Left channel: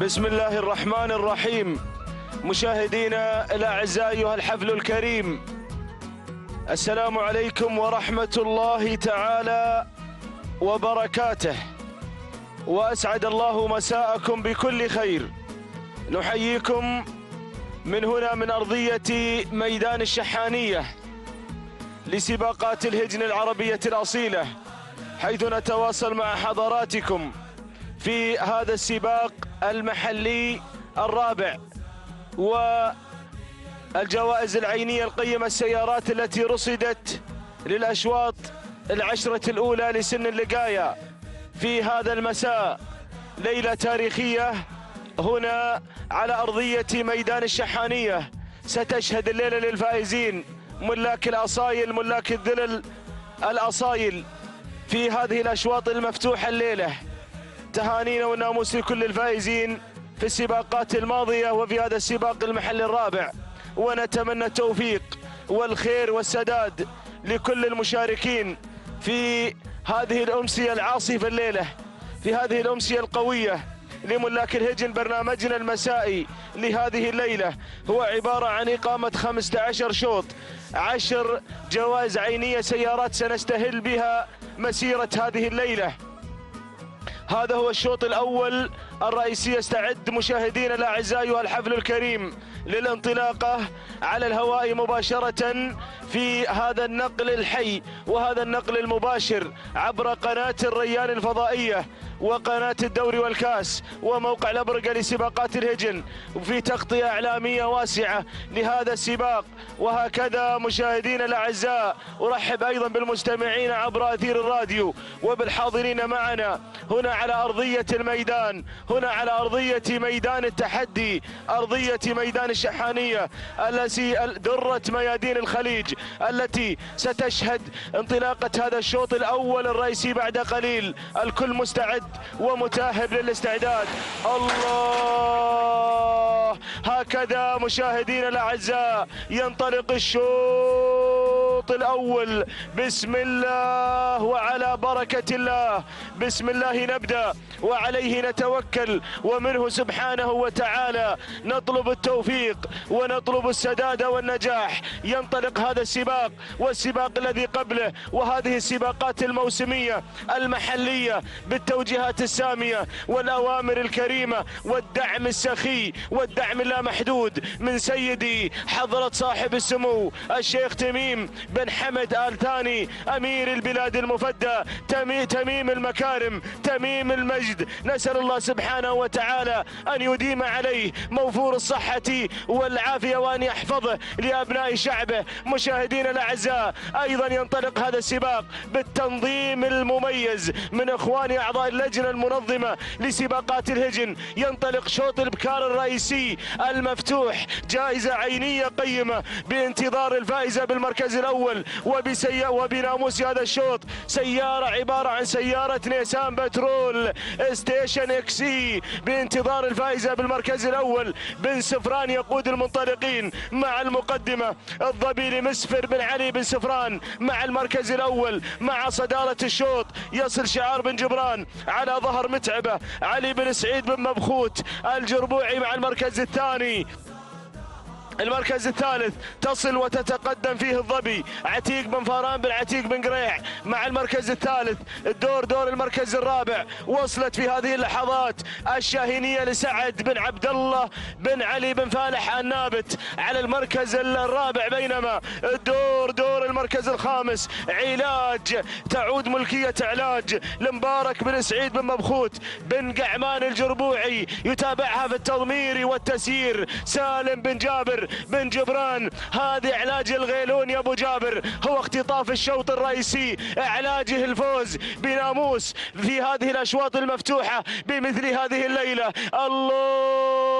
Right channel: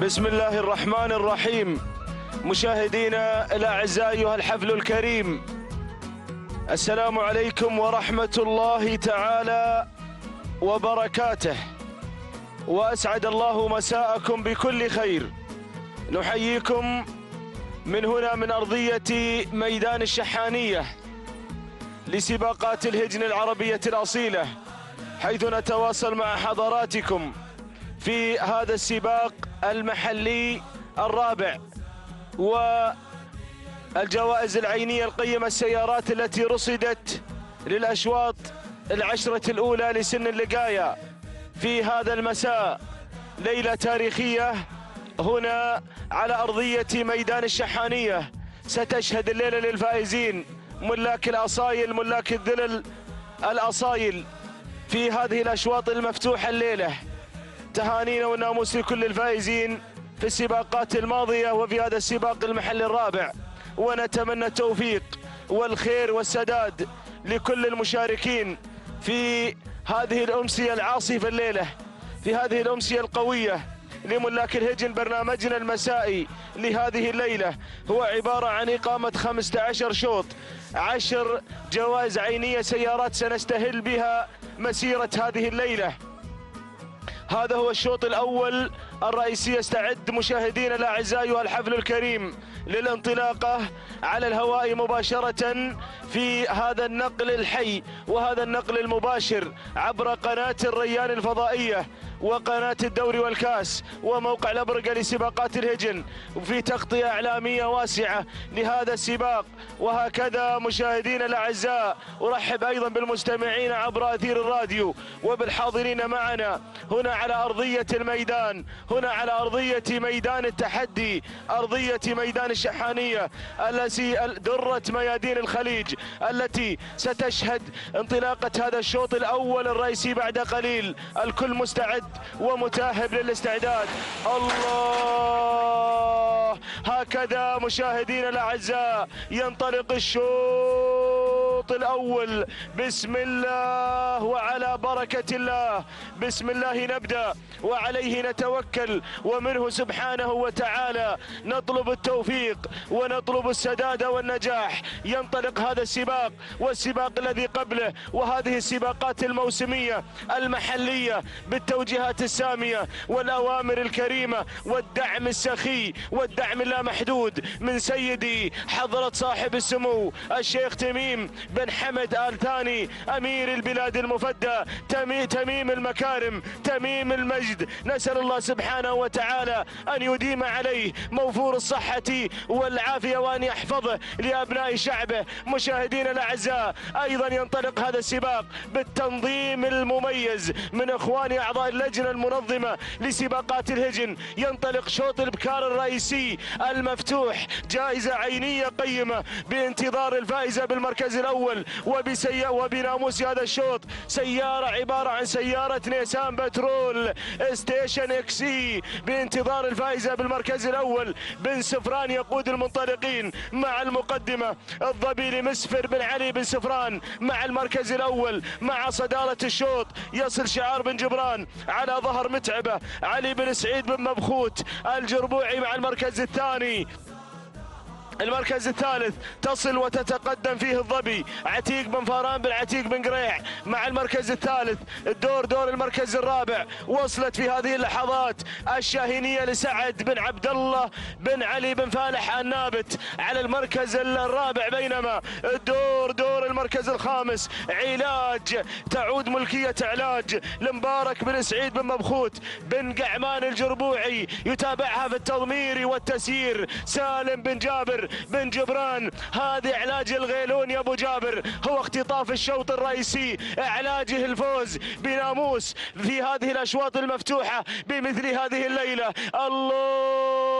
بسم الله الرحمن الرحيم. مشاهدينا الأعزاء أيها الحفل الكريم، السلام عليكم ورحمة الله تعالى وبركاته، وأسعد الله مساءكم بكل خير. نحييكم من هنا من أرضية ميدان الشحانية لسباقات الهجن العربية الأصيلة، حيث نتواصل مع حضراتكم في هذا السباق المحلي الرابع، والجوائز العينية القيمة السيارات التي رصدت للأشواط العشرة الأولى لسن اللقاية في هذا المساء. ليلة تاريخية هنا على أرضية ميدان الشحانية، ستشهد الليلة للفائزين ملاك الأصايل، ملاك الذلل الأصايل في هذه الأشواط المفتوحة الليلة. تهانينا والناموس لكل الفائزين في السباقات الماضية وفي هذا السباق المحلي الرابع، ونتمنى التوفيق والخير والسداد لكل المشاركين في هذه الأمسية العاصفة الليلة، في هذه الأمسية القوية لملاك الهجن. برنامجنا المسائي لهذه الليلة هو عبارة عن إقامة 15 شوط، 10 جوائز عينية سيارات سنستهل بها مسيرة هذه الليلة. هذا هو الشوط الأول الرئيسي. يستعد مشاهدينا الأعزاء والحفل الكريم للانطلاقة على الهواء مباشرة في هذا النقل الحي وهذا النقل المباشر عبر قناة الريان الفضائية وقناة الدوري والكاس وموقع الأبرقة لسباقات الهجن، وفي تغطية إعلامية واسعة لهذا السباق. وهكذا مشاهدينا الأعزاء أرحب أيضا بالمستمعين عبر أثير الراديو وبالحاضرين معنا هنا على أرضية الميدان، هنا على أرضية ميدان التحدي، أرضية ميدان الشحانية التي درة ميادين الخليج، التي ستشهد انطلاقة هذا الشوط الأول الرئيسي بعد قليل. الكل مستعد ومتاهب للاستعداد. الله، هكذا مشاهدينا الأعزاء ينطلق الشوط الأول. بسم الله وعلى بركة الله، بسم الله نبدأ وعليه نتوكل، ومنه سبحانه وتعالى نطلب التوفيق ونطلب السداد والنجاح. ينطلق هذا السباق والسباق الذي قبله، وهذه السباقات الموسمية المحلية بالتوجيهات السامية والأوامر الكريمة والدعم السخي والدعم اللامحدود من سيدي حضرة صاحب السمو الشيخ تميم بن حمد آل ثاني أمير البلاد المفدى، تميم المكارم، تميم المجد. نسأل الله سبحانه وتعالى أن يديم عليه موفور الصحة والعافية وأن يحفظه لأبناء شعبه. مشاهدينا الأعزاء، أيضا ينطلق هذا السباق بالتنظيم المميز من إخواني أعضاء اللجنة المنظمة لسباقات الهجن. ينطلق شوط البكار الرئيسي المفتوح، جائزة عينية قيمة بانتظار الفائزة بالمركز الأول وبناموس هذا الشوط سيارة عبارة عن سيارة نيسان بترول ستيشن اكسي بانتظار الفائزة بالمركز الأول. بن سفران يقود المنطلقين مع المقدمة، الضبيلي مسفر بن علي بن سفران مع المركز الأول. مع صدارة الشوط يصل شعار بن جبران، على ظهر متعبة علي بن سعيد بن مبخوت الجربوعي مع المركز الثاني. المركز الثالث تصل وتتقدم فيه الظبي عتيق بن فاران بن عتيق بن قريع مع المركز الثالث. دور المركز الرابع وصلت في هذه اللحظات الشاهينية لسعد بن عبد الله بن علي بن فالح النابت على المركز الرابع، بينما دور المركز الخامس علاج تعود ملكية علاج لمبارك بن سعيد بن مبخوت بن قعمان الجربوعي. يتابعها في التضمير والتسيير سالم بن جابر بن جبران. هذه علاج الغيلون يا ابو جابر، هو اختطاف الشوط الرئيسي، علاجه الفوز بناموس في هذه الاشواط المفتوحه بمثل هذه الليله. الله،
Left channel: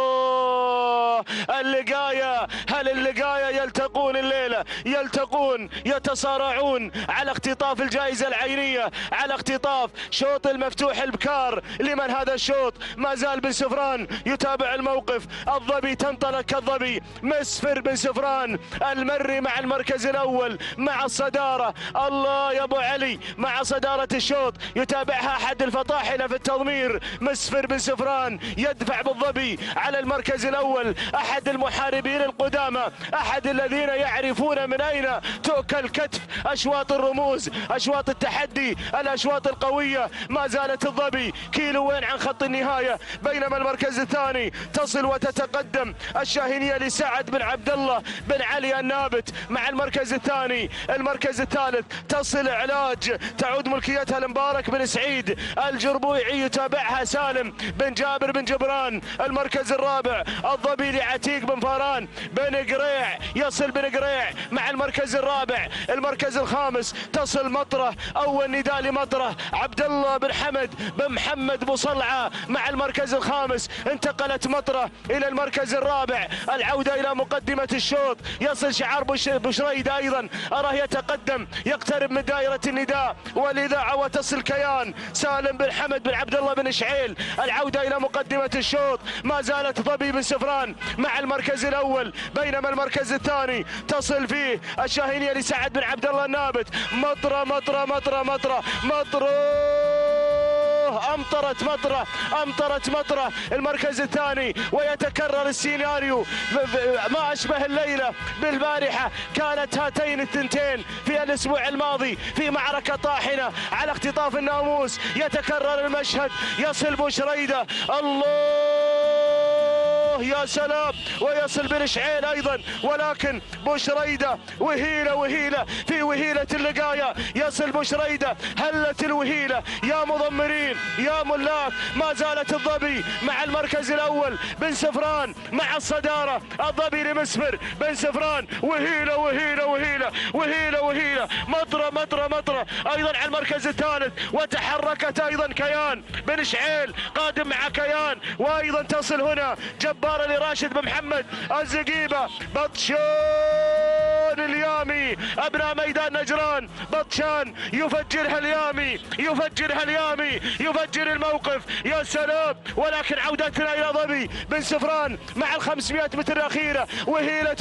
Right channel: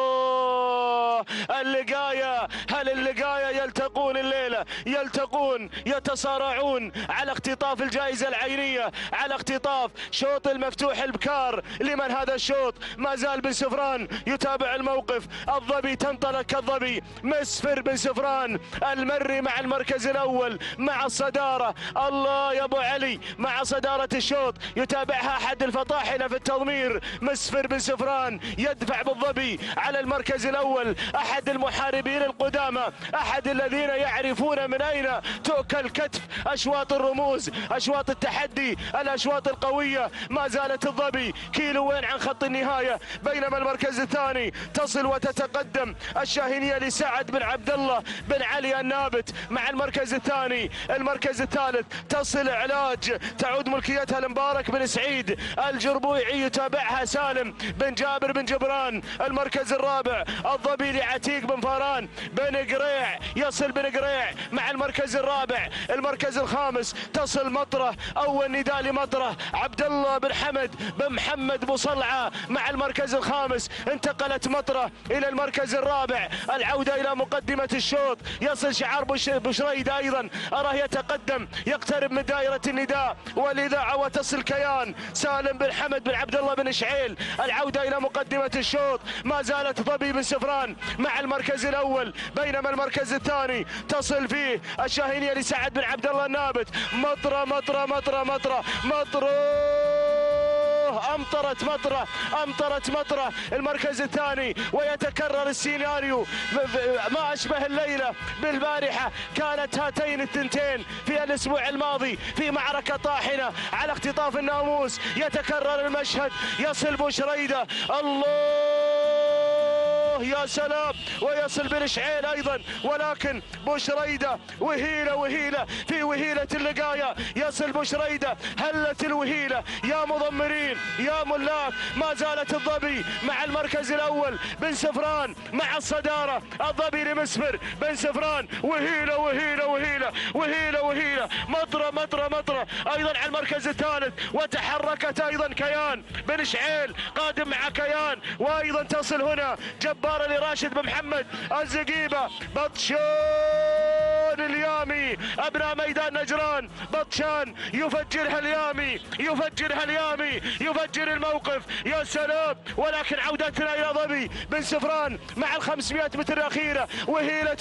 اللقايه، هل اللقايه يلتقون يحتفلون الليلة، يلتقون، يتصارعون على اختطاف الجائزة العينية، على اختطاف شوط المفتوح البكار. لمن هذا الشوط؟ ما زال بن سفران يتابع الموقف. الظبي تنطلق كالظبي، مسفر بن سفران المري مع المركز الأول مع الصدارة. الله يا أبو علي، مع صدارة الشوط يتابعها أحد الفطاحلة في التضمير، مسفر بن سفران يدفع بالظبي على المركز الأول، أحد المحاربين القدامى، أحد الذين يعرفون من أين تؤكل كتف أشواط الرموز، أشواط التحدي، الأشواط القوية. ما زالت الظبي كيلوين عن خط النهاية، بينما المركز الثاني تصل وتتقدم الشاهينية لسعد بن عبد الله بن علي النابت مع المركز الثاني. المركز الثالث تصل علاج، تعود ملكيتها لمبارك بن سعيد الجربوعي، يتابعها سالم بن جابر بن جبران. المركز الرابع الظبي لعتيق بن فاران بن قريع، يصل بن قريع مع المركز الرابع. المركز الخامس تصل مطره، اول نداء لمطره، عبد الله بن حمد بن محمد بصلعه مع المركز الخامس. انتقلت مطره الى المركز الرابع، العوده الى مقدمه الشوط. يصل شعار بشريده ايضا، اراه يتقدم، يقترب من دائره النداء والاذاعه، وتصل كيان سالم بن حمد بن عبد الله بن شعيل، العوده الى مقدمه الشوط. ما زالت ظبي بن سفران مع المركز الاول، بينما المركز الثاني تصل فيه الشاهينية لسعد بن عبد الله النابت. مطره مطره مطره مطره مطره، امطرت مطره المركز الثاني، ويتكرر السيناريو ما اشبه الليله بالبارحه. كانت هاتين الثنتين في الاسبوع الماضي في معركه طاحنه على اختطاف الناموس. يتكرر المشهد، يصل بوشريده، الله يا سلام، ويصل بن شعيل ايضا، ولكن بوشريده وهيله في وهيله اللقايه. يصل بوشريده، هلت الوهيله يا مضمرين يا ملاك. ما زالت الظبي مع المركز الاول، بن سفران مع الصداره، الظبي لمسفر بن سفران، وهيله مطره ايضا على المركز الثالث. وتحركت ايضا كيان بن شعيل قادم مع كيان، وايضا تصل هنا جبارة لراشد بن محمد الزقيبة. بطشان اليامي ابناء ميدان نجران، بطشان يفجرها اليامي، يفجر الموقف، يا سلام. ولكن عودتنا الى ظبي بن سفران مع ال 500 متر الاخيره، وهيله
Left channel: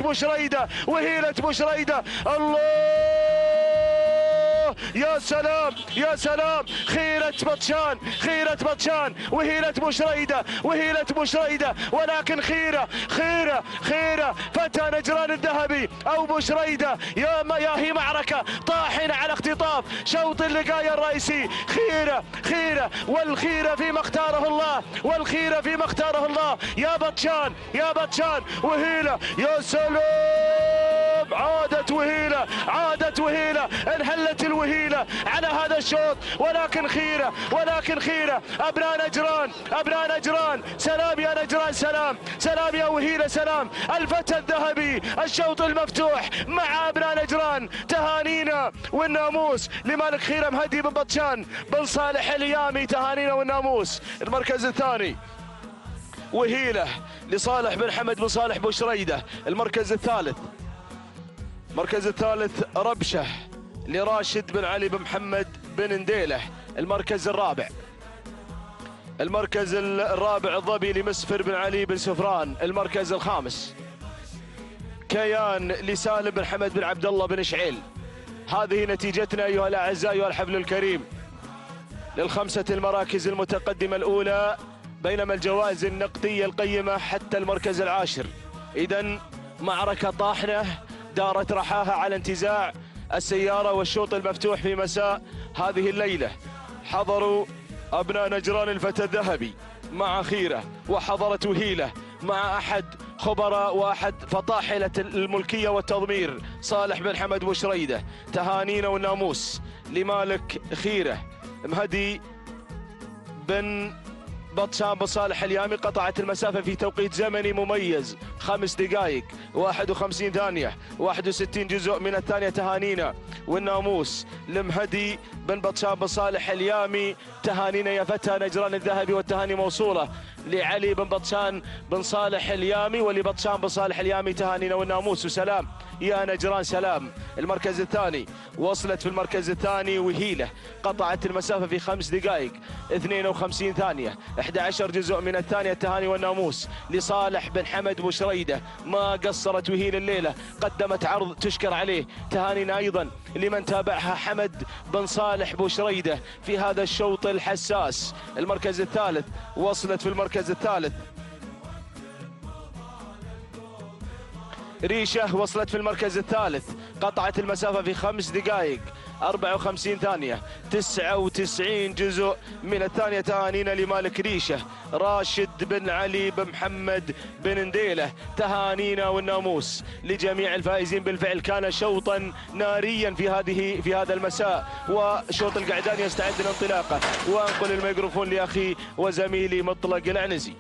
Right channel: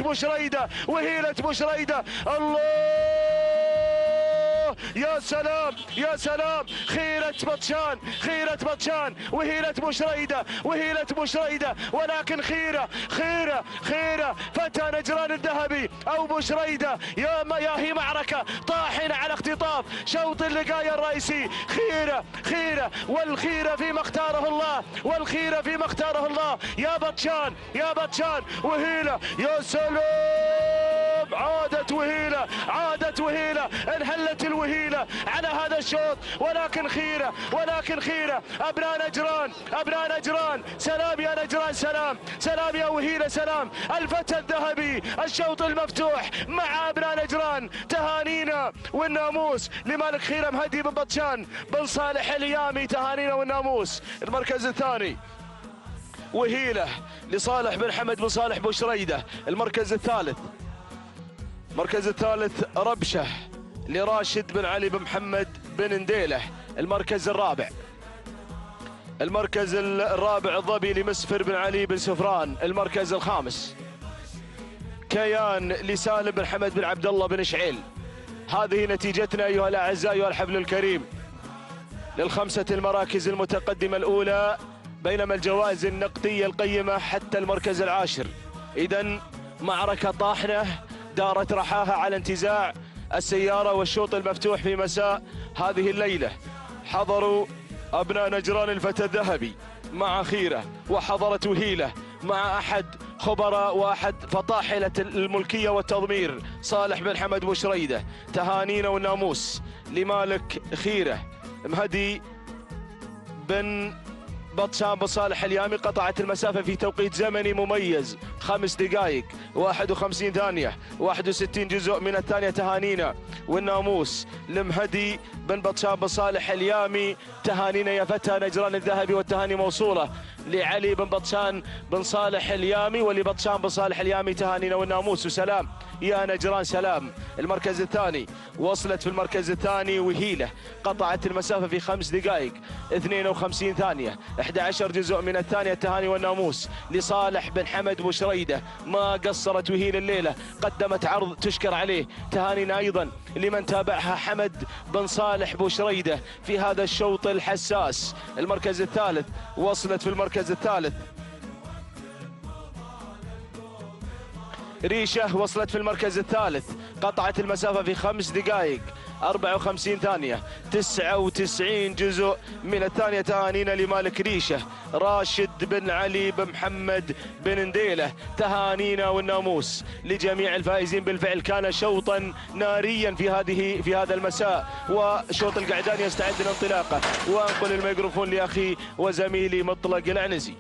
بوشريده، الله يا سلام، خيرة بطشان وهيلة بوشريدة، ولكن خيرة فتى نجران الذهبي او بوشريدة. يا هي معركة طاحنة على اختطاف شوط اللقاية الرئيسي. خيرة والخيرة فيما اختاره الله، يا بطشان وهيلة، يا سلام. عادت وهيلة، انحلت الوهيلة على هذا الشوط، ولكن خيرة. ابناء نجران، سلام يا نجران، سلام يا وهيلة، سلام. الفتى الذهبي، الشوط المفتوح مع ابناء نجران. تهانينا والناموس لملك خيرة مهدي بن بطشان بن صالح اليامي، تهانينا والناموس. المركز الثاني وهيلة لصالح بن حمد بن صالح بوشريدة. المركز الثالث ربشة لراشد بن علي بن محمد بن نديله. المركز الرابع الظبي لمسفر بن علي بن سفران. المركز الخامس كيان لسالم بن حمد بن عبد الله بن شعيل. هذه نتيجتنا ايها الاعزاء ايها الحفل الكريم للخمسة المراكز المتقدمة الاولى، بينما الجوائز النقدية القيمة حتى المركز العاشر. اذا معركة طاحنة دارت رحاها على انتزاع السيارة والشوط المفتوح في مساء هذه الليلة. حضروا أبناء نجران الفتى الذهبي مع خيرة، وحضرت وهيلة مع أحد خبراء وأحد فطاحلة الملكية والتضمير صالح بن حمد بوشريدة. تهانينا والناموس لمالك خيرة مهدي بن بطشان بن صالح اليامي قطعت المسافة في توقيت زمني مميز 5 دقائق 51 ثانية 61 جزء من الثانية. تهانينا والناموس لمهدي بن بطشان بن صالح اليامي، تهانينا يا فتى نجران الذهبي، والتهاني موصولة لعلي بن بطشان بن صالح اليامي ولبطشان بن صالح اليامي. تهانينا والناموس وسلام يا نجران سلام. المركز الثاني وصلت في المركز الثاني وهيلة، قطعت المسافة في 5 دقائق 52 ثانية 11 جزء من الثانية. التهاني والناموس لصالح بن حمد بوشريدة، ما قصرت وهيلة الليلة، قدمت عرض تشكر عليه. تهانينا أيضا لمن تابعها حمد بن صالح بوشريدة في هذا الشوط الحساس. المركز الثالث وصلت في المركز الثالث ريشة، وصلت في المركز الثالث، قطعت المسافة في 5 دقائق 54 ثانية 99 جزء من الثانية. تهانينا لمالك ريشة راشد بن علي بن محمد بن نديلة. تهانينا والناموس لجميع الفائزين بالفعل. كان شوطا ناريا في هذا المساء، وشوط القعدان يستعد للانطلاقة. وانقل الميكروفون لاخي وزميلي مطلق العنزي.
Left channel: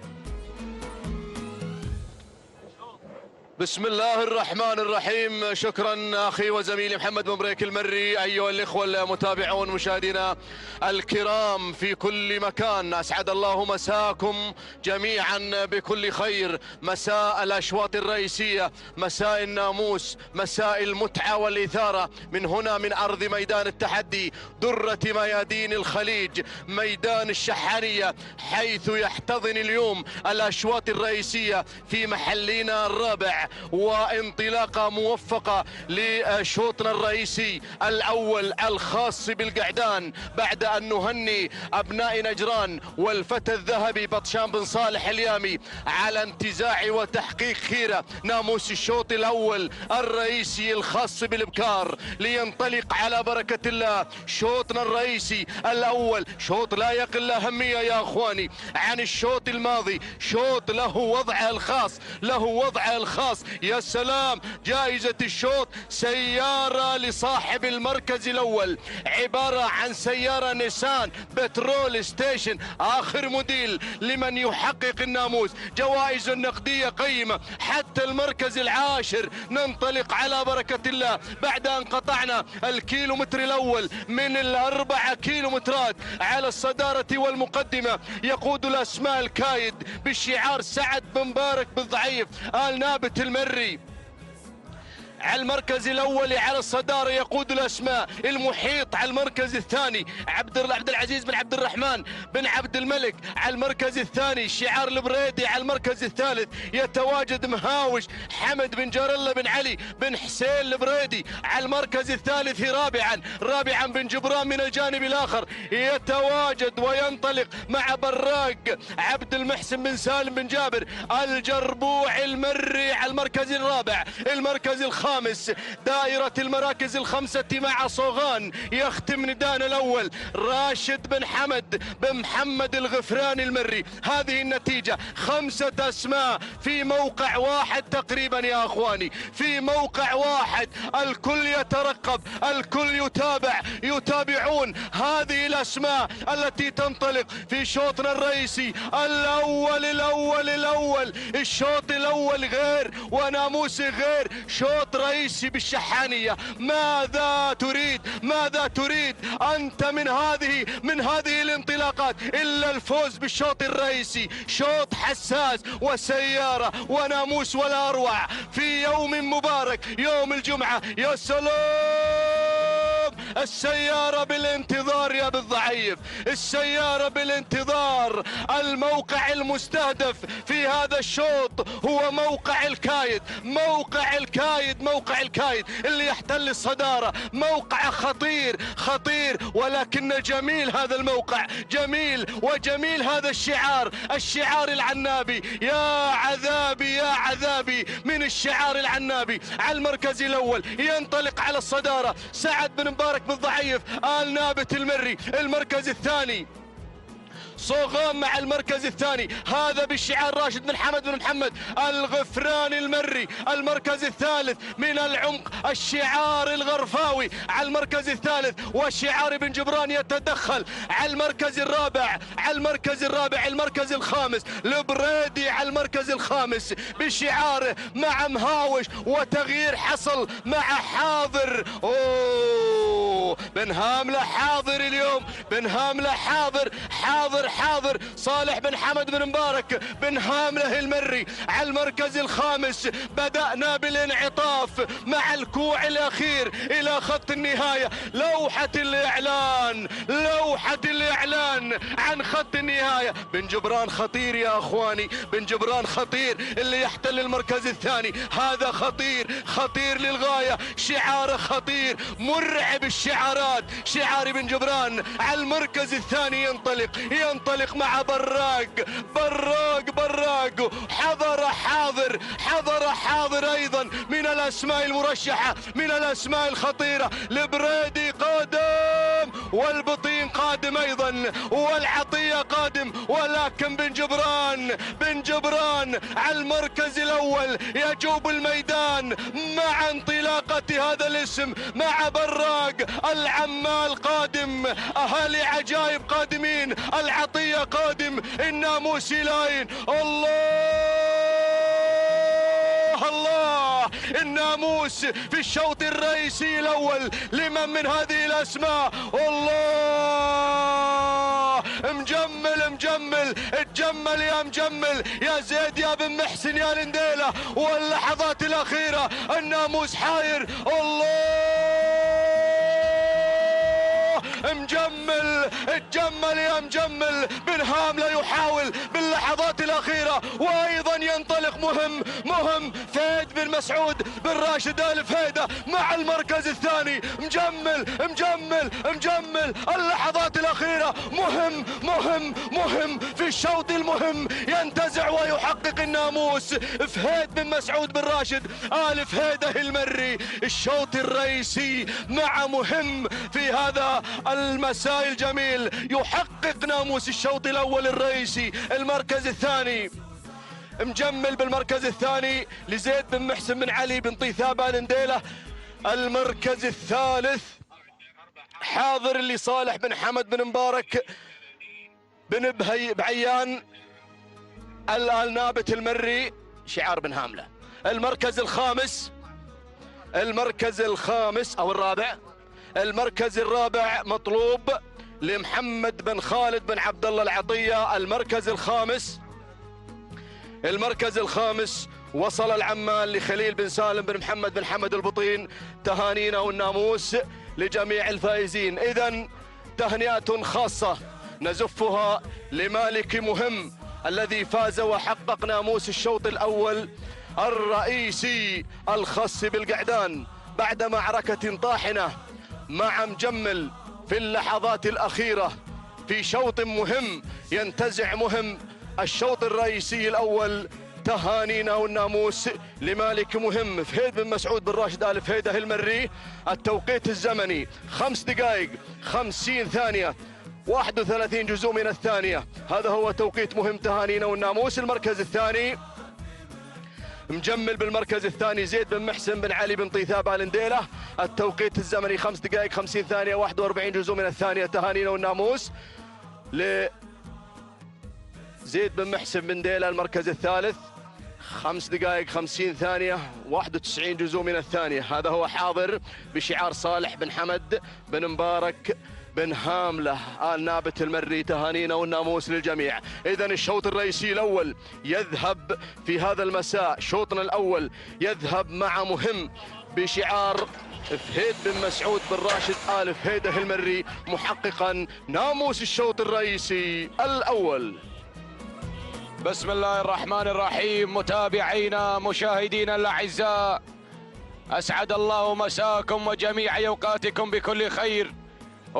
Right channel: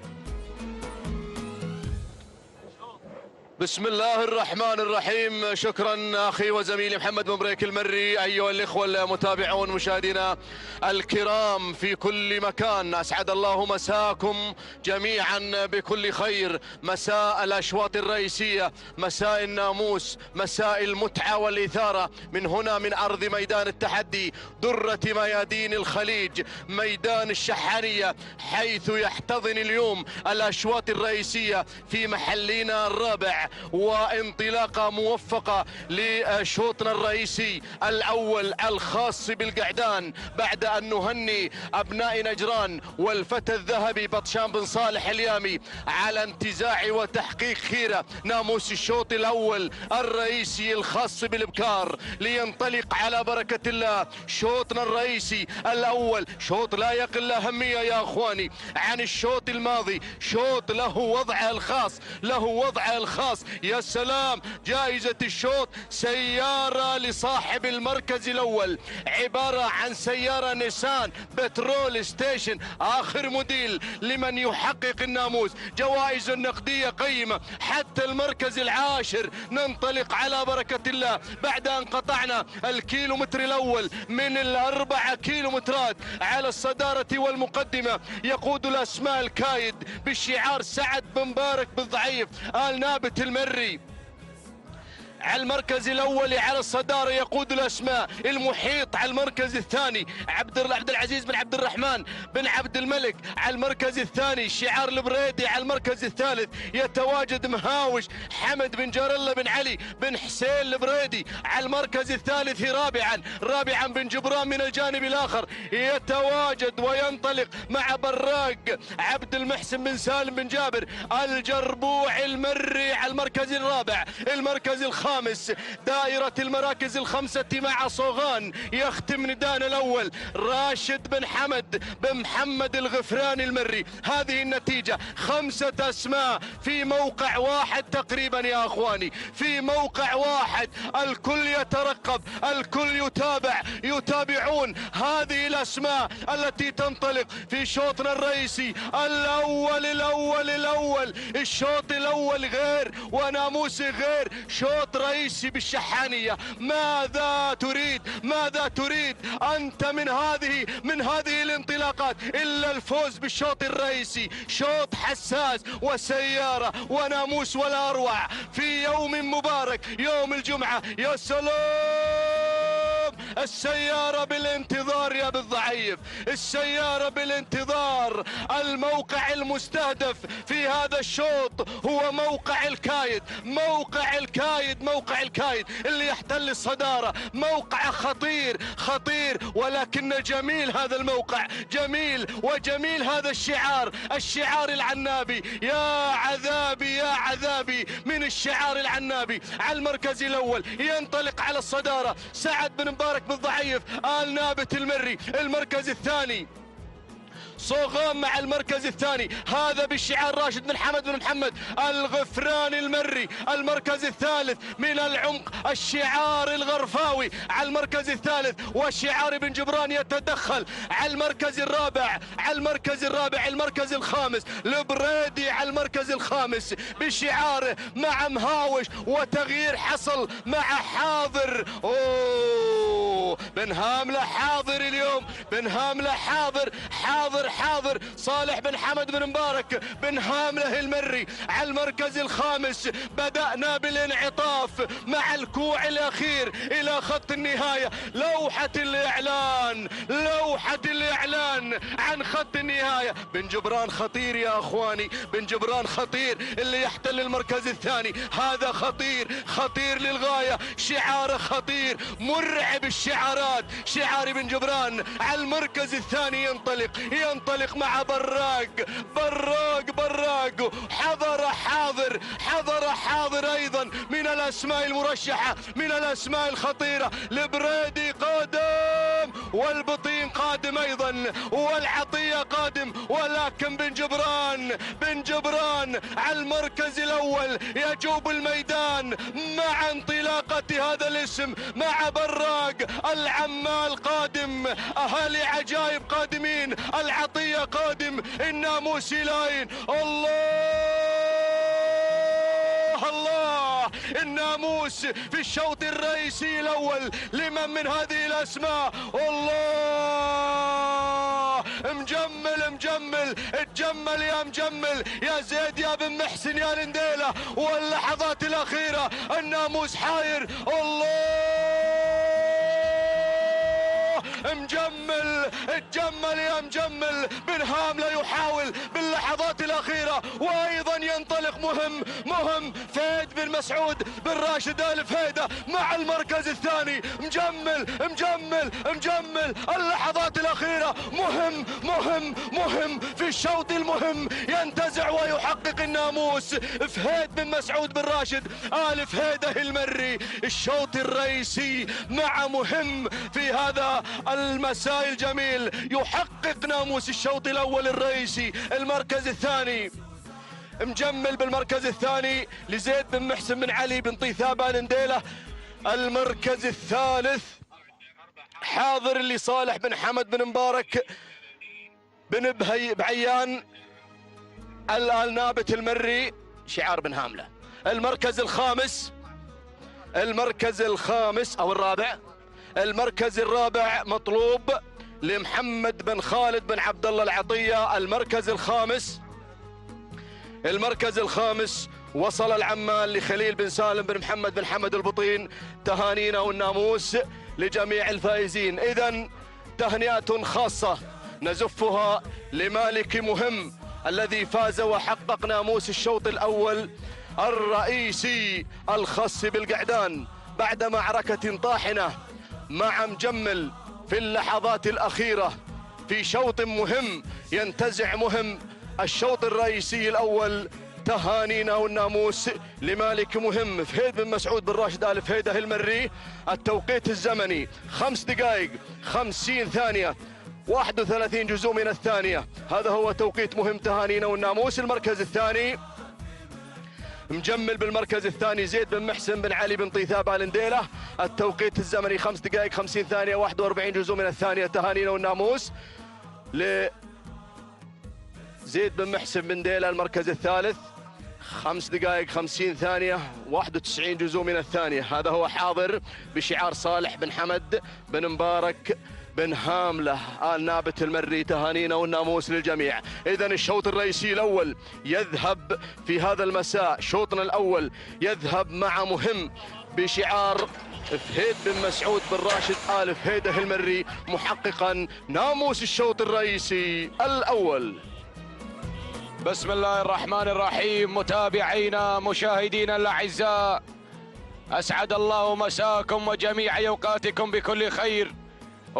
بسم الله الرحمن الرحيم. شكرا اخي وزميلي محمد بن بريك المري. ايها الاخوه المتابعون مشاهدينا الكرام في كل مكان، اسعد الله مساكم جميعا بكل خير. مساء الاشواط الرئيسيه، مساء الناموس، مساء المتعه والاثاره، من هنا من ارض ميدان التحدي، درة ميادين الخليج، ميدان الشحانيه، حيث يحتضن اليوم الاشواط الرئيسيه في محلنا الرابع، وانطلاقه موفقه لشوطنا الرئيسي الاول الخاص بالقعدان، بعد ان نهني ابناء نجران والفتى الذهبي بطشان بن صالح اليامي على انتزاع وتحقيق خيره ناموس الشوط الاول الرئيسي الخاص بالابكار. لينطلق على بركه الله شوطنا الرئيسي الاول، شوط لا يقل اهميه يا اخواني عن الشوط الماضي، شوط له وضعه الخاص، له وضعه الخاص. يا سلام، جائزة الشوط سيارة لصاحب المركز الأول، عبارة عن سيارة نيسان بترول ستيشن آخر موديل لمن يحقق الناموس. جوائز نقدية قيمة حتى المركز العاشر. ننطلق على بركة الله بعد أن قطعنا الكيلومتر الأول من ال4 كيلومترات على الصدارة والمقدمة. يقود الأسماء الكايد بشعار سعد بن مبارك بالضعيف آل نابت المري. على المركز الاول على الصداره يقود الاسماء المحيط. على المركز الثاني عبد العزيز بن عبد الرحمن بن عبد الملك. على المركز الثاني شعار البريدي. على المركز الثالث يتواجد مهاوش حمد بن جار الله بن علي بن حسين البريدي. على المركز الثالث رابعا بن جبران من الجانب الاخر يتواجد وينطلق مع براق عبد المحسن بن سالم بن جابر الجربوع المري. على المركز الرابع، المركز الخامس، دائرة المراكز الخمسة مع صوغان يختم ندان الأول راشد بن حمد بن محمد الغفراني المري. هذه النتيجة 5 أسماء في موقع واحد تقريبا يا أخواني، في موقع واحد. الكل يترقب، الكل يتابعون هذه الأسماء التي تنطلق في شوطنا الرئيسي الأول. الشوط الأول غير وناموسي غير، شوط رئيسي بالشحانية. ماذا تريد أنت من هذه الانطلاقات إلا الفوز بالشوط الرئيسي؟ شوط حساس وسيارة وناموس ولا أروع في يوم مبارك، يوم الجمعة. يا سلام، السيارة بالانتظار يا بالضعيف، السيارة بالانتظار. الموقع المستهدف في هذا الشوط هو موقع الكايد اللي يحتل الصدارة. موقع خطير ولكن جميل هذا الموقع، جميل هذا الشعار العنابي. يا عذابي من الشعار العنابي. على المركز الاول ينطلق على الصدارة سعد بن مبارك بالضعيف آل نابت المري. المركز الثاني صوغان مع المركز الثاني، هذا بالشعار راشد بن حمد بن محمد الغفراني المري. المركز الثالث من العمق الشعار الغرفاوي على المركز الثالث، وشعار بن جبران يتدخل على المركز الرابع. المركز الخامس البريدي على المركز الخامس بشعاره مع مهاوش، وتغيير حصل مع حاضر. بن هاملة حاضر اليوم، بن هاملة حاضر صالح بن حمد بن مبارك بن هاملة المري على المركز الخامس. بدأنا بالانعطاف مع الكوع الأخير إلى خط النهاية. لوحة الإعلان عن خط النهاية. بن جبران خطير يا أخواني، بن جبران خطير اللي يحتل المركز الثاني. هذا خطير للغاية، شعاره خطير مرعب الشعارات. شعار بن جبران على المركز الثاني ينطلق مع براق. حضر أيضا من الأسماء المرشحة، من الأسماء الخطيرة. البريدي قادم، والبطين قادم أيضا، والعطية قادم، ولكن بن جبران على المركز الأول يجوب الميدان مع انطلاقة هذا الاسم، مع براق. العمال قادم، أهالي عجائب قادمين، العطية قادم، الناموسي لاين. الله الناموس في الشوط الرئيسي الأول لمن من هذه الأسماء. الله اتجمل يا مجمل يا زيد يا بن محسن يا لنديلة. واللحظات الأخيرة الناموس حاير. اتجمل يا مجمل. بن هاملة يحاول باللحظات الأخيرة، وأيضا ينطلق مهم فهيد بن مسعود بن راشد آل فهيدة مع المركز الثاني. مجمل اللحظات الأخيرة. مهم في الشوط المهم، ينتزع ويحقق الناموس. فهيد بن مسعود بن راشد آل فهيدة المري. الشوط الرئيسي مع مهم في هذا المساء الجميل، يحقق ناموس الشوط الأول الرئيسي. المركز الثاني مجمل بالمركز الثاني لزيد بن محسن بن علي بن طيثاب لنديلة. المركز الثالث حاضر لصالح بن حمد بن مبارك بن بعيان النابت المري شعار بن هاملة. المركز الخامس او الرابع، المركز الرابع مطلوب لمحمد بن خالد بن عبد الله العطية. المركز الخامس وصل العمال لخليل بن سالم بن محمد بن حمد البطين. تهانينا والناموس لجميع الفائزين. إذن تهنئة خاصة نزفها لمالك مهم الذي فاز وحقق ناموس الشوط الأول الرئيسي الخاص بالقعدان بعد معركة طاحنة مع مجمل في اللحظات الأخيرة في شوط مهم ينتزع الشوط الرئيسي الأول. تهانينا والناموس لمالك مهم فهيد بن مسعود بن راشد آل فهيدة المري. التوقيت الزمني 5 دقائق 50 ثانية 31 جزء من الثانية. هذا هو توقيت مهم. تهانينا والناموس. المركز الثاني مجمل بالمركز الثاني زيد بن محسن بن علي بن طيثاب لنديلة. التوقيت الزمني 5 دقائق 50 ثانية 41 جزء من الثانية. تهانينا والناموس لزيد بن محسن بن ديلة. المركز الثالث 5 دقائق 50 ثانية 91 جزء من الثانية. هذا هو حاضر بشعار صالح بن حمد بن مبارك بن هاملة آل نابت المري. تهانينا والناموس للجميع. إذن الشوط الرئيسي الأول يذهب في هذا المساء. شوطنا الأول يذهب مع مهم بشعار فهيد بن مسعود بن راشد آل فهيدة المري محققا ناموس الشوط الرئيسي الأول. بسم الله الرحمن الرحيم. متابعينا مشاهدينا الأعزاء، أسعد الله مساكم وجميع أوقاتكم بكل خير.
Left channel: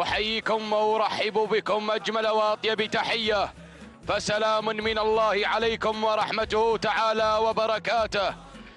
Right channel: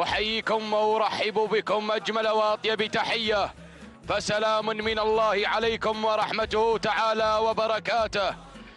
أحييكم وأرحب بكم أجمل وأطيب تحية، فسلام من الله عليكم ورحمته تعالى وبركاته.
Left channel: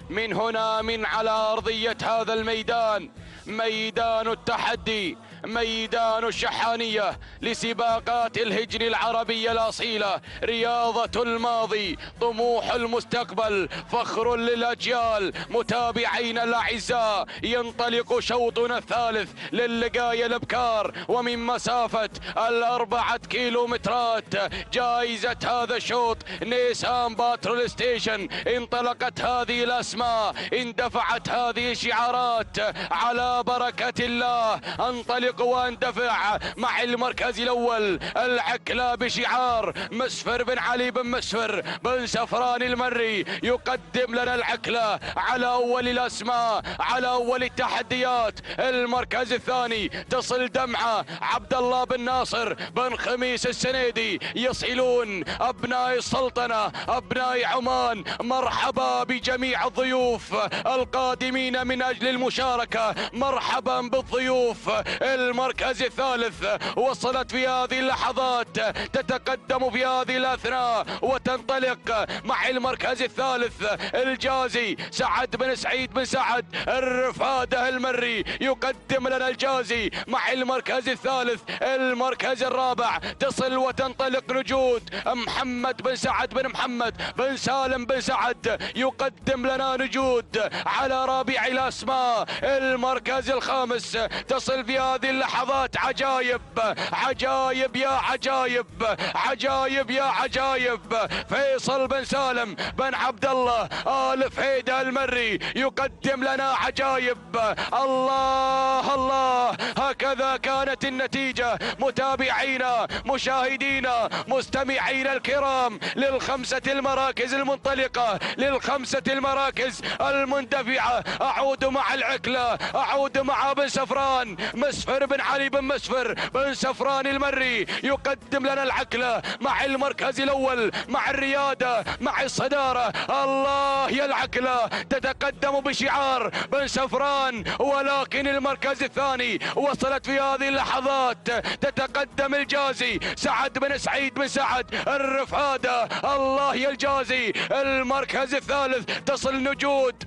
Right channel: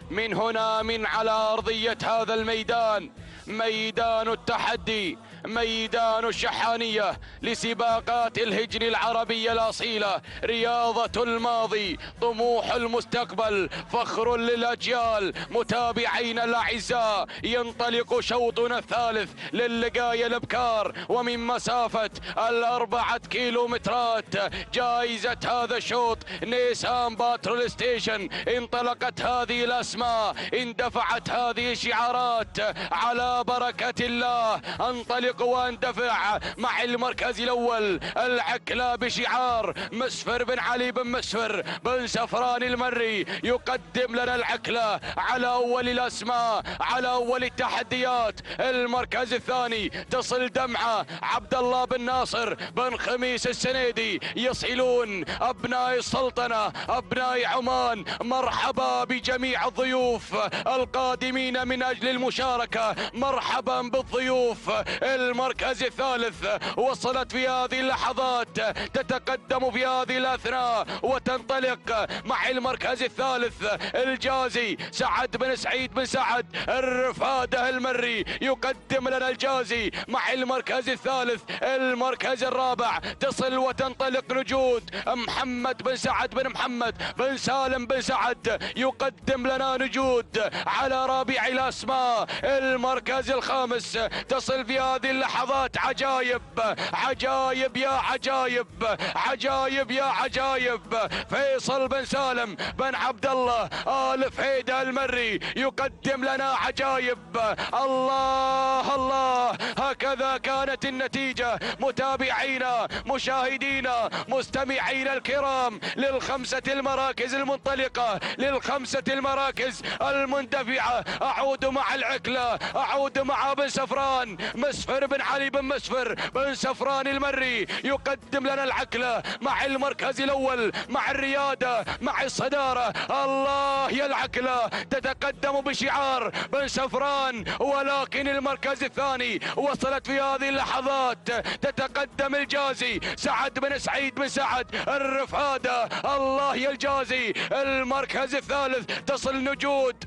من هنا من على أرضية هذا الميدان، ميدان التحدي، ميدان الشحانية لسباقات الهجن العربية الأصيلة، رياضة الماضي، طموح المستقبل، فخر للأجيال. متابعينا الأعزاء، ينطلق شوطنا الثالث للقاية الأبكار، ومن مسافة 4 كيلومترات. جائزة هذا الشوط نيسان باترول ستيشن. انطلقت هذه الأسماء، اندفعت هذه الشعارات، على بركة الله انطلق واندفع مع المركز الأول العكلة بشعار مسفر بن علي بن مسفر بن سفران المري، يقدم لنا العكلة على أول الأسماء، على أول التحديات. المركز الثاني تصل دمعة عبد الله بن ناصر بن خميس السنيدي. يصلون أبناء السلطنة، أبناء عمان. مرحبا بجميع الضيوف القادمين من أجل المشاركة، مرحبا بالضيوف. المركز الثالث وصلت في هذه اللحظات، تتقدم في هذه الأثناء وتنطلق مع المركز الثالث الجازي سعد بن سعيد بن سعد الرفادة المري، يقدم لنا الجازي مع المركز الثالث. المركز الرابع تصل وتنطلق نجود محمد بن سعد بن محمد بن سالم بن سعد، يقدم لنا نجود على رابع الأسماء. المركز الخامس تصل في هذه اللحظات عجائب، عجائب يا عجائب، عجائب يا عجائب. فيصل بن سالم بن عبد الله آل فهيدة المري يقدم لنا عجائب. الله الله، هكذا كانت النتيجة. متابعينا، مشاهدينا، مستمعينا الكرام، للخمسة المراكز المنطلقة، للخمسة المراكز المندفعة. أعود مع العكلة، أعود مع بن سفران مسفر بن علي بن مسفر بن سفران المري، يقدم لنا العكلة مع المركز الأول، مع الريادة، مع الصدارة. الله يا العكلة، تتقدم بشعار بن سفران، ولكن المركز الثاني وصلت في هذه اللحظات، تتقدم الجازي سعد بن سعيد بن سعد الرفادة. الله يا الجازي. المركز الثالث تصل نجود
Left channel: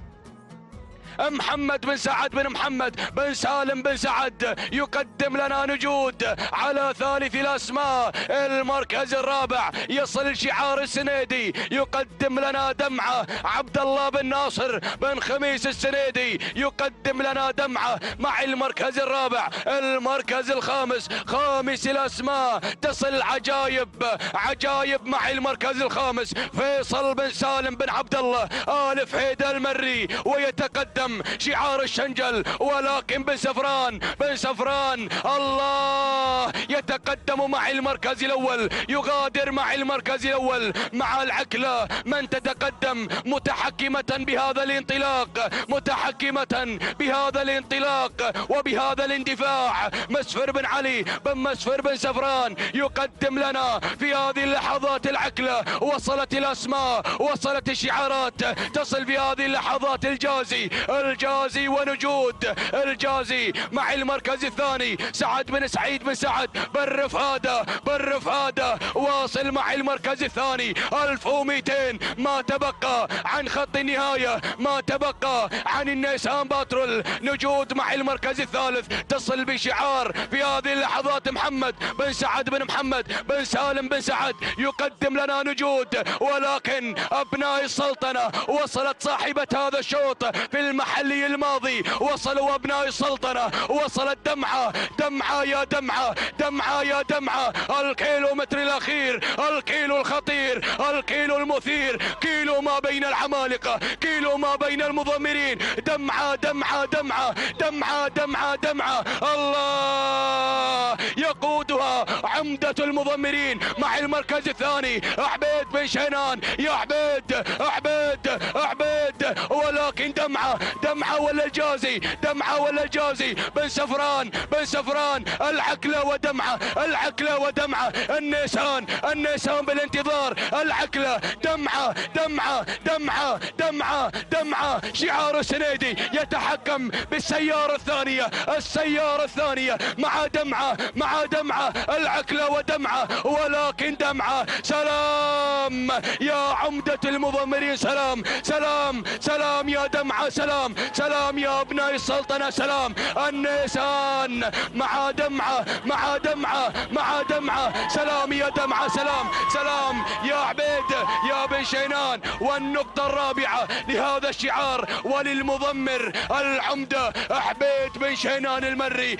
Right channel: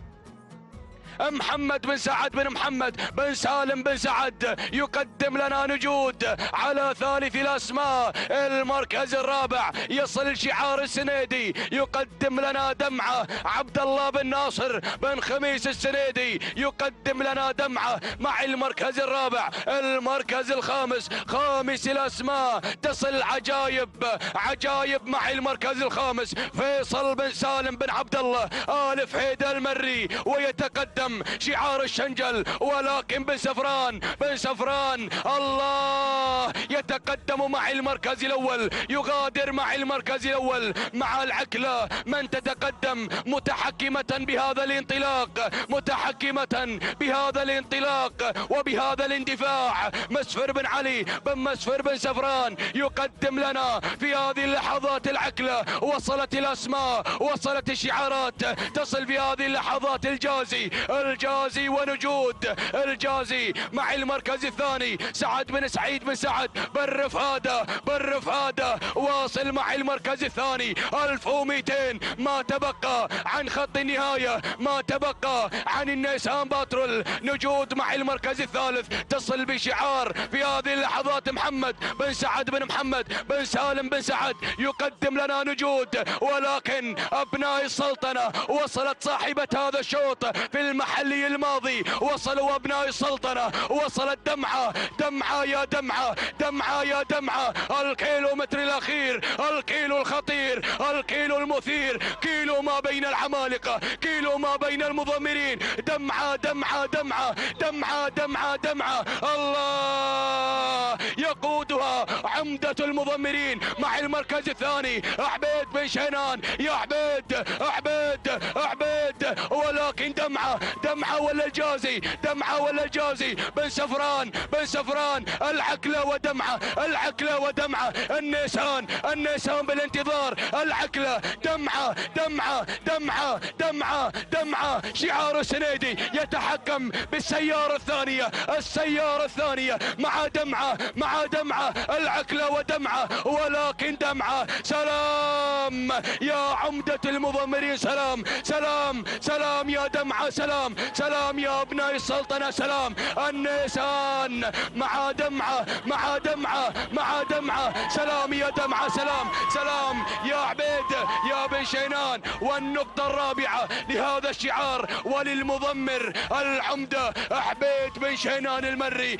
محمد بن سعد بن محمد بن سالم بن سعد، يقدم لنا نجود على ثالث الأسماء. المركز الرابع يصل شعار السنيدي، يقدم لنا دمعة عبد الله بن ناصر بن خميس السنيدي، يقدم لنا دمعة مع المركز الرابع. المركز الخامس، خامس الأسماء، تصل عجائب، عجائب مع المركز الخامس. فيصل بن سالم بن عبد الله آل فهيدة المري، ويتقدم شعار الشنجل، ولكن بن سفران، بن سفران الله يتقدم مع المركز الأول، يغادر مع المركز الأول مع العكلة. من تتقدم متحكمة بهذا الانطلاق، متحكمة بهذا الانطلاق وبهذا الاندفاع. مسفر بن علي بن مسفر بن سفران يقدم لنا في هذه اللحظات العكلة. وصلت الأسماء، وصلت الشعارات، تصل في هذه اللحظات الجازي، الجازي ونجود. الجازي مع المركز الثاني سعد بن سعيد بن سعد بن رفادة، بن رفادة واصل مع المركز الثاني. 1200 ما تبقى عن خط النهاية، ما تبقى عن النيسان باترول. نجود مع المركز الثالث، تصل بشعار في هذه اللحظات محمد بن سعد بن محمد بن سالم بن سعد، يقدم لنا نجود. ولكن أبناء السلطنة وصلت صاحبة هذا الشوط في المحلي الماضي، وصلوا أبناء السلطنة، وصلت دمعة، دمعة يا دمعة، دمعة يا دمعة. الكيلومتر الأخير، الكيلو الخطير، الكيلو المثير، كيلو ما بين العمالقة، كيلو ما بين المضمرين. دمعة دمعة دمعة دمعة دمعة دمعة. الله يقودها عمدة المضمرين مع المركز الثاني عبيد بن شينان. يا عبيد، عبيد، عبيد، ولكن دمعة، دمعة ولا الجازي، دمعة ولا الجازي. بن سفران، بن سفران، العكلة ودمعة، العكلة ودمعة. النيسان، النيسان بالانتظار. العكلة، دمعة، دمعة، دمعة، دمعة، دمعة. شعار السنيدي يتحكم بالسيارة الثانية، السيارة الثانية مع دمعة، مع دمعة. العكلة ودمعة، ولكن دمعة. سلام يا عمدة المضمرين، سلام، سلام، سلام يا دمعة، سلام، سلام يا أبناء السلطنة. سلام النيسان مع دمعة مع دمعة مع دمعة. سلام يا دمعة. سلام يا عبيد يا بن شينان. والنقطة الرابعة لهذا الشعار وللمضمر العمدة عبيد بن شينان المري.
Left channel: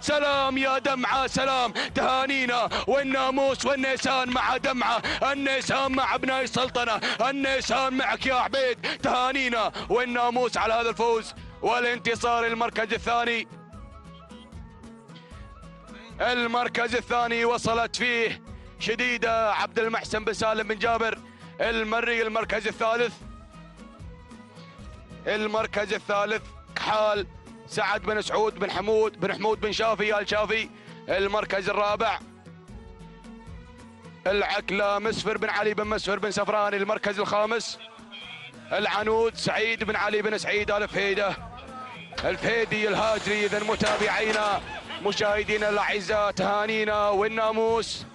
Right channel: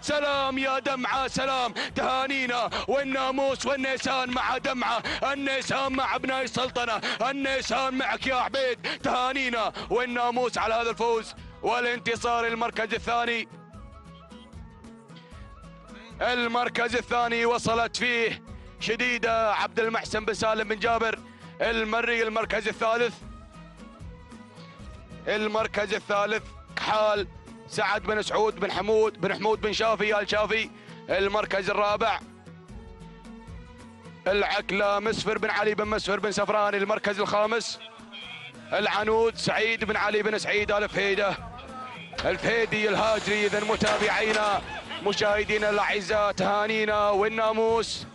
سلام يا دمعة. سلام تهانينا والناموس والنيسان مع دمعة. النيسان مع ابناء السلطنة. النيسان معك يا عبيد. تهانينا والناموس على هذا الفوز والانتصار. المركز الثاني وصلت فيه شديدة عبد المحسن بن سالم بن جابر المري. المركز الثالث كحال سعد بن سعود بن حمود بن شافي الشافي. المركز الرابع العكلة مسفر بن علي بن مسفر بن سفران. المركز الخامس العنود سعيد بن علي بن سعيد الفهيدي الهاجري. إذا متابعينا مشاهدينا الاعزاء تهانينا والناموس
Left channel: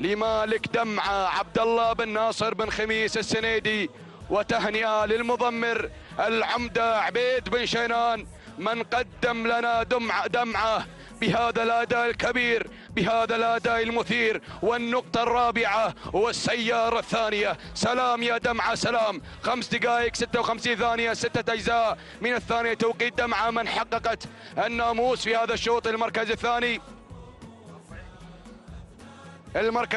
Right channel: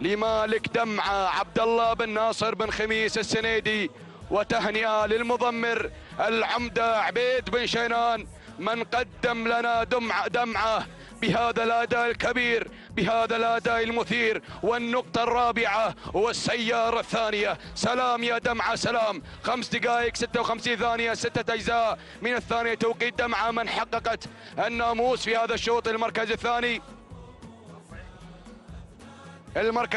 لمالك دمعة عبد الله بن ناصر بن خميس السنيدي، وتهنئة للمضمر العمدة عبيد بن شينان من قدم لنا دمعة بهذا الأداء الكبير، بهذا الأداء المثير. والنقطة الرابعة والسيارة الثانية. سلام يا دمعة. 5 دقائق 56 ثانية 6 أجزاء من الثانية توقيت دمعة من حققت الناموس في هذا الشوط. المركز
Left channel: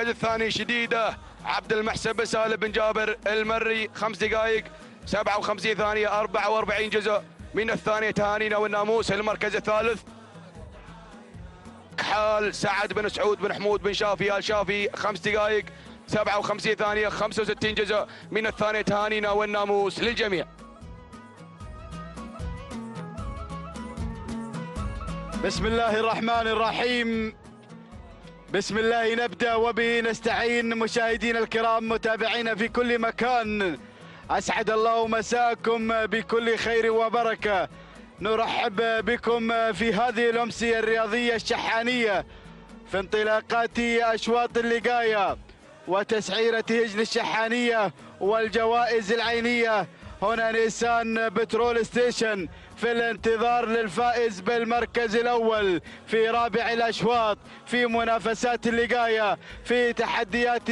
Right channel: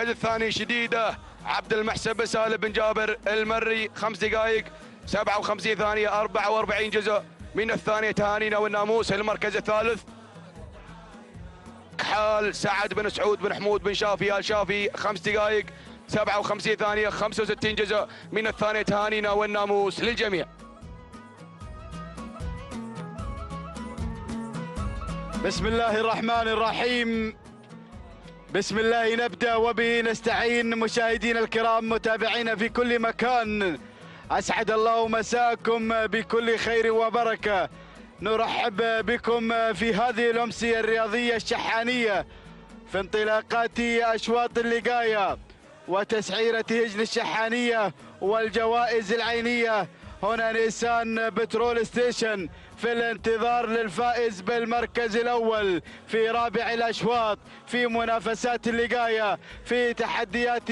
الثاني شديدة عبد المحسن بن سالم بن جابر المري. 5 دقائق 57 ثانية 44 جزء من الثانية. تهانينا والناموس. المركز الثالث كحال سعد بن سعود بن حمود بن شافي الشافي. 5 دقائق 57 ثانية 65 جزء من الثانية. تهانينا والناموس للجميع. بسم الله الرحمن الرحيم. بسم الله نبدأ وبه نستعين. مشاهدينا الكرام متابعينا في كل مكان، أسعد الله مساءكم بكل خير وبركة. نرحب بكم في هذه الأمسية الرياضية الشحانية في انطلاقات أشواط اللقاية وتسعيرة هجن الشحانية والجوائز العينية. هنا نيسان بترول ستيشن في الانتظار للفائز بالمركز الأول في رابع الأشواط في منافسات اللقاية، في تحديات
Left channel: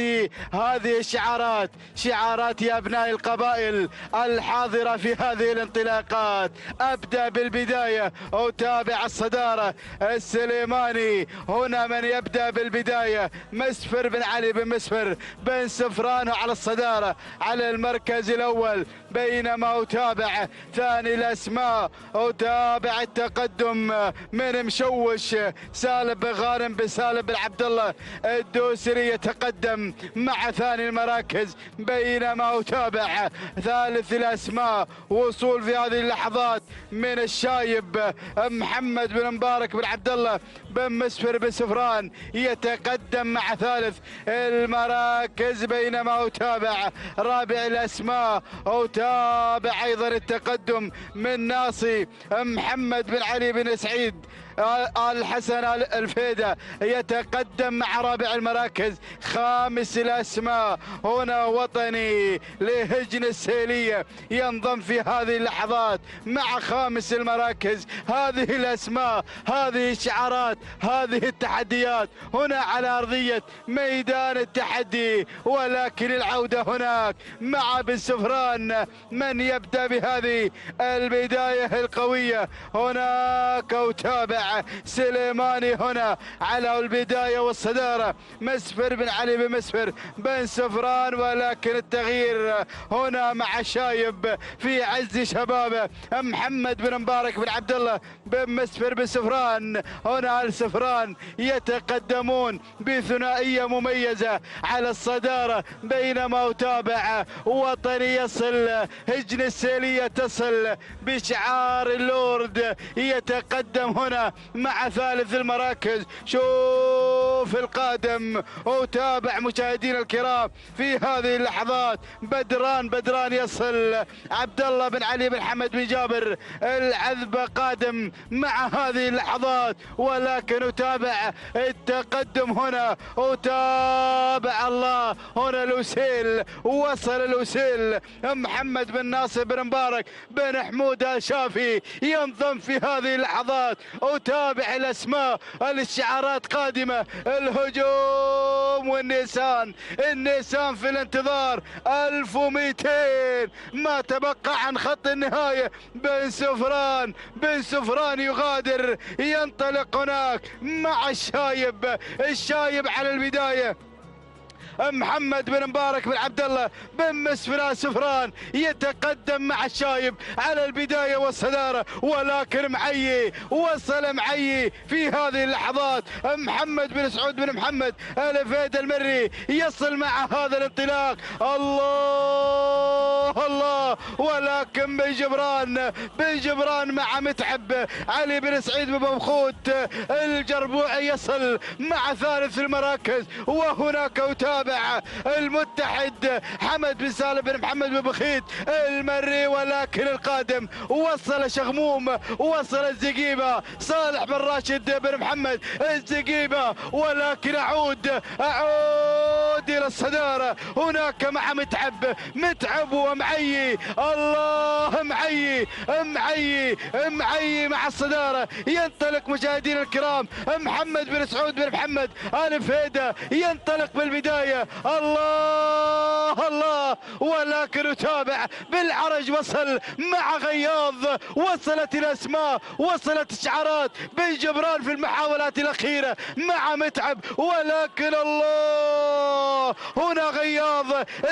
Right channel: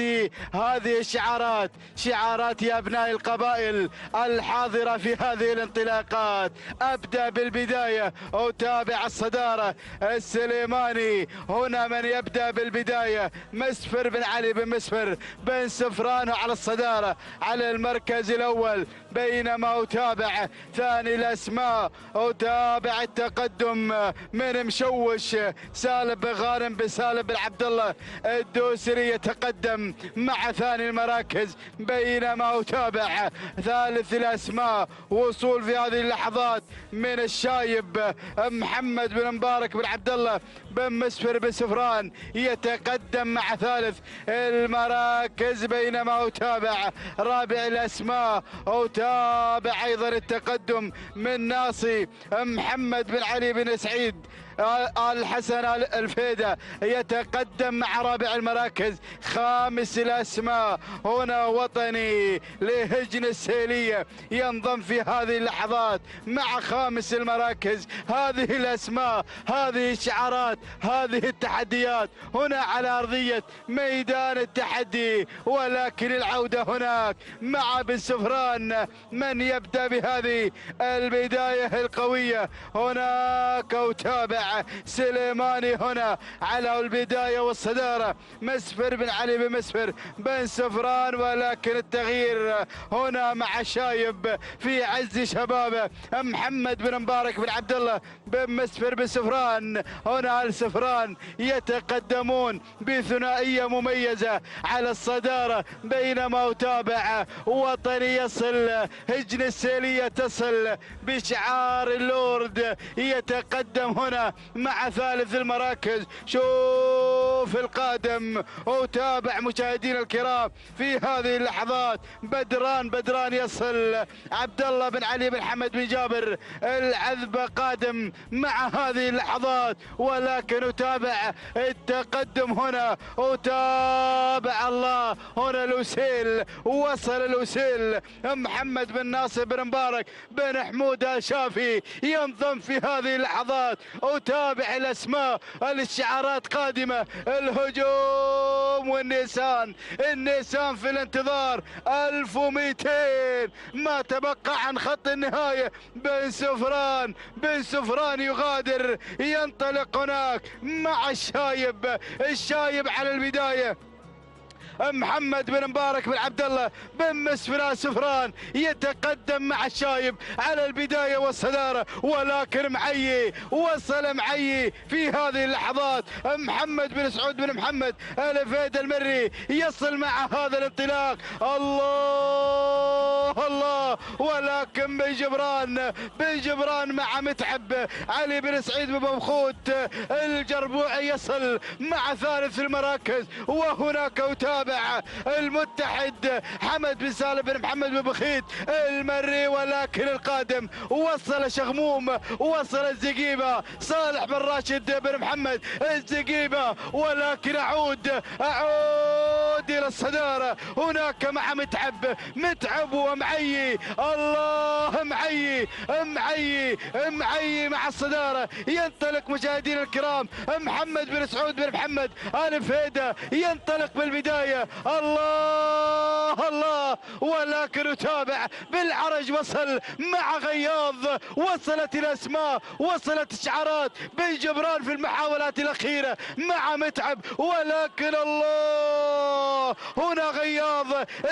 هذه الشعارات، شعارات يا أبناء القبائل الحاضرة في هذه الانطلاقات. أبدأ بالبداية أتابع الصدارة السليماني. هنا من يبدأ بالبداية مسفر بن علي بن مسفر بن سفران على الصدارة على المركز الأول، بينما أتابع ثاني الأسماء أتابع التقدم من مشوش سالم بن غانم بن سالم بن عبد الله الدوسري يتقدم مع ثاني المراكز، بينما أتابع ثالث الأسماء وصول في هذه اللحظات من الشايب محمد بن مبارك بن عبد الله بن مسفر بن سفران يتقدم مع ثالث المراكز، بينما أتابع رابع الأسماء أتابع أيضا التقدم من ناصي محمد بن علي بن سعيد الحسن الفيدة يتقدم مع رابع المراكز. خامس الأسماء هنا وطني لهجن السيلية ينضم في هذه اللحظات مع خامس المراكز. هذه الأسماء، هذه الشعارات، هذه التحديات هنا على أرضية ميدان التحدي، ولكن العودة هناك مع بن سفران من يبدأ بهذه البداية القوية. هناك أتابع سليماني هنا على البداية والصدارة مسفر بن علي بن مسفر بن سفران، ولكن التغيير هنا مع شايب في عز شبابه محمد بن مبارك بن عبد الله بن مسفر بن سفران. هنا السفران يتقدمون بثنائية مميزة على الصدارة، بينما أتابع وطني يصل، هجن السيلية تصل بشعار اللورد يتقدم هنا مع ثالث المراكز. شوف الخوف القادم. وتابع مشاهدينا الكرام في هذه اللحظات بدران يصل، عبد الله بن علي بن حمد بن جابر العذب قادم مع هذه اللحظات، ولكن نتابع التقدم هنا، وتابع الله هنا الوسيل، وصل الوسيل محمد بن ناصر بن مبارك بن حمود الشافي ينضم في هذه اللحظات. وتابع الاسماء، الشعارات قادمه، الهجوم والنيسان في الانتظار. 1200 ما تبقى عن خط النهايه. بن سفران يغادر، ينطلق هناك مع الشايب على البدايه. محمد بن مبارك بن عبد الله بن مسفر سفران يتقدم مع الشايب على البدايه والصداره، ولكن وصل معي في هذه اللحظات. محمد بن سعود بن محمد الفهد المري يصل مع هذا الانطلاق. الله، ولكن بن جبران مع متعب علي بن سعيد بن مبخوت الجربوعي يصل مع ثالث المراكز. وهناك وتابع المتحد حمد بن سالم بن محمد بن بخيت المري، ولكن القادم وصل شغموم، وصل الزقيبه صالح بن راشد بن محمد الزقيبه، ولكن اعود الى الصداره هناك مع متعب ومعي. الله، معي مع الصداره. ينطلق مشاهدينا الكرام محمد بن سعود بن محمد آل فهيدة ينطلق بالبدايه. الله، ولكن يتابع بالعرج، وصل مع غياض، وصلت الاسماء، وصلت الشعارات. بن جبران في المحاولات الاخيره مع متعب، ولكن الله هنا غياض.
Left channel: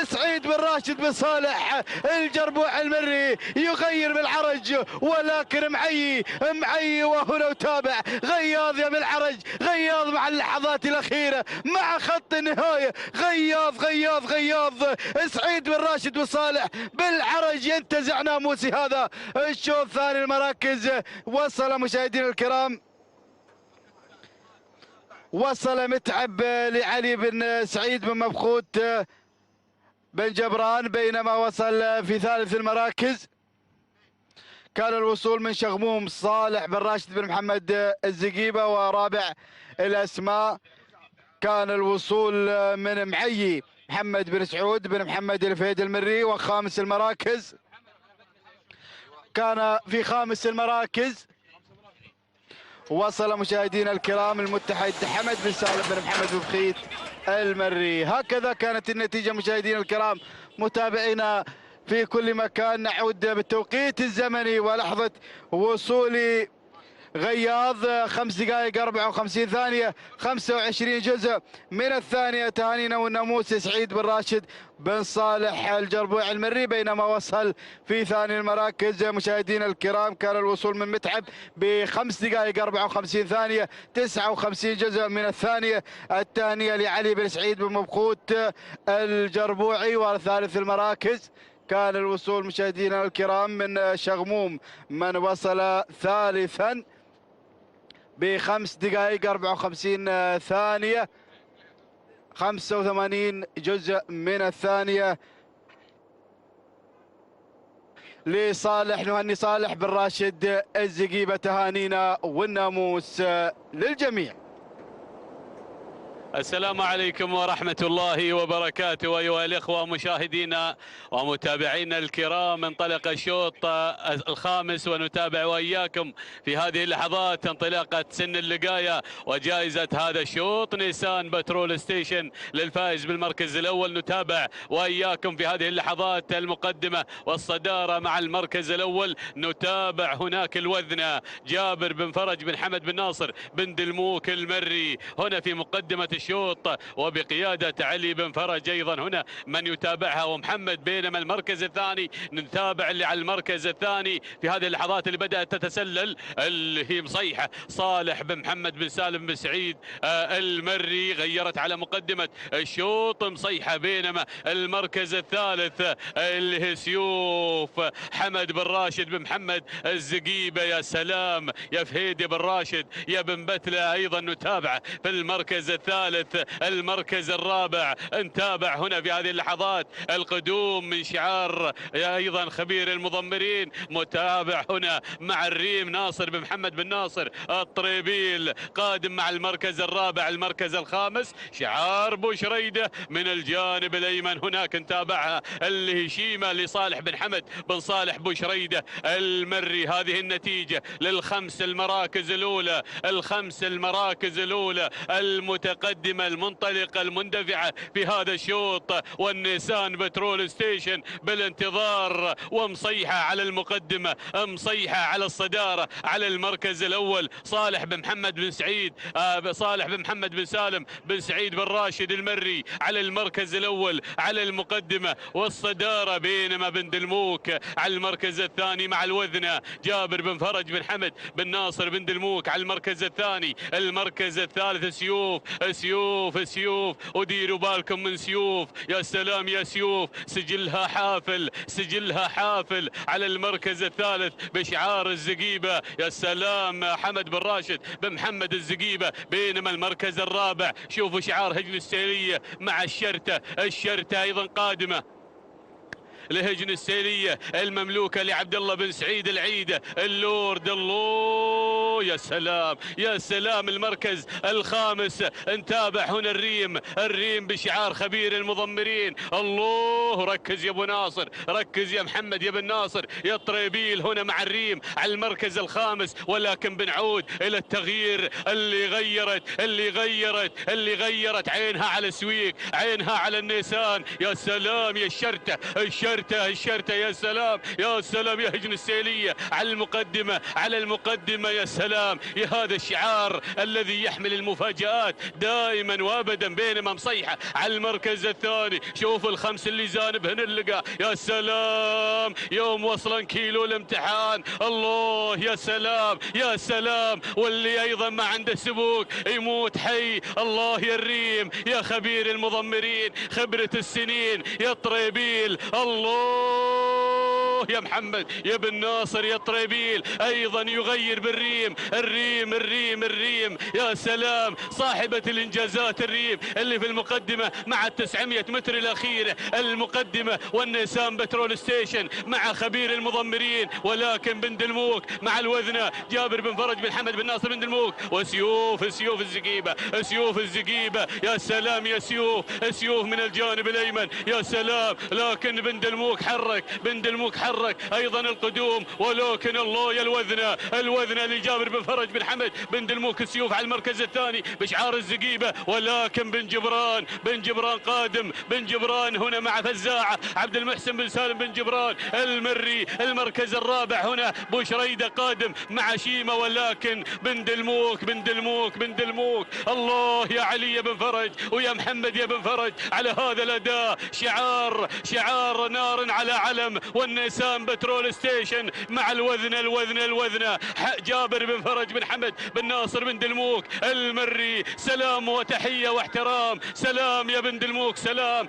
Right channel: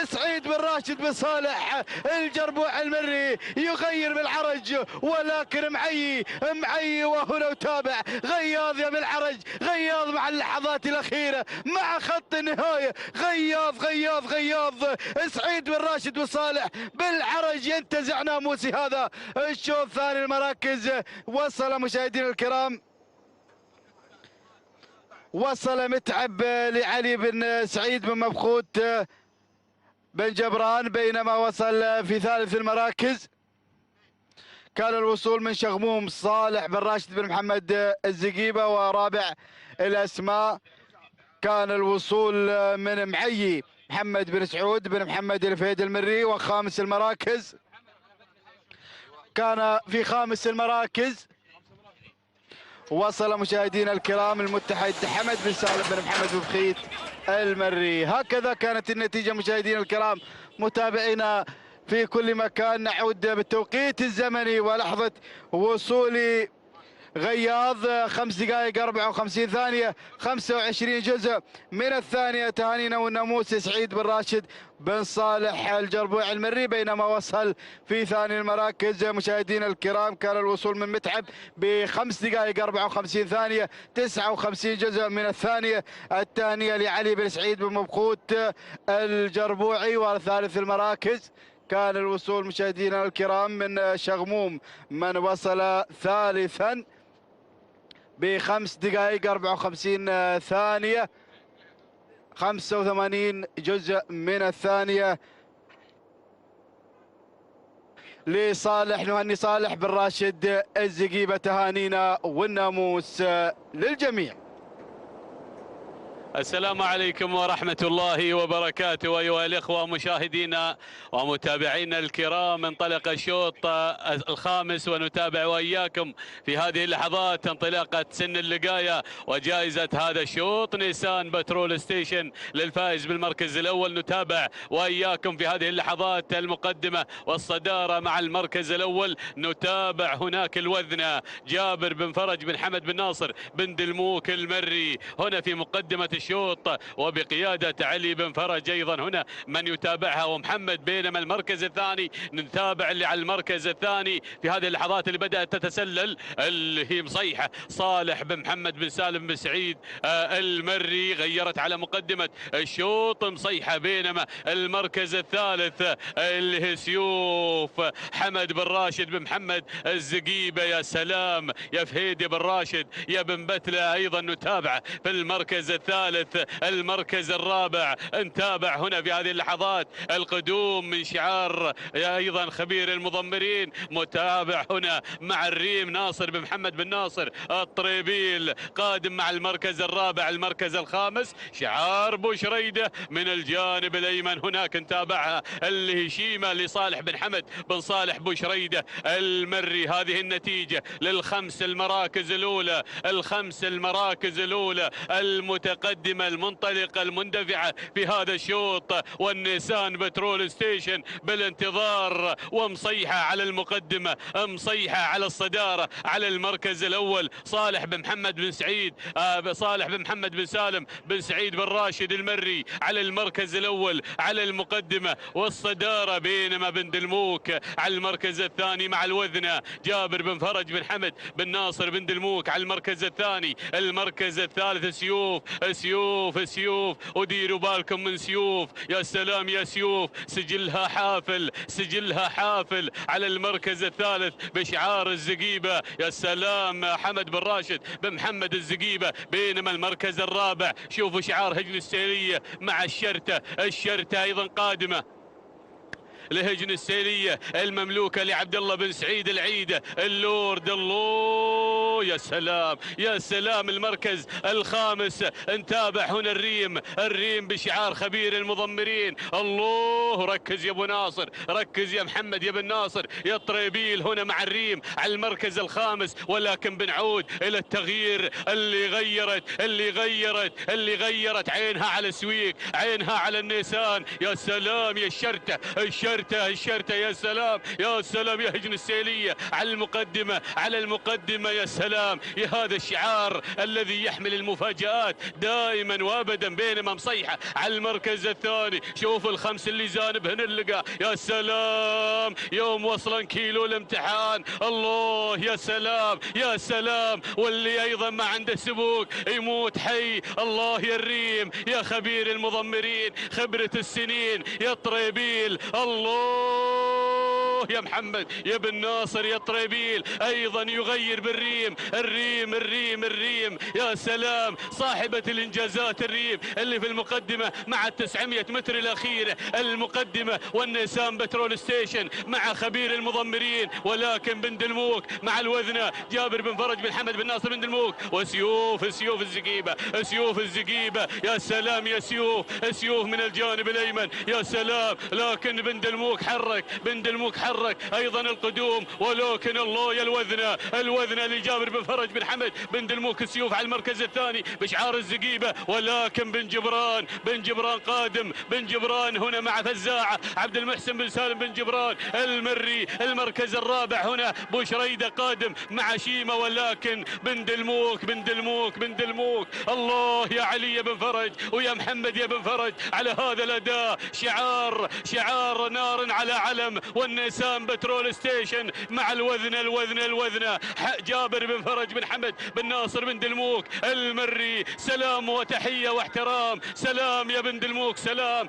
سعيد بن راشد بن صالح الجربوع المري يغير بالعرج، ولكن معي وهنا وتابع غياض يا بالعرج، غياض مع اللحظات الاخيره مع خط النهايه. غياض سعيد بن راشد بن صالح بالعرج ينتزع ناموسي هذا الشوط ثاني المراكز. وصل مشاهدينا الكرام، وصل متعب لعلي بن سعيد بن مبخوت بن جبران، بينما وصل في ثالث المراكز كان الوصول من شغموم صالح بن راشد بن محمد الزقيبة، ورابع الأسماء كان الوصول من معي محمد بن سعود بن محمد الفهيد المري. وخامس المراكز كان في خامس المراكز وصل مشاهدينا الكرام المتحد حمد بن سالم بن محمد بن بخيت المري. هكذا كانت النتيجة مشاهدينا الكرام متابعينا في كل مكان. نعود بالتوقيت الزمني ولحظة وصول غياض 5 دقائق 54 ثانية 25 جزء من الثانية. تهانينا والناموس سعيد بن راشد بن صالح الجربوع المري، بينما وصل في ثاني المراكز مشاهدينا الكرام كان الوصول من متعب ب5 دقائق 54 ثانية 59 جزء من الثانية. الثانية لعلي بن سعيد بن مبخوت الجربوعي. وثالث المراكز كان الوصول مشاهدينا الكرام من شغموم من وصل ثالثا ب5 دقائق 54 ثانية 85 جزء من الثانية لصالح نهني صالح بن راشد الزقيبة. تهانينا والناموس للجميع. السلام عليكم ورحمة الله وبركاته أيها الإخوة مشاهدينا ومتابعينا الكرام. انطلق الشوط الخامس ونتابع وإياكم في هذه اللحظات انطلاقة سن اللقاية وجائزة هذا الشوط نيسان بترول ستيشن للفائز بالمركز الأول. نتابع وإياكم في هذه اللحظات المقدمة والصدارة مع المركز الأول. نتابع هناك الوذنة جابر بن فرج بن حمد بن ناصر بن دلموك المري هنا في مقدمة الشوط وبقيادة علي بن فرج أيضا هنا من يتابعها ومحمد. بينما المركز الثاني نتابع اللي على المركز الثاني في هذه اللحظات اللي بدأت تتسلل اللي هي مصيحة صالح بن محمد بن سالم بن سعيد المري، غيرت على مقدمة الشوط مصيحة. بينما المركز الثالث اللي هي سيوف حمد بن راشد بن محمد الزقيبة. يا سلام يا فهيدي بن راشد يا بن بتلة أيضا نتابع في المركز الثالث. المركز الرابع نتابع هنا في هذه اللحظات القدوم من شعار أيضا خبير المضمرين، متابع هنا مع الريم ناصر بن محمد بن ناصر الطريبيل قادم مع المركز الرابع. المركز الخامس شعار بوشريدة من الجانب الأيمن هناك نتابعها اللي هي شيمة لصالح بن حمد بن صالح بوشريدة المري. هذه النتيجة للخمس المراكز الأولى، الخمس المراكز الأولى المتقدمة المنطلقة المندفعة في هذا الشوط. والنيسان بترول ستيشن بالانتظار ومصيحة على المقدمة، مصيحة على الصدارة. على المركز الأول صالح بن محمد بن سعيد صالح بن محمد بن سالم بن سعيد بن راشد المري على المركز الأول على المقدمة والصدارة. بينما بن دلموك على المركز الثاني مع الوذنة جابر بن فرج بن حمد بن ناصر بن دلموك على المركز الثاني. المركز الثالث سيوف سيوف سيوف، وديروا بالكم من سيوف. يا سلام يا سيوف، سجلها حافل سجلها حافل على المركز الثالث بشعار الزقيبة. يا سلام حمد بن راشد بن محمد الزقيبة. بينما المركز الرابع شوفوا شعار هجن السيرية مع الشرطة. الشرطة أيضا قادمة لهجن السيرية المملوكة لعبد الله بن سعيد العيدة اللورد. الله يا سلام يا سلام. المركز الخامس نتابع هنا الريم بشعار خبير المضمرين. الله ركز يا ابو ناصر، ركز يا محمد يا بن ناصر يا طريبيل هنا مع الريم على المركز الخامس. ولكن بنعود الى التغيير اللي غيرت عينها على السويق، عينها على النيسان. يا سلام يا الشرطة يا سلام يا سلام يا هجن السيلية على المقدمة يا سلام يا هذا الشعار الذي يحمل المفاجآت دائما وابدا. بينما مصيحة على المركز الثاني. شوفوا الخمس اللي جانب هنا اللقاء. يا سلام يوم وصلا كيلو الامتحان. الله يا سلام يا سلام. واللي ايضا ما عنده سبوك يموت حي. الله يا الريم يا خبير المضمرين، خبرة السنين يا طريبيل. الله يا محمد يا بن ناصر يا طريبيل ايضا يغير بالريم. الريم يا سلام صاحبة الانجازات الريم اللي في المقدمة مع 900 متر الاخيرة المقدمة. والنيسان بترول ستيشن مع خبير المضمرين. ولكن بن دلموك مع الوذنة جابر بن فرج بن حمد بن ناصر بن دلموك. وسيوف الزقيبة يا سلام يا سيوف من الجانب الايمن. يا سلام. لكن بن دلموك حرك ايضا القدوم. ولكن الله يا الوذنة لجابر بن فرج بن حمد بن دلموك. السيوف على المركز الثاني بشعار الزقيبة. ولكن بن جبران قادم. بن جبران هنا مع فزاعة عبد المحسن بن سالم بن جبران المري. المركز الرابع هنا بوشريدة قادم مع شيمة. ولكن بن دلموك الله يا علي يا بن فرج ويا محمد يا بن فرج على هذا الاداء. شعار نار على علم. والنيسان بترول ستيشن مع الوذنة جابر بن فرج بن حمد بن ناصر بن دلموك المري. سلام وتحية واحترام. سلام يا بن دلموك. سلام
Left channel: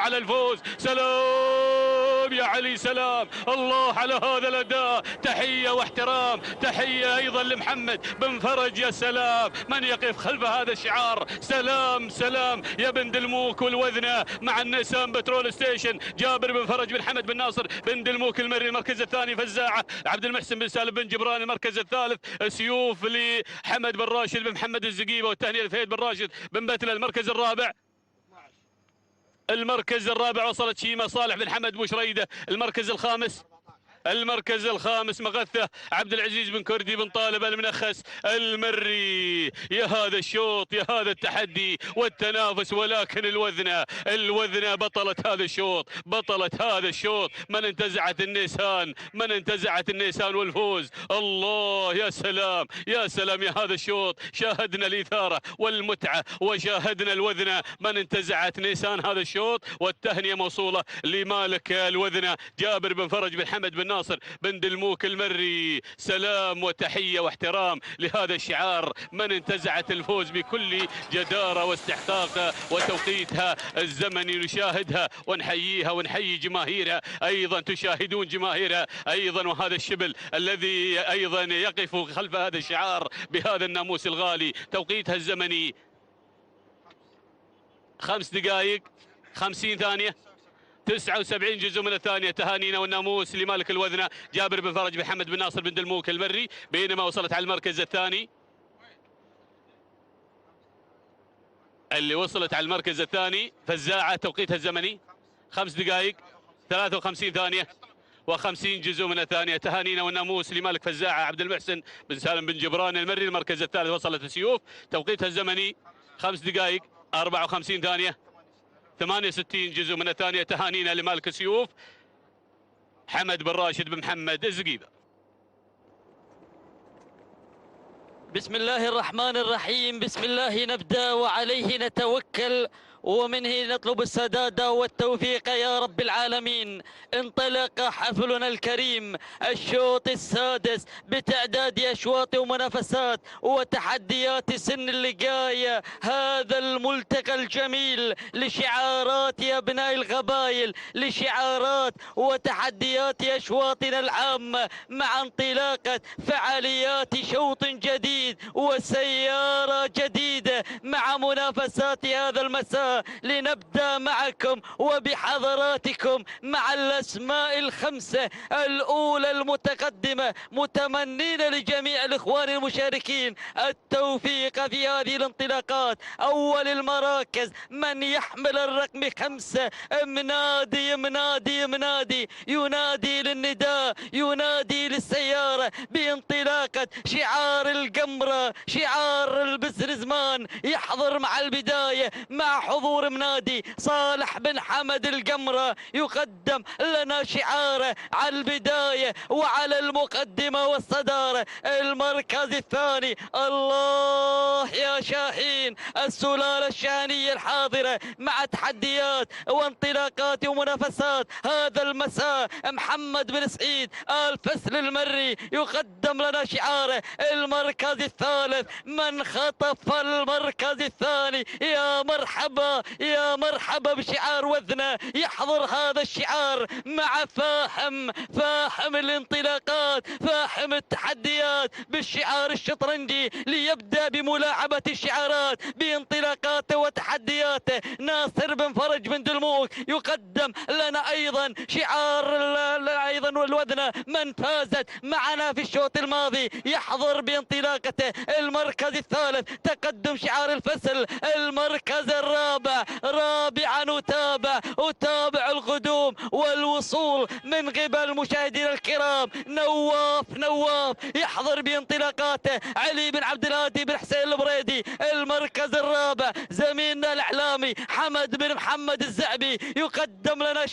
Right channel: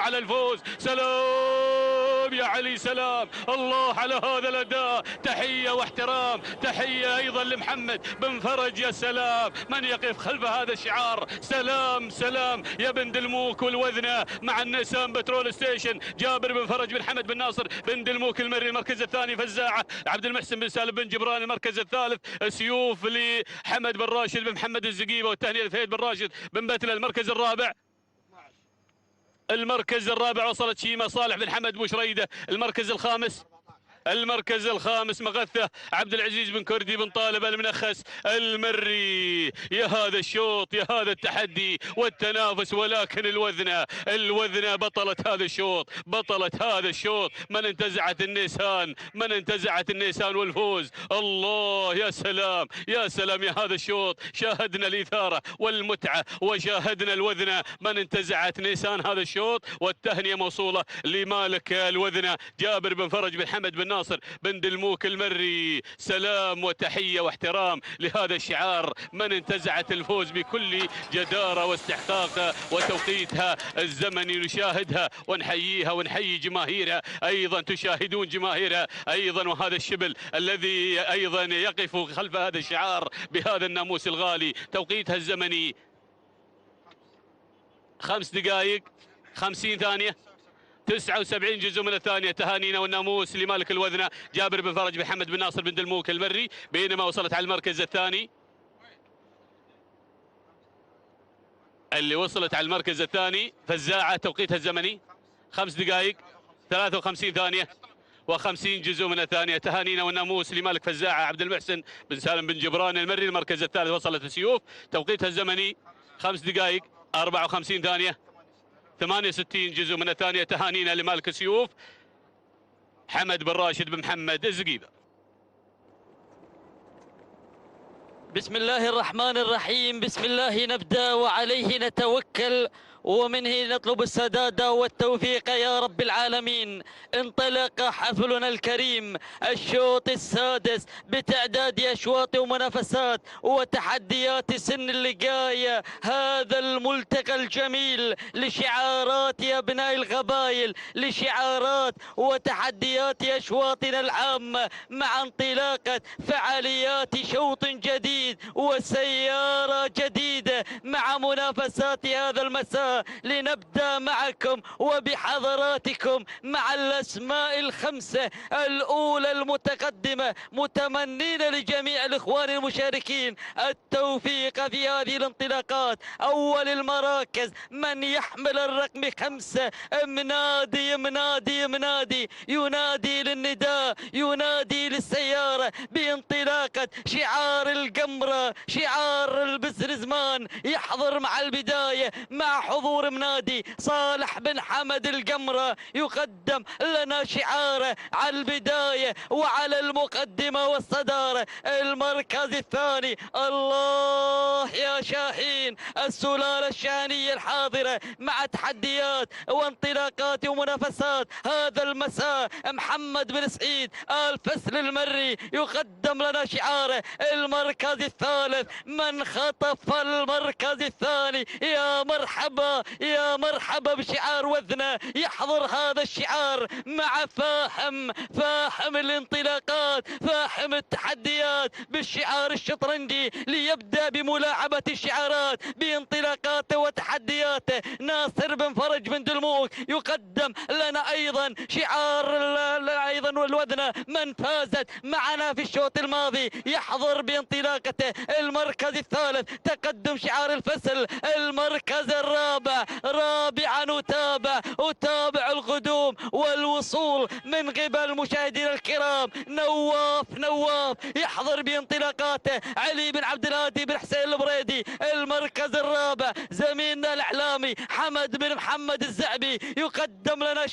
على الفوز. سلام يا علي. سلام الله على هذا الاداء. تحية واحترام. تحية ايضا لمحمد بن فرج. يا سلام من يقف خلف هذا الشعار. سلام يا بن دلموك والوذنة مع النيسان بترول ستيشن جابر بن فرج بن حمد بن ناصر بن دلموك المري. المركز الثاني فزاعة عبد المحسن بن سالم بن جبران. المركز الثالث سيوف لحمد بن راشد بن محمد الزقيبة والثانية لفهيد بن راشد بن بتلة. المركز الرابع وصلت شيمة صالح بن حمد بوشريدة. المركز الخامس المركز الخامس مغثة عبد العزيز بن كردي بن طالب المنخس المري. يا هذا الشوط، يا هذا التحدي والتنافس، ولكن الوذنة بطلة هذا الشوط، بطلة هذا الشوط. من انتزعت النيسان والفوز. الله، يا سلام يا سلام، يا هذا الشوط شاهدنا الإثارة والمتعة وشاهدنا الوذنة. من انتزعت نيسان هذا الشوط، والتهنئة موصولة لمالك الوذنة جابر بن فرج بن حمد بن ناصر بن دلموك المري. سلام وتحية واحترام لهذا الشعار. من انتزعت الفوز بكل جدارة واستحقاق وتوقيتها الزمني نشاهدها ونحييها ونحيي جماهيرها، أيضا تشاهدون جماهيرها أيضا، وهذا الشبل الذي أيضا يقف خلف هذا الشعار بهذا الناموس الغالي. توقيتها الزمني 5 دقائق 50 ثانية 79 جزء من الثانية. تهانينا والناموس لمالك الوذنة جابر بن فرج بن حمد بن ناصر بن دلموك المري. بينما وصلت على المركز الثاني، اللي وصلت على المركز الثاني فزاعة، توقيتها الزمني 5 دقائق 53 ثانية و50 جزء من الثانية. تهانينا والناموس لمالك فزاعة عبد المحسن بن سالم بن جبران المري. المركز الثالث وصلت السيوف، توقيتها الزمني 5 دقائق 54 ثانية 68 جزء من الثانية. تهانينا لمالك السيوف حمد بن راشد بن محمد الزقيبة. بسم الله الرحمن الرحيم. بسم الله نبدأ وعليه نتوكل ومنه نطلب السداد والتوفيق يا رب العالمين. انطلق حفلنا الكريم الشوط السادس بتعداد أشواط ومنافسات وتحديات سن اللقاية. هذا الملتقى الجميل لشعارات يا أبناء القبائل، لشعارات وتحديات أشواطنا العامة، مع انطلاقة فعاليات شوط جديد وسيارة جديدة مع منافسات هذا المساء. لنبدأ معكم وبحضراتكم مع الأسماء الخمسة الأولى المتقدمة، متمنين لجميع الإخوان المشاركين التوفيق في هذه الانطلاقات. أول المراكز من يحمل الرقم 5 منادي منادي منادي، ينادي للنداء، ينادي للسيارة بانطلاقة شعار القمرة، شعار البزرزمان. يحضر مع البداية مع حضور منادي صالح بن حمد القمرة، يقدم لنا شعاره على البداية وعلى المقدمة والصدارة. المركز الثاني الله يا شاهين، السلالة الشانية الحاضرة مع تحديات وانطلاقات ومنافسات هذا المساء. محمد بن سعيد الفسل المري يقدم لنا شعاره. المركز الثالث من خطف المركز الثاني، يا مرحبا يا مرحبا بشعار وذنة. يحضر هذا الشعار مع فاهم الانطلاقات، فاهم التحديات بالشعار الشطرنجي، ليبدأ بملاعبة الشعارات بانطلاقاته وتحدياته. ناصر بن فرج بن دلموك يقدم لنا أيضا شعار أيضا والوذنة من فازت معنا في الشوط الماضي. يحضر بانطلاقته المركز الثالث تقدم شعار الفصل. المركز الرابع رابعا أتابع القدوم والوصول من قبل مشاهدينا الكرام. نواف يحضر بانطلاقاته علي بن عبد الهادي بن حسين البريدي. المركز الرابع زميلنا الإعلامي حمد بن محمد الزعبي يقدم لنا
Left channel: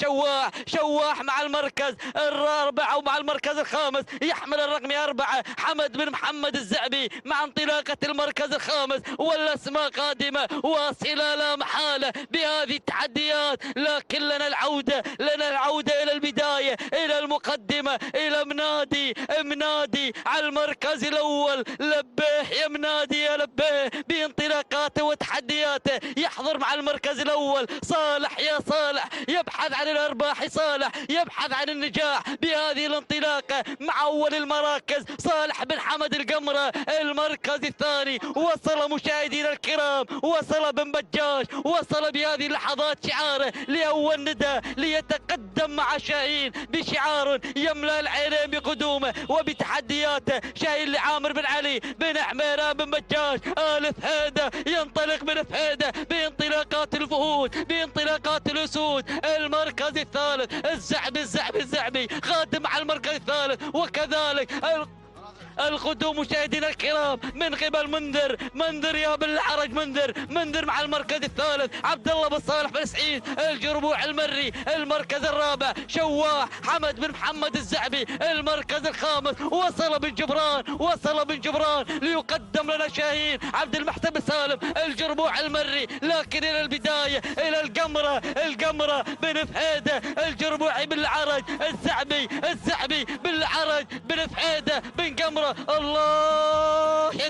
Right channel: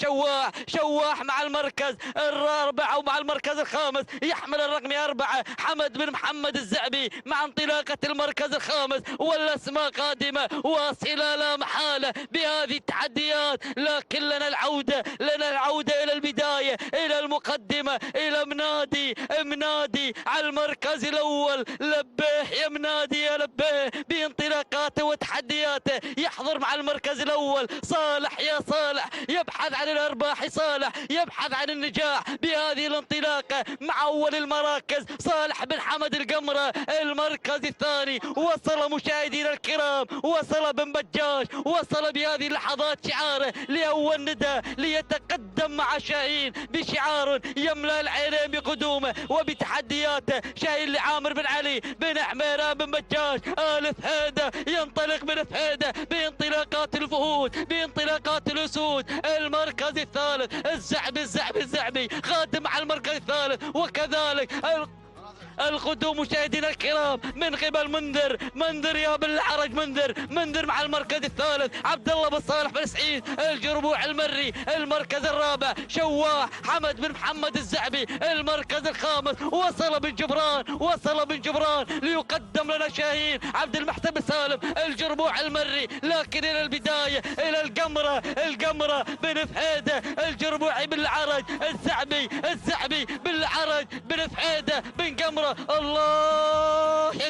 شواح مع المركز الرابع ومع المركز الخامس يحمل الرقم 4 حمد بن محمد الزعبي مع انطلاقة المركز الخامس. والأسماء قادمة واصلة لا محالة بهذه التحديات، لكن لنا العودة إلى البداية، إلى المقدمة، إلى منادي على المركز الأول. لبيه يا منادي يا لبيه بانطلاقاته وتحدياته. يحضر مع المركز الأول صالح، يا صالح يبحث عن الأرباح، صالح يبحث عن النجاح بهذه الانطلاقة مع أول المراكز صالح بن حمد القمرة. المركز الثاني وصل مشاهدينا الكرام، وصل بن بجاج، وصل بهذه اللحظات شعاره لأول نداء ليتقدم مع شاهين بشعار يملأ العينين بقدومه وبتحدياته. شاهين لعامر بن علي بن عميران بن بجاج آل فهيدة، ينطلق من فهيدة بانطلاقات الفهود، بانطلاقات الأسود. المركز الثالث الزعبي خادم على المركز الثالث ياخذه مشاهدينا الكرام من قبل منذر يا بالعرج منذر مع المركز الثالث عبد الله بن صالح بن سعيد الجربوع المري. المركز الرابع شواح حمد بن محمد الزعبي. المركز الخامس وصل بن جبران ليقدم لنا شاهين عبد المحسن سالم الجربوع المري. لكن الى البدايه الى القمره بن فهيده الجربوعي بالعرج الزعبي بالعرج بن فهيده بن قمره. الله يا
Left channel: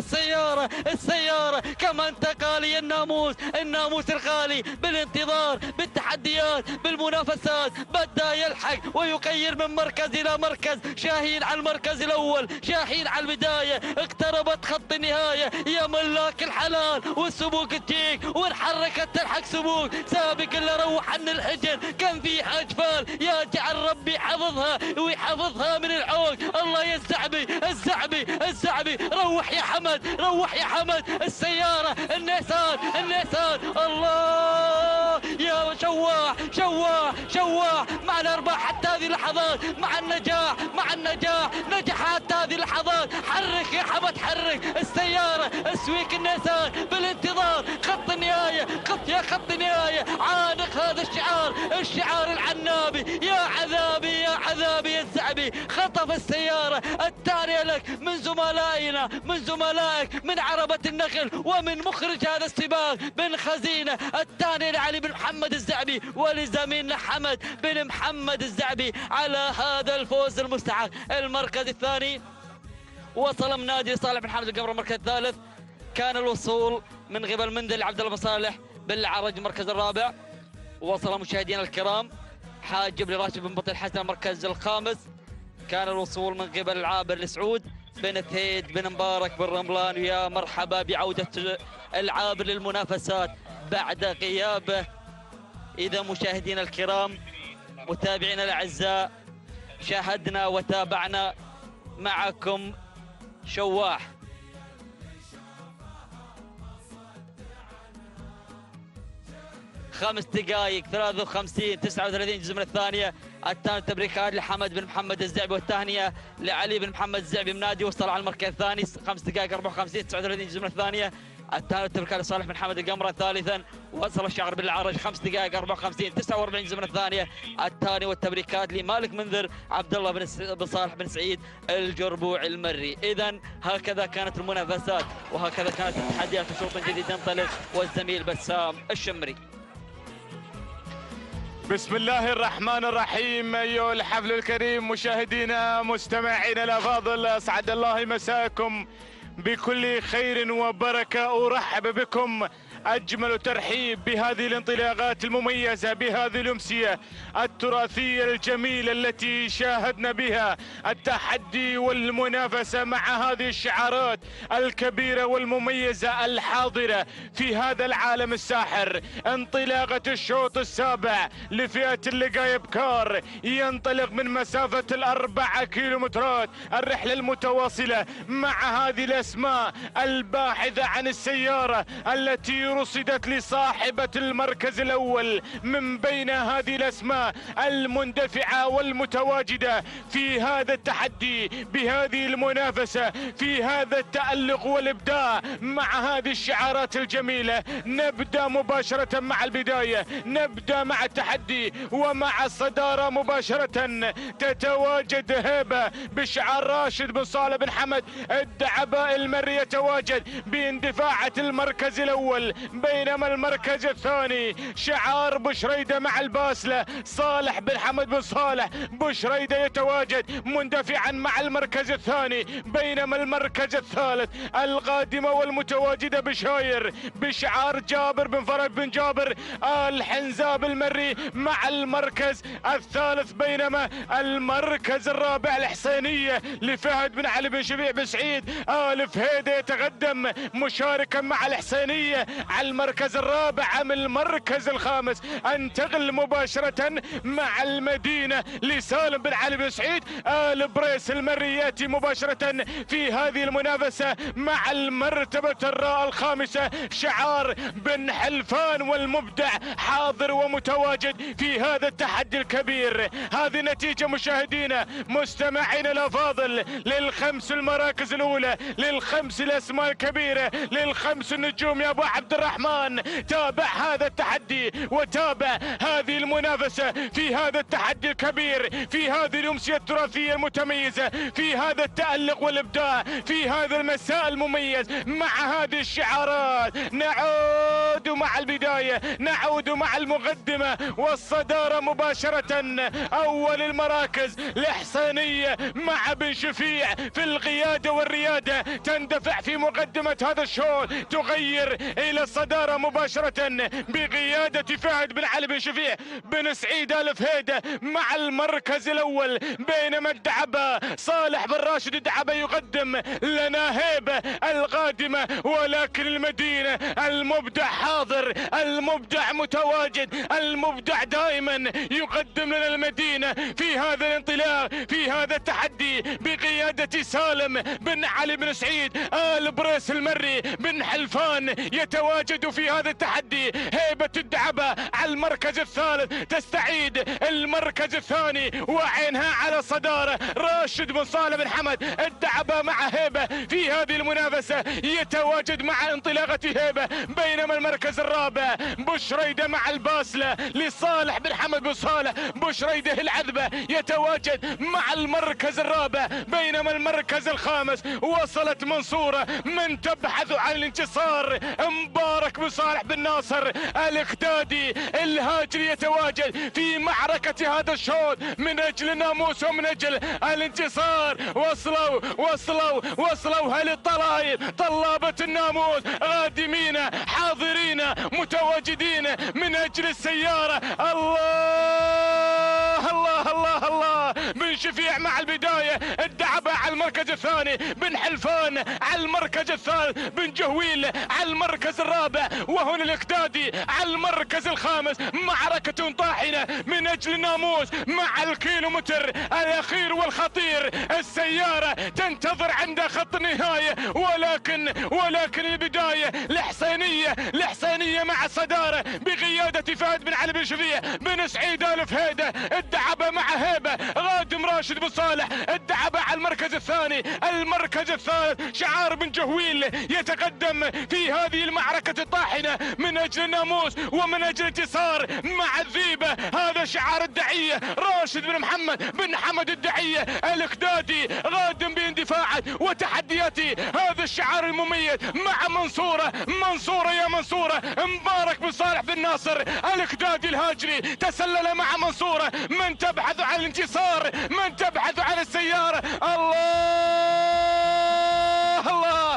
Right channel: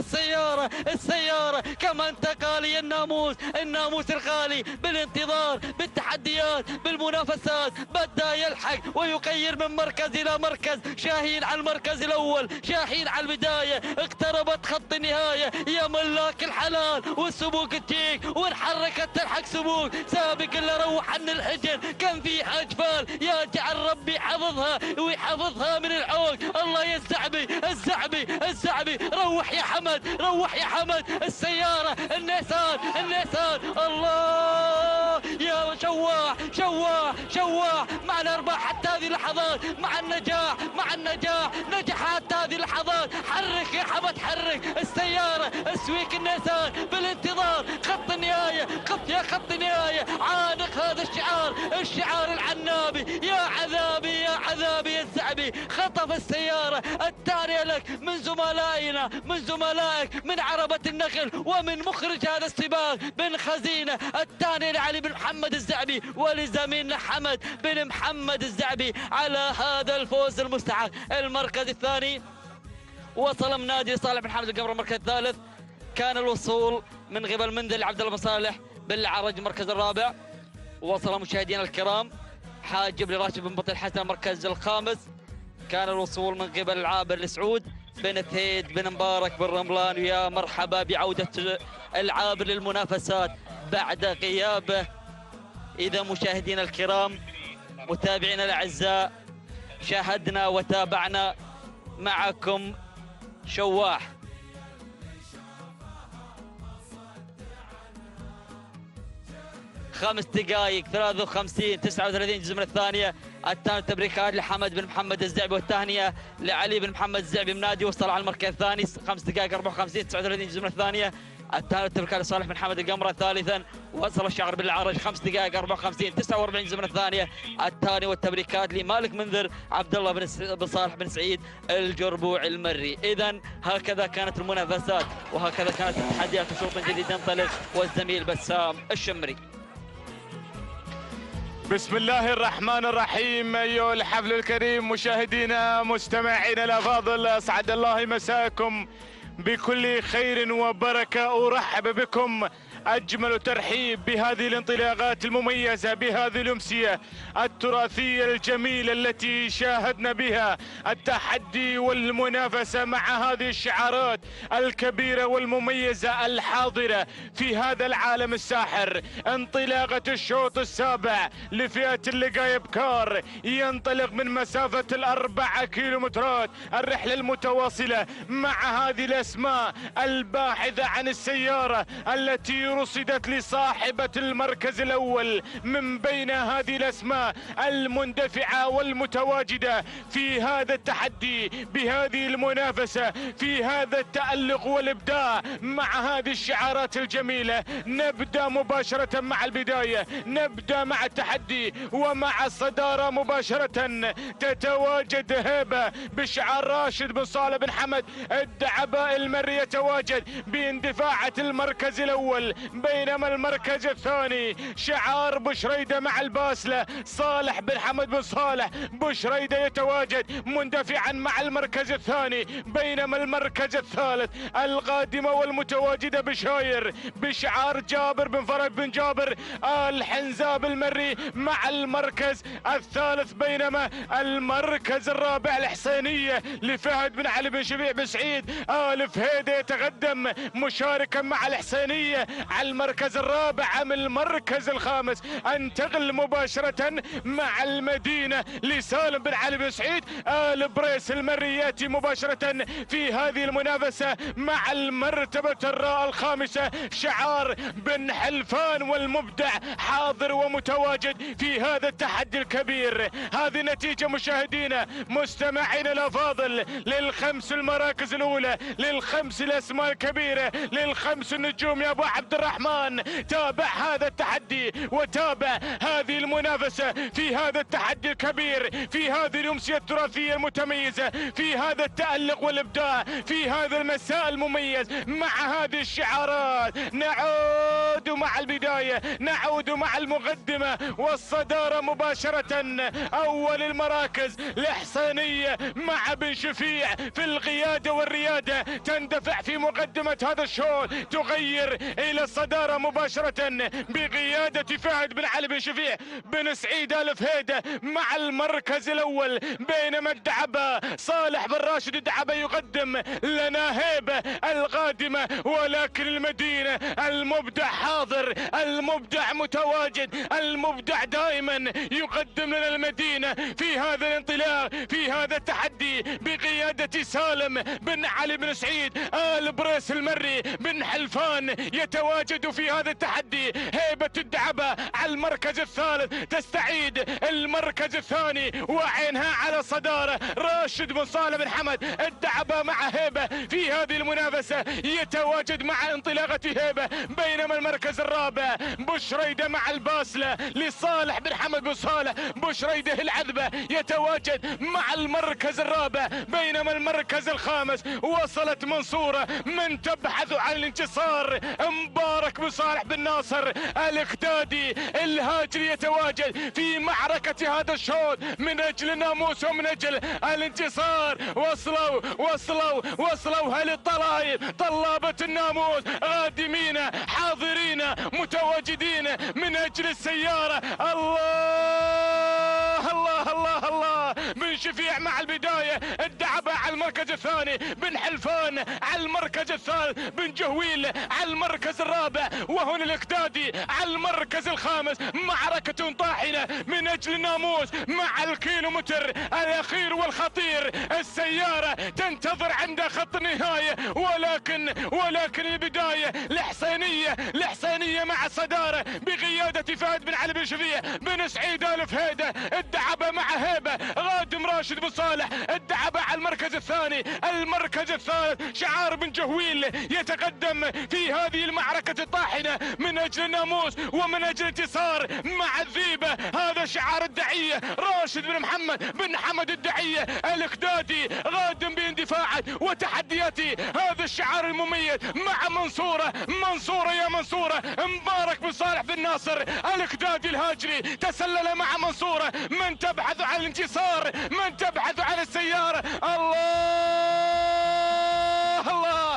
السياره كما انتقى لي الناموس الغالي بالانتظار بالتحديات بالمنافسات بدا يلحق ويغير من مركز الى مركز. شاهين على المركز الاول، شاهين على البدايه، اقتربت خط النهايه يا ملاك الحلال والسبوق التيك وانحركت تلحق سبوق سابق اللي روح عن الحجر كان فيها اجفال. يا جعل ربي حفظها ويحفظها من العوق. الله يا الزعبي روح يا حمد السياره النيسان الله يا شواح مع الارباح حتى هذه اللحظات مع النجاح نجح حتى هذه اللحظات. حرك يا حمد حرك السياره السويك النيسان بالانتظار خط النهايه خط النهايه. عانق هذا الشعار العنابي. يا عذابي يا الزعبي خطف السياره التاليه لك من زملائك من عربه النخل ومن مخرج هذا السباق بن خزينه. الثاني لعلي بن محمد الزعبي ولزميلنا حمد بن محمد الزعبي على هذا الفوز المستحق. المركز الثاني وصل منادي صالح بن حمد القمر. المركز الثالث كان الوصول من قبل منذر لعبد الله بن صالح بالعرج. المركز الرابع وصل مشاهدينا الكرام حاجب لراشد بن بطل حسن. المركز الخامس كان الوصول من قبل العابر لسعود بن ثيد بن مبارك بن رملان. يا مرحبا بعودة العابر للمنافسات بعد غيابه. إذا مشاهدينا الكرام متابعينا الأعزاء شاهدنا وتابعنا معكم شواح خمس دقائق 53 39 جزء من الثانية. الثاني تبريكات لحمد بن محمد الزعبي والثانية لعلي بن محمد الزعبي منادي. وصل على المركز الثاني 5 دقائق 54 39 جزء من الثانية. الثالث تبريكات لصالح بن حمد القمرة. ثالثا وصل الشعر بالعرج 5 دقائق 54 49 جزء من الثانية. الثاني والتبريكات لمالك منذر عبد الله بن صالح بن سعيد الجربوع المري. إذا هكذا كانت المنافسات وهكذا كانت التحديات. وشوط جديد ينطلق والزميل بسام الشمري. بسم الله الرحمن الرحيم. أيها الحفل الكريم مشاهدينا مستمعينا الأفاضل أسعد الله مساءكم بكل خير وبركة. أرحب بكم أجمل ترحيب بهذه الانطلاقات المميزة بهذه الأمسية التراثية الجميلة التي شاهدنا بها التحدي والمنافسة مع هذه الشعارات الكبيرة والمميزة الحاضرة في هذا العالم الساحر. انطلاقة الشوط السابع لفئة اللقاء إبكار ينطلق من مسافة 4 كيلومترات. الرحلة المتواصلة مع هذه الأسماء الباحثة عن السيارة التي رصدت لصاحبة المركز الأول من بين هذه الأسماء المندفعة والمتواجدة في هذا التحدي بهذه المنافسة في هذا التألق والإبداع مع هذه الشعارات الجميلة. نبدأ مباشرة مع البداية، نبدأ مع التحدي ومع الصدارة مباشرة. تتواجد هيبة بشعار راشد بن صالح بن حمد الدعباء المري يتواجد باندفاعة المركز الأول. بينما المركز الثاني شعار بشريدة مع الباسلة صالح بن حمد بن صالح بشريدة يتواجد مندفعا مع المركز الثاني. بينما المركز الثالث القادمة والمتواجدة بشاير بشعار جابر بن فرج بن جابر الحنزاب المري مع المركز الثالث. بينما المركز الرابع الحسينية لفهد بن علي بن شفيع بن سعيد آل فهيدة يتقدم مشاركا مع الحسينية على المركز الرابع من المركز الخامس، انتقل مباشرة مع المدينة لسالم بن علي بن سعيد. آل بريس المري ياتي مباشرة في هذه المنافسة مع المرتبة الخامسة. شعار بن حلفان والمبدع حاضر ومتواجد في هذا التحدي الكبير. هذه نتيجة مشاهدينا مستمعين الافاضل للخمس المراكز الاولى، للخمس الاسماء الكبيرة، للخمس النجوم يا ابو عبد الرحمن. تابع هذا التحدي وتابع هذه المنافسة في هذا التحدي الكبير، في هذه الامسية التراثية المتميزة، في هذا التألق والابداع، في هذا المساء المميز مع هذه الشعارات. نعود مع البداية، نعود مع المقدمة والصدارة مباشرة. اول المراكز الإحسانية مع بن شفيع في القيادة والريادة، تندفع في مقدمة هذا الشوط، تغير الى الصدارة مباشرة بقيادة فهد بن علي بن شفيع بن سعيد آل فهيدة مع المركز الاول، بينما الدعبة صالح بن راشد الدعبة يقدم لنا هيبة القادمة، ولكن المدينة المبدع حاضر، المبدع متواجد، المبدع دائما يقدم لنا المدينة في هذا الانطلاق، في هذا التحدي بقيادة سالم بن علي بن سعيد. آل بريس المري بن حلفان يتواجد في هذا التحدي. هيبة الدعبة على المركز الثالث تستعيد المركز الثاني وعينها على صدارة. راشد بن صالح بن حمد الدعبة مع هيبة في هذه المنافسة يتواجد مع انطلاقة هيبة، بينما المركز الرابع بشريدة مع الباسلة لصالح بن حمد بن صالح بشريدة العذبة يتواجد مع المركز الرابع، بينما المركز الخامس وصلت منصورة من تبحث عن الانتصار. مبارك بن صالح بن ناصر الاخدادي الهاجري يتواجد في معركة هذا الشوط من اجل الناموس ومن اجل الانتصار. وصلوا هل الطلائب طلابة الناموس قادمين حاضرين متواجدين من اجل السيارة. الله بن شفيع مع البداية، الدعبة على المركز الثاني، بن حلفان على المركز الثالث، بن جهويل على المركز الرابع، وهنا الاقدادي على المركز الخامس. معركة طاحنة من اجل الناموس مع الكيلومتر الاخير والخطير. السيارة تنتظر عند خط النهاية، ولكن البداية الحسينية مع الصدارة بقيادة فهد بن علي بن شفيع بن سعيد آل فهيدة. الدعبة مع هيبة غادم راشد بن صالح، الدعبة على المركز الثاني. المركز الثالث شعار بن جهويل يتقدم في هذه المعركة الطاحنة من اجل الناموس ومن اجل انتصار مع الذيبة. هذا شعار الدعية، راشد بن محمد بن حمد الدعية الاقدادي غادم باندفاعات وتحدياته. هذا الشعار المميز مع منصورة يا منصورة. مبارك بن صالح بن ناصر الاقدادي الهاجري تسلل مع منصورة، من تبحث عن الانتصار، من تبحث عن السيارة. الله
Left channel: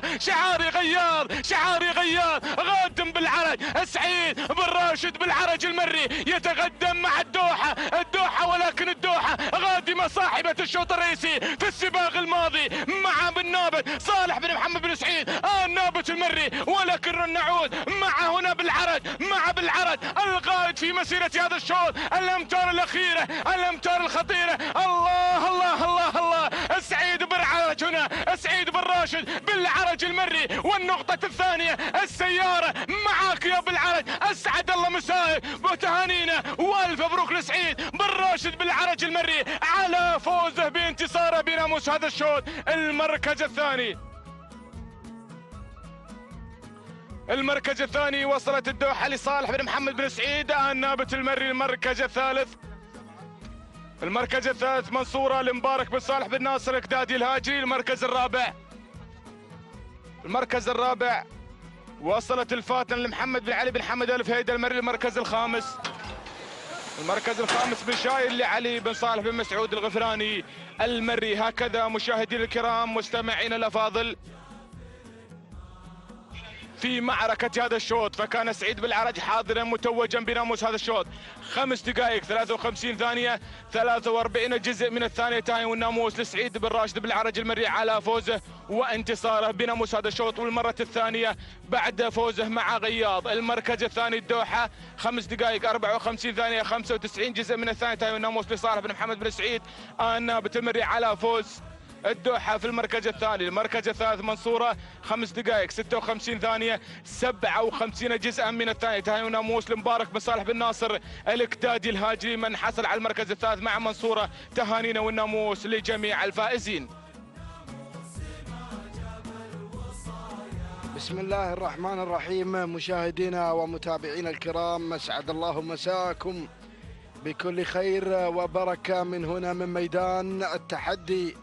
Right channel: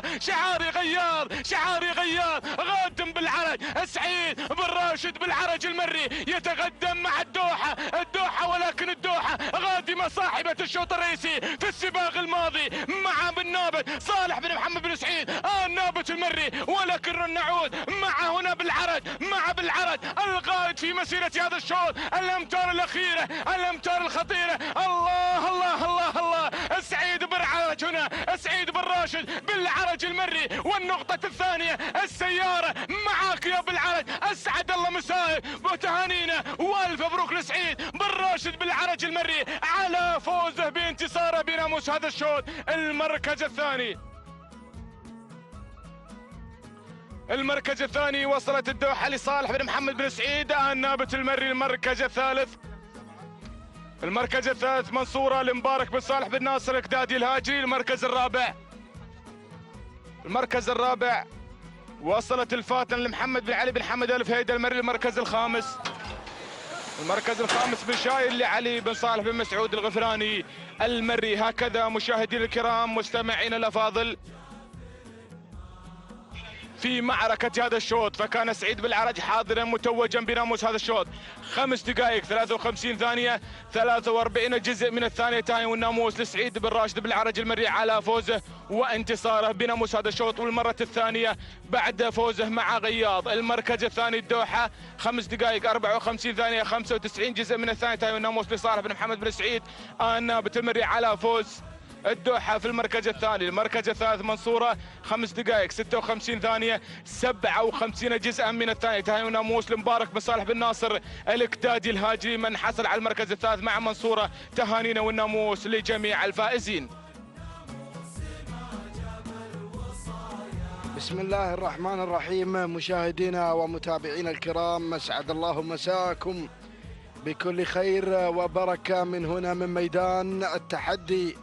شعاري غياض غادم بالعرج. سعيد بن راشد بالعرج المري يتقدم مع الدوحة، ولكن الدوحة غادمة صاحبة الشوط الرئيسي في السباق الماضي مع بن نابت صالح بن محمد بن سعيد نابت المري، ولكن نعود مع هنا بالعرج القائد في مسيرة هذا الشوط، الامتار الاخيرة، الامتار الخطيرة. الله سعيد بالعرج هنا، سعيد بن راشد بالعرج المري. والنقطة الثانية السيارة معاك يا بالعرج. اسعد الله مساءك وتهانينا والف مبروك لسعيد بن راشد بالعرج المري على فوزه بانتصاره بناموس هذا الشوط. المركز الثاني وصلت الدوحة لصالح بن محمد بن سعيد نابت المري. المركز الثالث منصورة لمبارك بن صالح بن ناصر اقدادي الهاجري. المركز الرابع وصلت الفاتن لمحمد بن علي بن حمد آل فهيدة المري. المركز الخامس بن شايل لعلي بن صالح بن مسعود الغفراني المري. هكذا مشاهدينا الكرام مستمعينا الافاضل في معركة هذا الشوط، فكان سعيد بالعرج حاضرا متوجا بناموس هذا الشوط. 5 دقائق 53 ثانية 43 جزء من الثانية تاي، والناموس لسعيد بن راشد بالعرج المري على فوزه وانتصاره بناموس هذا الشوط، والمرة الثانية بعد فوزه مع غياض. المركز الثاني الدوحة 5 دقائق 54 ثانية 95 جزء من الثانية تاي، والناموس لصالح بن محمد بن سعيد النابت المري على فوز الدوحة في المركز الثاني. المركز الثالث منصورة 5 دقائق 56 ثانية 57 جزءا من الثانية تاي، وناموس المبارك بن صالح بن ناصر الكتاجي الهاجري من حصل على المركز الثالث مع منصورة. تهانينا والناموس لجميع الفائزين. بسم الله الرحمن الرحيم. مشاهدينا ومتابعينا الكرام، اسعد الله مساءكم بكل خير وبركة من هنا من ميدان التحدي،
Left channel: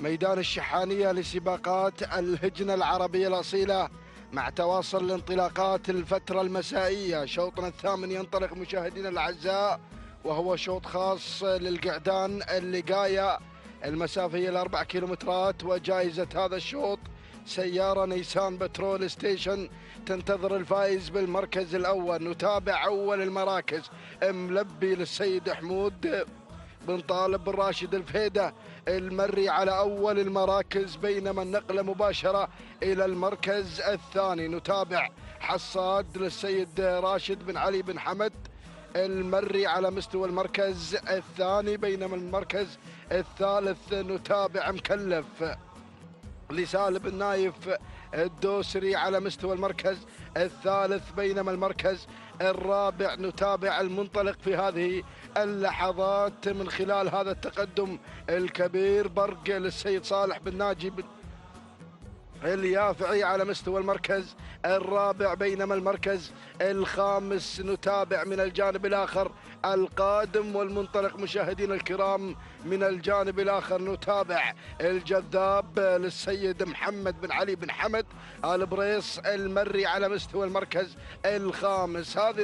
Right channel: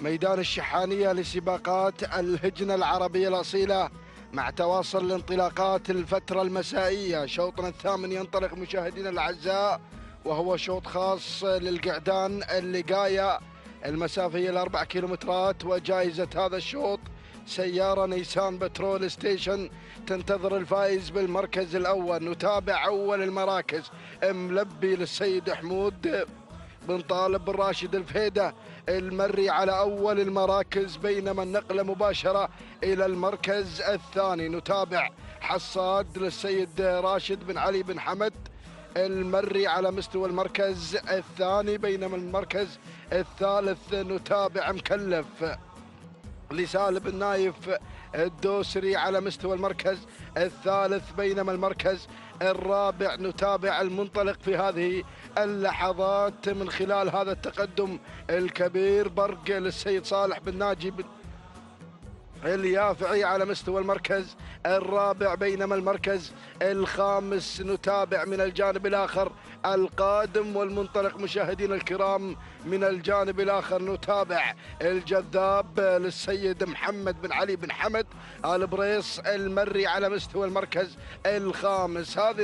ميدان الشحانية لسباقات الهجنة العربية الأصيلة، مع تواصل الانطلاقات الفترة المسائية. شوطنا الثامن ينطلق مشاهدينا الأعزاء، وهو شوط خاص للقعدان اللقاية. المسافة هي 4 كيلومترات، وجائزة هذا الشوط سيارة نيسان بترول ستيشن تنتظر الفائز بالمركز الأول. نتابع أول المراكز، ملبي للسيد حمود بن طالب بن راشد الفيدة المري على أول المراكز، بينما النقلة مباشرة إلى المركز الثاني. نتابع حصاد للسيد راشد بن علي بن حمد المري على مستوى المركز الثاني، بينما المركز الثالث نتابع مكلف لسالم بن نايف الدوسري على مستوى المركز الثالث، بينما المركز الرابع نتابع المنطلق في هذه اللحظات من خلال هذا التقدم الكبير برق للسيد صالح بن ناجي اليافعي على مستوى المركز الرابع، بينما المركز الخامس نتابع من الجانب الآخر القادم والمنطلق مشاهدينا الكرام من الجانب الآخر. نتابع الجذاب للسيد محمد بن علي بن حمد آل بريص المري على مستوى المركز الخامس. هذه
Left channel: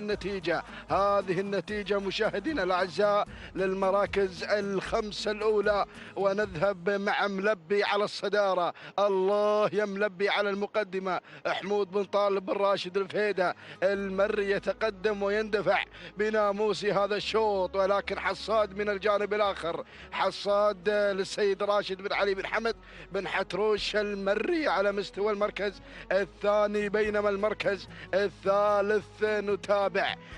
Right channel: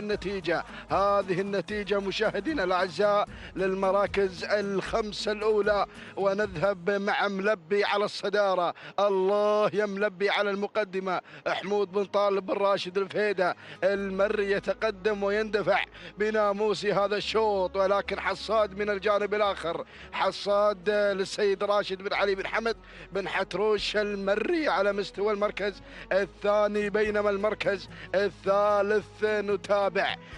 النتيجة مشاهدينا الأعزاء للمراكز الخمسة الأولى، ونذهب مع ملبي على الصدارة. الله يا ملبي على المقدمة، حمود بن طالب بن راشد الفيدة المري يتقدم ويندفع بناموس هذا الشوط، ولكن حصاد من الجانب الآخر، حصاد للسيد راشد بن علي بن حمد بن حتروش المري على مستوى المركز الثاني، بينما المركز الثالث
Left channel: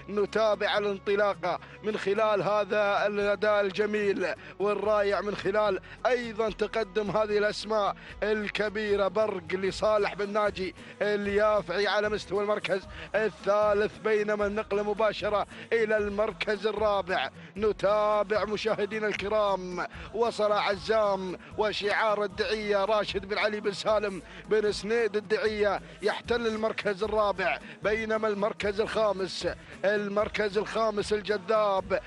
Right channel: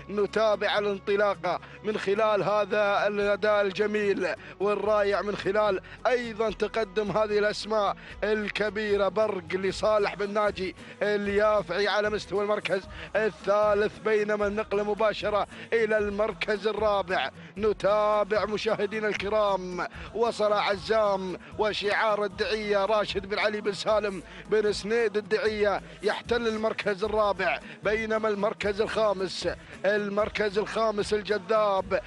نتابع الانطلاقة من خلال هذا الأداء الجميل والرائع، من خلال أيضا تقدم هذه الأسماء الكبيرة برق لصالح بن ناجي اليافعي على مستوى المركز الثالث، بينما النقلة مباشرة إلى المركز الرابع. نتابع مشاهدينا الكرام، وصل عزام وشعار الدعية راشد بن علي بن سالم بن سنيد الدعية يحتل المركز الرابع، بينما المركز الخامس الجذاب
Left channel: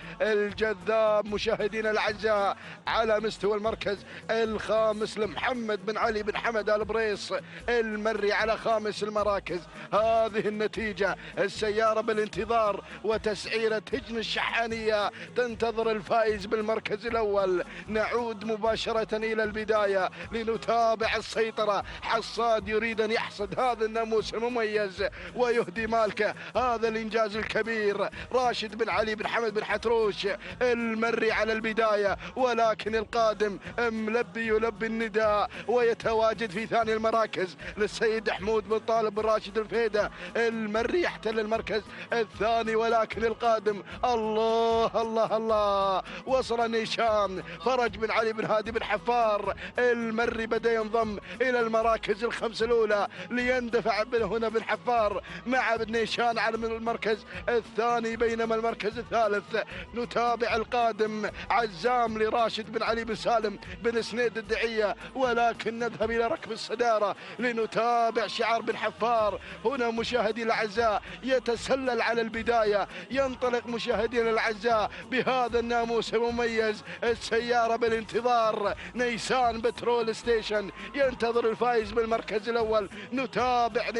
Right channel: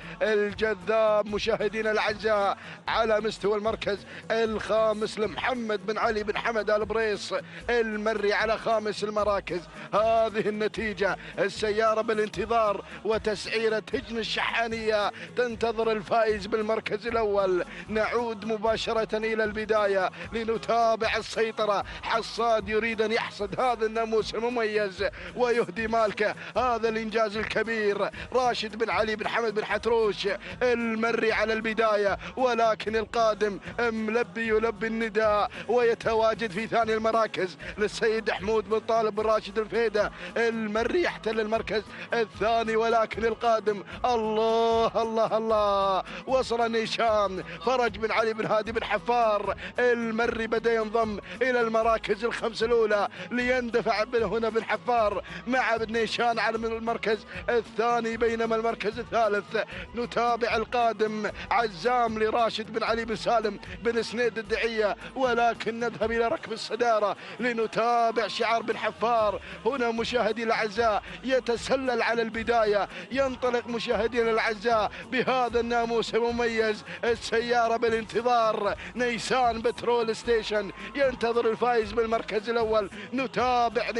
مشاهدينا الأعزاء على مستوى المركز الخامس لمحمد بن علي بن حمد آل بريص المري على خامس المراكز. هذه النتيجة، السيارة بالانتظار وتسعيرة هجن الشحانية تنتظر الفائز بالمركز الأول. نعود مباشرة إلى البداية لنتابع السيطرة. حصاد يريد أن يحصد هذا الناموس المميز ويهدي مالكه هذا الإنجاز الكبير. راشد بن علي بن حمد بن حتروش المري على البداية، ولكن القادم ملبي يلبي النداء ويتواجد في ثاني المراكز للسيد حمود بن طالب بن راشد الفيدة المري يحتل المركز الثاني، ولكن القادم الله الله الله وصل نيشان فرج بن علي بن هادي بن حفار المري بدأ ينضم إلى المراكز الخمس الأولى ليندفع هنا بن حفار مع بن نيشان على المركز الثاني، بينما المركز الثالث نتابع القادم عزام لراشد بن علي بن سالم بن سنيد الدعية، ولكن نذهب إلى ركب الصدارة لنتابع شعار بن حفار. هنا مشاهدينا الأعزاء يتسلل على البداية، ينطلق مشاهدينا الأعزاء بهذا الناموس المميز. السيارة بالانتظار نيسان بترول ستيشن ينتظر الفائز بالمركز الأول. نتابع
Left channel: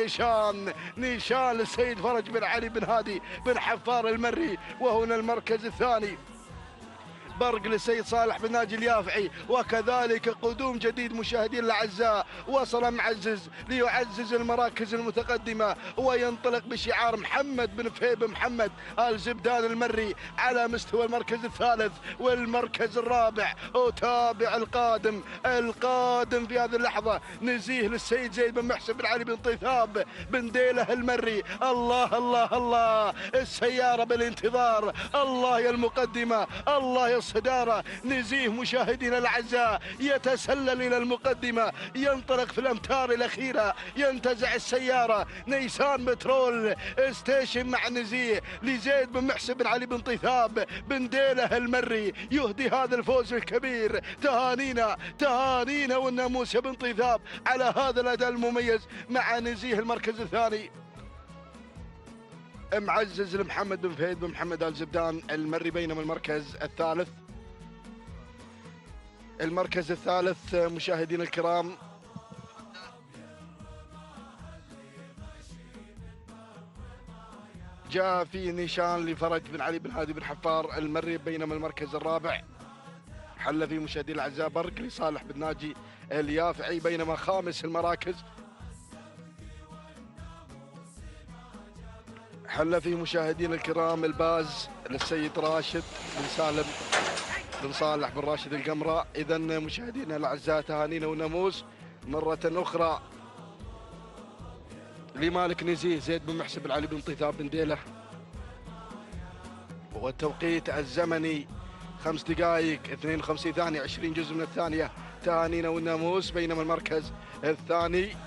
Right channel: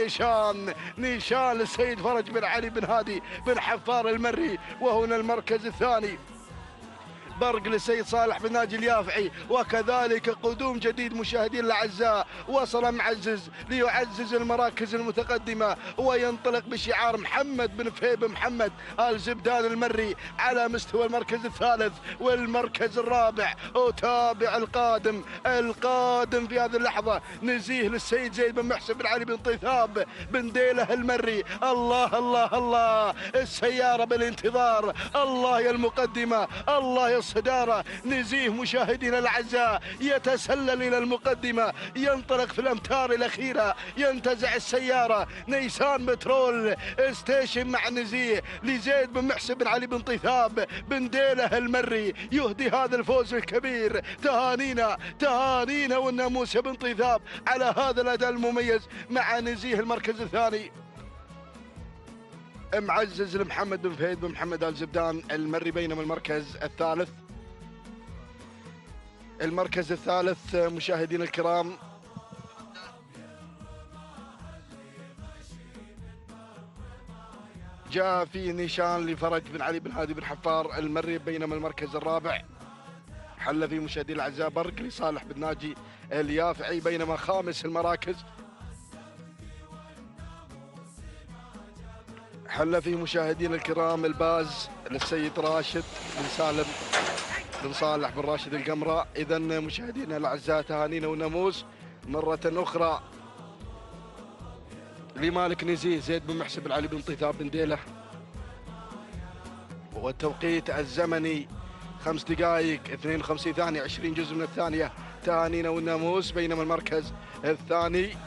نيشان للسيد فرج بن علي بن هادي بن حفار المري، وهنا المركز الثاني برق للسيد صالح بن ناجي اليافعي، وكذلك قدوم جديد مشاهدين الأعزاء. وصل معزز ليعزز المراكز المتقدمة وينطلق بشعار محمد بن فهيب محمد آل زبدان المري على مستوى المركز الثالث والمركز الرابع. وتابع القادم في هذه اللحظة نزيه للسيد زيد بن محسن بن علي بن طيثاب بن ديله المري. الله الله الله، السيارة بالانتظار، الله يا المقدمة، الله يا الصدارة. نزيه مشاهدينا الأعزاء يتسلل إلى المقدمة، ينطلق في الأمتار الأخيرة، ينتزع السيارة نيسان بترول ستيشن مع نزيه لزيد بن محسن بن علي بن طيثاب بن ديله المري، يهدي هذا الفوز الكبير. تهانينا والناموس بن طيثاب على هذا الأداء المميز مع نزيه المركز الثاني. معزز لمحمد بن فهيد بن محمد آل زبدان المري، بينما المركز الثالث مشاهدينا الكرام جاء في نيشان لفرج بن علي بن هادي بن حفار المري، بينما المركز الرابع حل في مشاهدينا الاعزاء برق لصالح بن ناجي اليافعي، بينما خامس المراكز حل في مشاهدينا الكرام الباز للسيد راشد بن سالم بن صالح بن راشد القمرة. إذا مشاهدينا الأعزاء تهانينا وناموس مرة أخرى لمالك نزيه زيد بن محسن بن علي بن طيثاب بن ديله، والتوقيت الزمني 5 دقائق 52 ثانية 20 جزء من الثانية. تهانينا والناموس. بينما المركز الثاني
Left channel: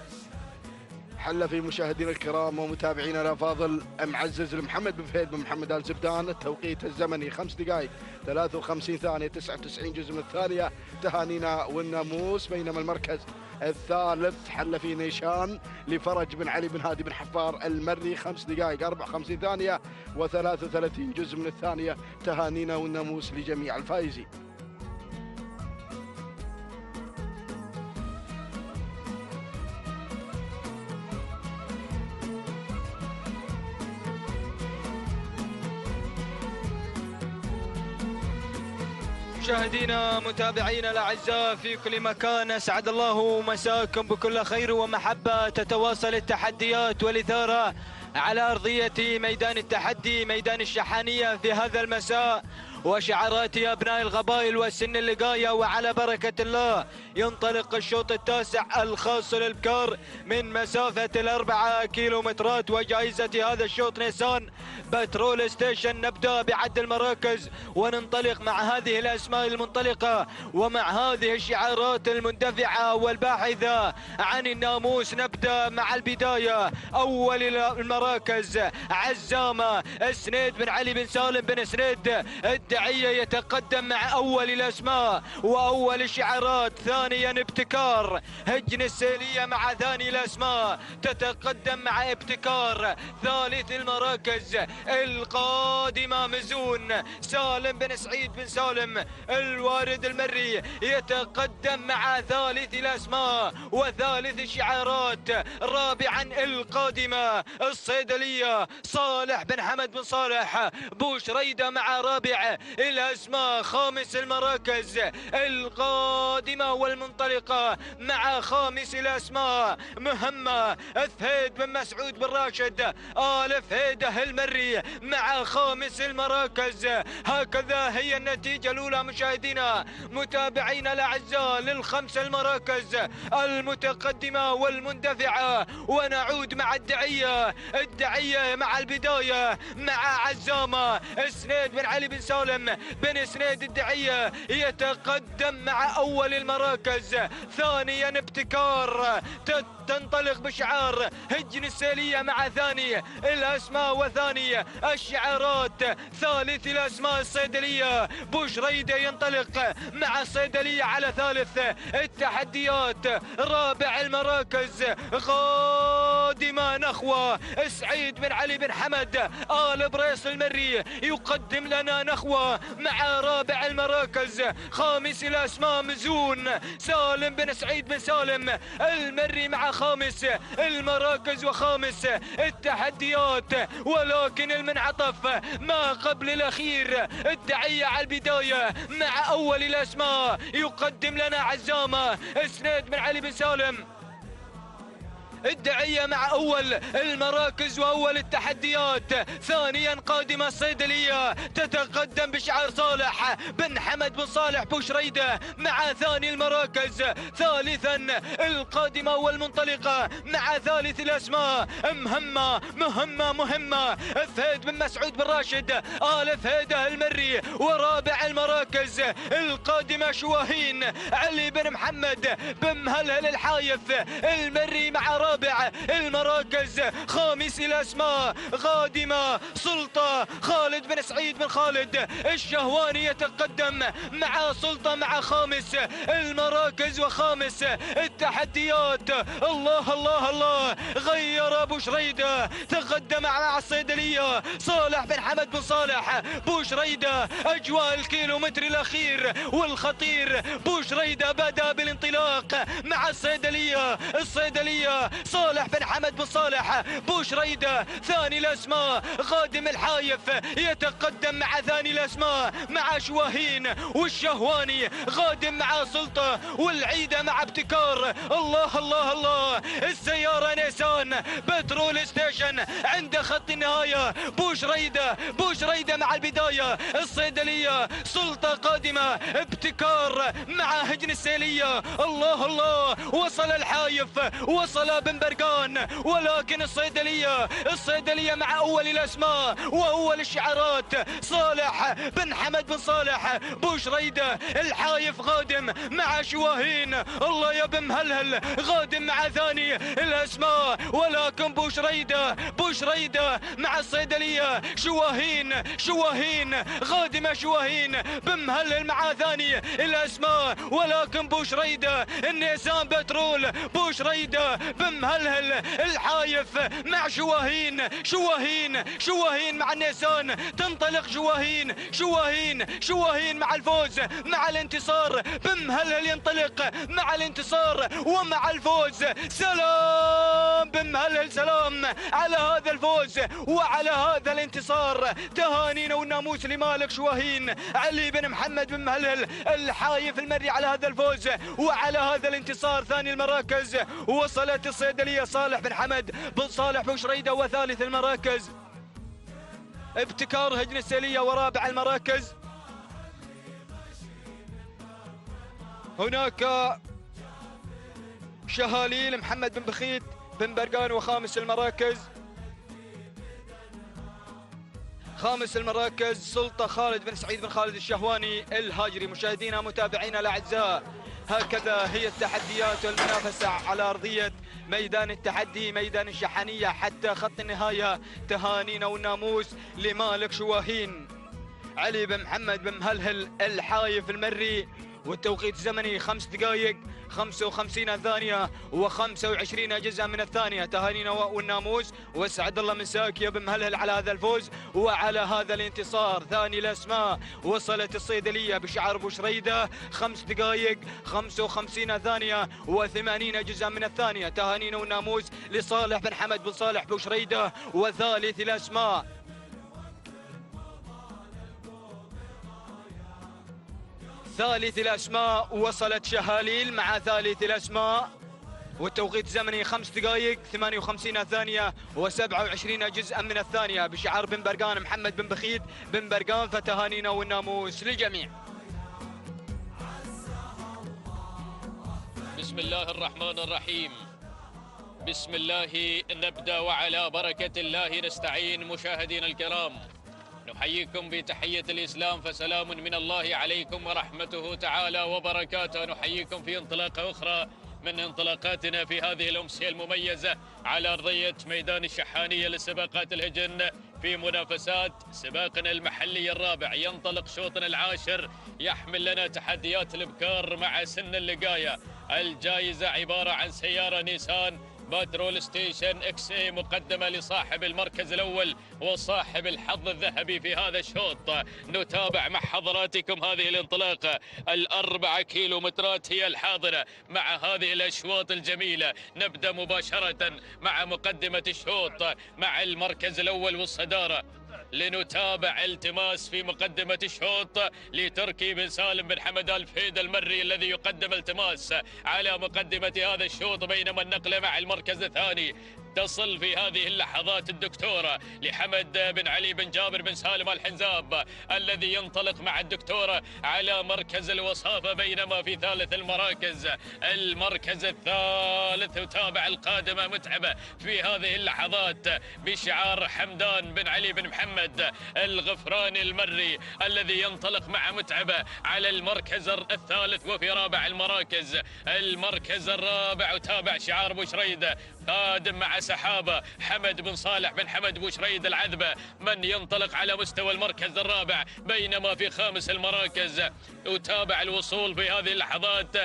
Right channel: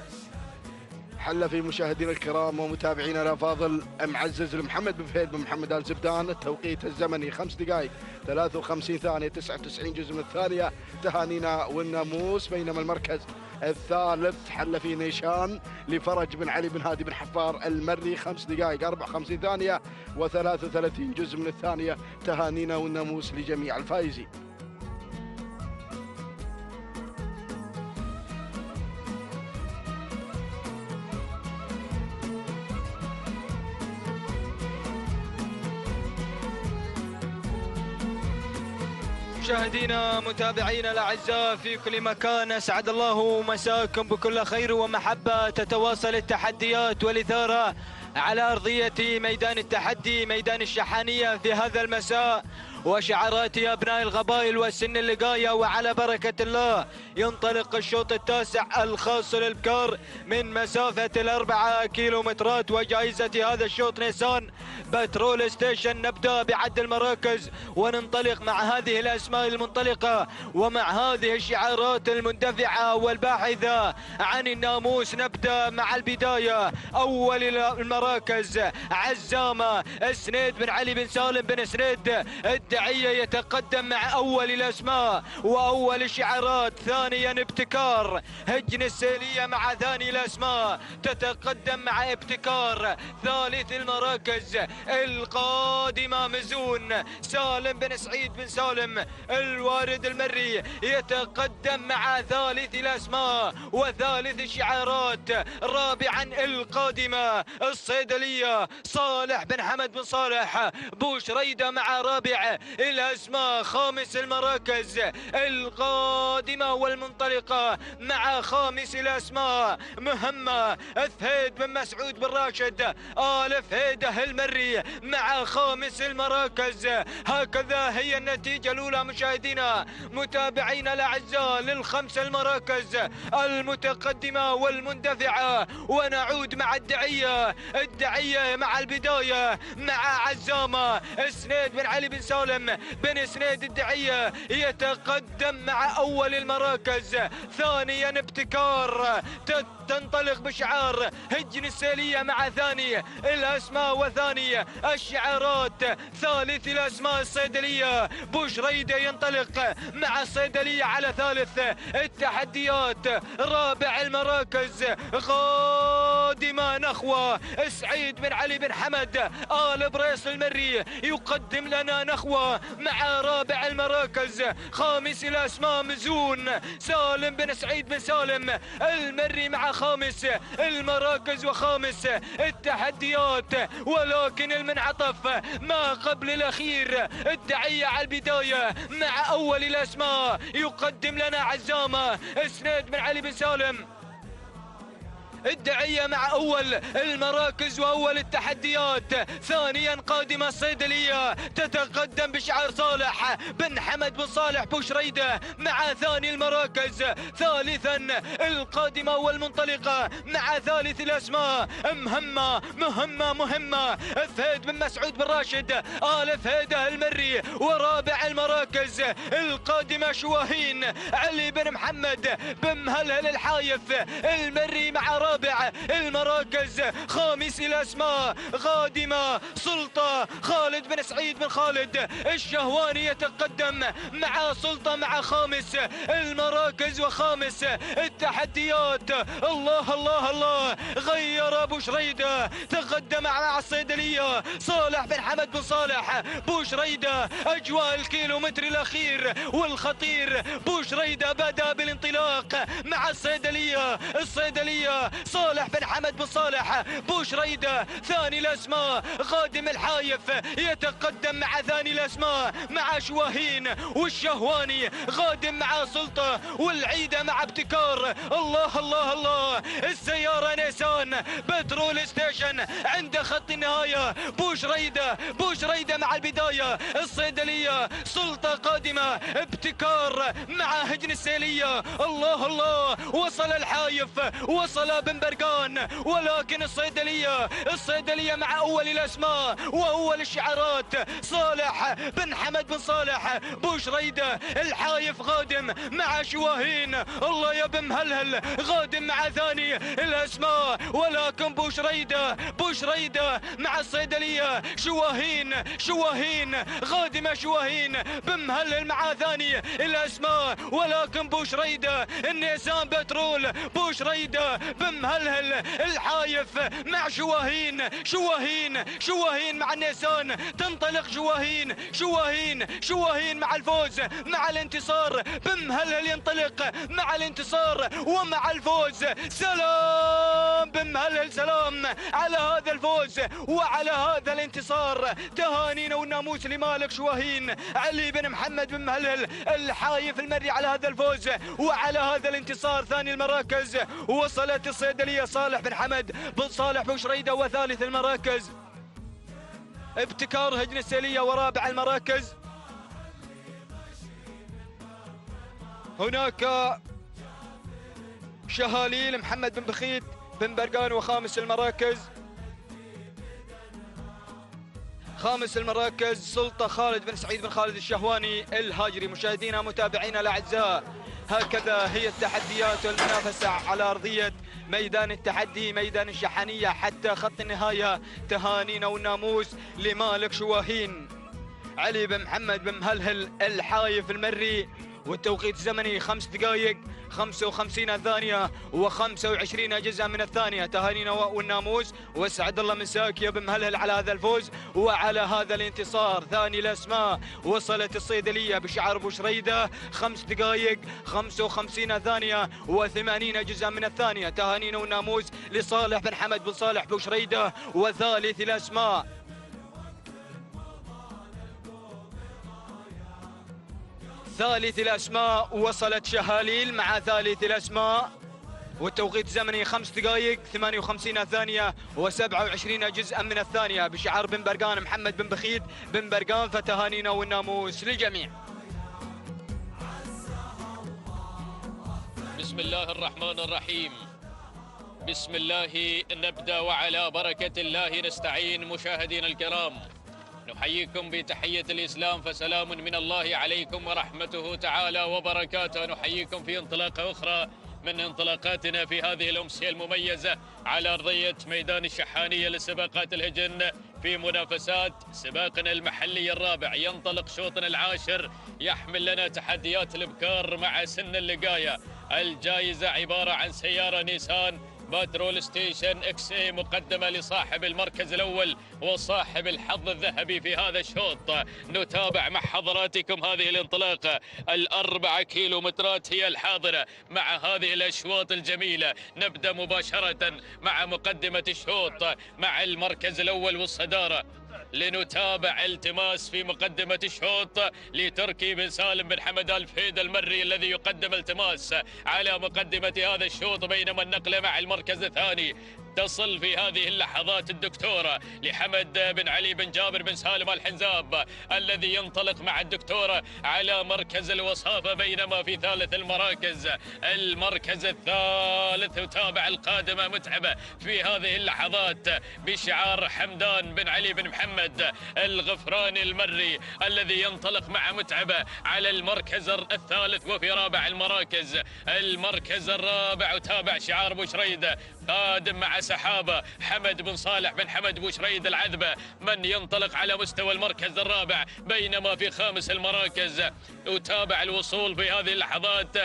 حل في مشاهدينا الكرام ومتابعينا الافاضل معزز لمحمد بن فهيد بن محمد آل زبدان، التوقيت الزمني 5 دقائق 53 ثانية 99 جزء من الثانية. تهانينا والناموس. بينما المركز الثالث حل في نيشان لفرج بن علي بن هادي بن حفار المري، 5 دقائق 54 ثانية و33 جزء من الثانية. تهانينا والناموس لجميع الفائزين. مشاهدينا متابعينا الاعزاء في كل مكان، اسعد الله مساكم بكل خير ومحبه. تتواصل التحديات والاثاره على ارضيه ميدان التحدي ميدان الشحانيه في هذا المساء، وشعارات ابناء القبائل والسن اللقايه. وعلى بركه الله ينطلق الشوط التاسع الخاص للبكار من مسافه 4 كيلومترات، وجائزه هذا الشوط نيسان بترول ستيشن. نبدا بعد المراكز وننطلق مع هذه الاسماء المنطلقه ومع هذه الشعارات المندفعه والباحثه عن الناموس. نبدا مع البدايه. اول المراكز عزامه سنيد بن علي بن سالم بن سنيد الدعيه يتقدم مع اول الاسماء واول الشعارات. ثانيا ابتكار هجن السيليه مع ثاني الاسماء تتقدم مع ابتكار. ثالث المراكز القادمه مزون سالم بن سعيد بن سالم الوارد المري يتقدم مع ثالث الاسماء وثالث الشعارات. رابعا القادمه الصيدليه صالح بن حمد بن صالح بوشريده مع رابع الاسماء. خامس المراكز القادمه والمنطلقه مع خامس الاسماء مهمه فهيد بن مسعود بن راشد آل فهيده المري مع خامس المراكز. هكذا هي النتيجه الاولى مشاهدينا متابعينا الاعزاء للخمس المراكز المتقدمه والمندفعه. ونعود مع الدعيه مع البدايه مع عزامه سنيد بن علي بن سالم بن سنيد الدعيه يتقدم مع اول المراكز. ثانيا ابتكار تنطلق بشعار هجن السيليه مع ثاني الاسماء وثاني الشعارات. ثالث الاسماء الصيدليه بوشريده ينطلق مع الصيدليه على ثالث التحديات. رابع المراكز قادمة نخوة سعيد بن علي بن حمد آل بريس المري يقدم لنا نخوة مع رابع المراكز خامس الأسماء مزون سالم بن سعيد بن سالم المري مع خامس المراكز وخامس التحديات، ولكن المنعطف ما قبل الأخير الدعية على البداية مع أول الأسماء يقدم لنا عزامة سنيد بن علي بن سالم الدعية مع أول المراكز وأول التحديات. ثانيا قادمة الصيدلية تتقدم بشعار صالح بن حمد بن صالح بوشريدة مع ثاني المراكز. ثالثا القادمة والمنطلقة مع ثالث الأسماء مهمة فهد بن مسعود بن راشد آل فهيدة المري. ورابع المراكز القادمة شواهين علي بن محمد بن مهلهل الحايف المري مع رابع المراكز. خامس الأسماء قادمة سلطة خالد بن سعيد بن خالد الشهواني يتقدم مع سلطة مع خامس المراكز وخامس التحديات. الله غير أبو شريدة تقدم مع الصيدلية صالح بن حمد بن صالح بوشريدة. أجواء الكيلومتر الأخير والخطير بوشريدة بدأ بالانطلاق مع الصيدلية صالح بن حمد بن صالح بوشريدة. ثاني الأسماء خادم الحايف يتقدم مع ثاني الأسماء مع شواهين والشهواني خادم مع سلطة والعيدة مع ابتكار. الله السيارة نيسان بترول ستيشن عند خط النهاية. بوشريدة مع البداية. الصيدلية سلطة قادمة ابتكار مع هجن السيلية. الله وصل الحايف وصل بن برقان، ولكن الصيدلية مع أول الأسماء وأول الشعارات صالح بن حمد بن صالح بوشريدة. الحايف غادم مع شواهين. الله يا بن مهلهل غادم مع ثاني الأسماء، ولكن بوشريدة مع الصيدلية. شواهين غادمة شواهين بن مهلهل مع ثاني الأسماء، ولكن بوشريدة النيسان بترول بوشريدة بن مهلهل الحايف مع شواهين مع النيسان. تنطلق شواهين مع الفوز مع الانتصار. بن مهلهل ينطلق مع الانتصار ومع الفوز. سلام بن مهلهل، سلام على هذا الفوز وعلى هذا الانتصار. تهانينا والناموس لمالك شواهين علي بن محمد بن مهلهل الحايف المري على هذا الفوز وعلى هذا الانتصار. ثاني المراكز وصلت الصيدلية صالح بن حمد بن صالح بوشريدة. وثالث المراكز ابتكار هجن السيلية. ورابع المراكز هناك شهاليل محمد بن بخيت بن برقان. وخامس المراكز سلطة خالد بن سعيد بن خالد الشهواني الهاجري. مشاهدينا متابعينا الأعزاء، هكذا هي التحديات والمنافسة على أرضية ميدان التحدي ميدان الشحانية حتى خط النهاية. تهانينا والناموس لمالك شواهين علي بن محمد بن مهلهل الحايف المري. والتوقيت الزمني 5 دقائق 55 ثانية و25 جزءا من الثانية. تهانينا والناموس واسعد الله مساك يا بن مهلهل على هذا الفوز وعلى هذا الانتصار. ثاني الأسماء وصلت الصيدلية بشعار بوشريدة 5 دقائق 55 ثانية و80 جزءا من الثانية. تهانينا والناموس لصالح بن حمد بن صالح بوشريدة. وثالث الأسماء وصلت شهاليل مع ثالث الأسماء والتوقيت الزمني 5 دقائق 58 ثانية و27 جزءا من الثانية بشعار بن برقان محمد بن بخيت بن برقان. فتهانينا والناموس للجميع. بسم الله الرحمن الرحيم. بسم الله نبدأ وعلى بركة الله نستعين. مشاهدينا الكرام، نحييكم بتحية الإسلام، فسلام من الله عليكم ورحمته تعالى وبركاته. نحييكم في انطلاقة أخرى من انطلاقاتنا في هذه الأمسية المميزة على أرضية ميدان الشحانية لسباقات الهجن في منافسات سباقنا المحلي الرابع. ينطلق شوطنا العاشر يحمل لنا تحديات الإبكار مع سن اللقاية. الجائزة عبارة عن سيارة نيسان بترول ستيشن اكس اي مقدمة لصاحب المركز الأول وصاحب الحظ الذهبي في هذا الشوط. نتابع مع حضراتكم هذه الانطلاقة، ال4 كيلومترات هي الحاضرة مع هذه الأشواط الجميلة. نبدأ مباشرة مع مقدمة الشوط مع المركز الأول والصدارة. لنتابع التماس في مقدمة الشوط لتركي بن سالم بن حمد الفهيد المري الذي يقدم التماس على مقدمة هذا الشوط، بينما النقلة مع المركز الثاني تصل في هذه اللحظات الدكتورة لحمد بن علي بن جابر بن سالم الحنزاب الذي ينطلق مع الدكتورة على مركز الوصافة، بينما في ثالث المركز الثالث يتابع القادمة متعبة في هذه اللحظات بشعار حمدان بن علي بن محمد الغفراني المري الذي ينطلق مع متعبة على المركز الثالث. وفي رابع المركز الرابع وتابع شعار بوشريدة قادم مع سحابة حمد بن صالح بن حمد بوشريد العذبة من ينطلق على مستوى المركز الرابع، بينما في خامس المراكز يتابع الوصول في هذه اللحظات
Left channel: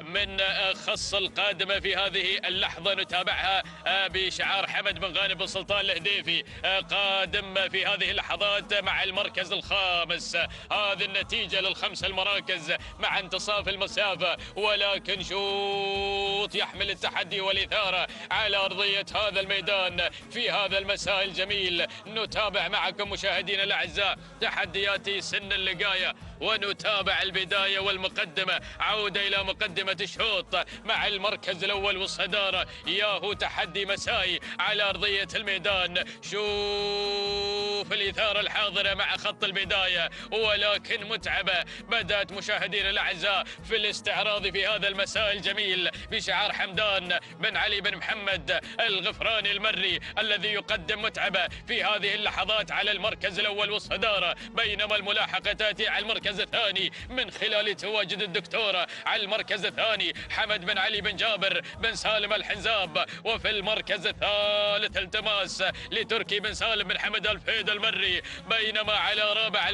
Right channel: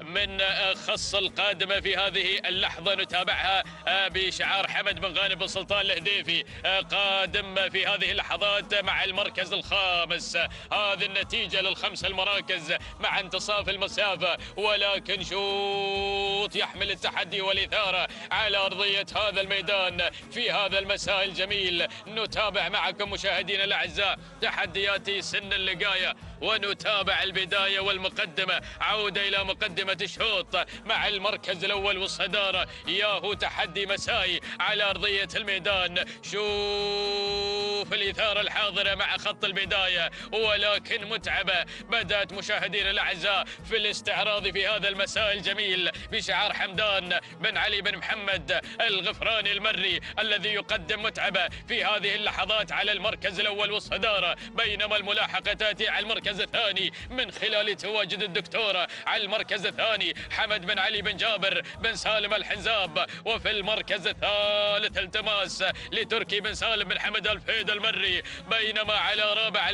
من خص القادمة في هذه اللحظة. نتابعها بشعار حمد بن غانم بن سلطان الهديفي قادم في هذه اللحظات مع المركز الخامس. هذه النتيجة للخمس المراكز مع انتصاف المسافة، ولكن شوط يحمل التحدي والإثارة على أرضية هذا الميدان في هذا المساء الجميل. نتابع معكم مشاهدينا الأعزاء تحديات سن اللقاية، ونتابع البداية والمقدمة. عودة إلى مقدمة الشوط مع المركز الأول والصدارة. ياهو تحدي مسائي على أرضية الميدان. شوف الإثارة الحاضرة مع خط البداية، ولكن متعبة بدأت مشاهدينا الأعزاء في الاستعراض في هذا المساء الجميل بشعار حمدان بن علي بن محمد الغفراني المري الذي يقدم متعبة في هذه اللحظات على المركز الأول والصدارة، بينما الملاحقة تأتي على المركز الثاني من خلال تواجد الدكتورة على المركز الثاني حمد بن علي بن جابر بن سالم الحنزاب. وفي المركز الثالث التماس لتركي بن سالم بن حمد الفهيد المري، بينما على رابع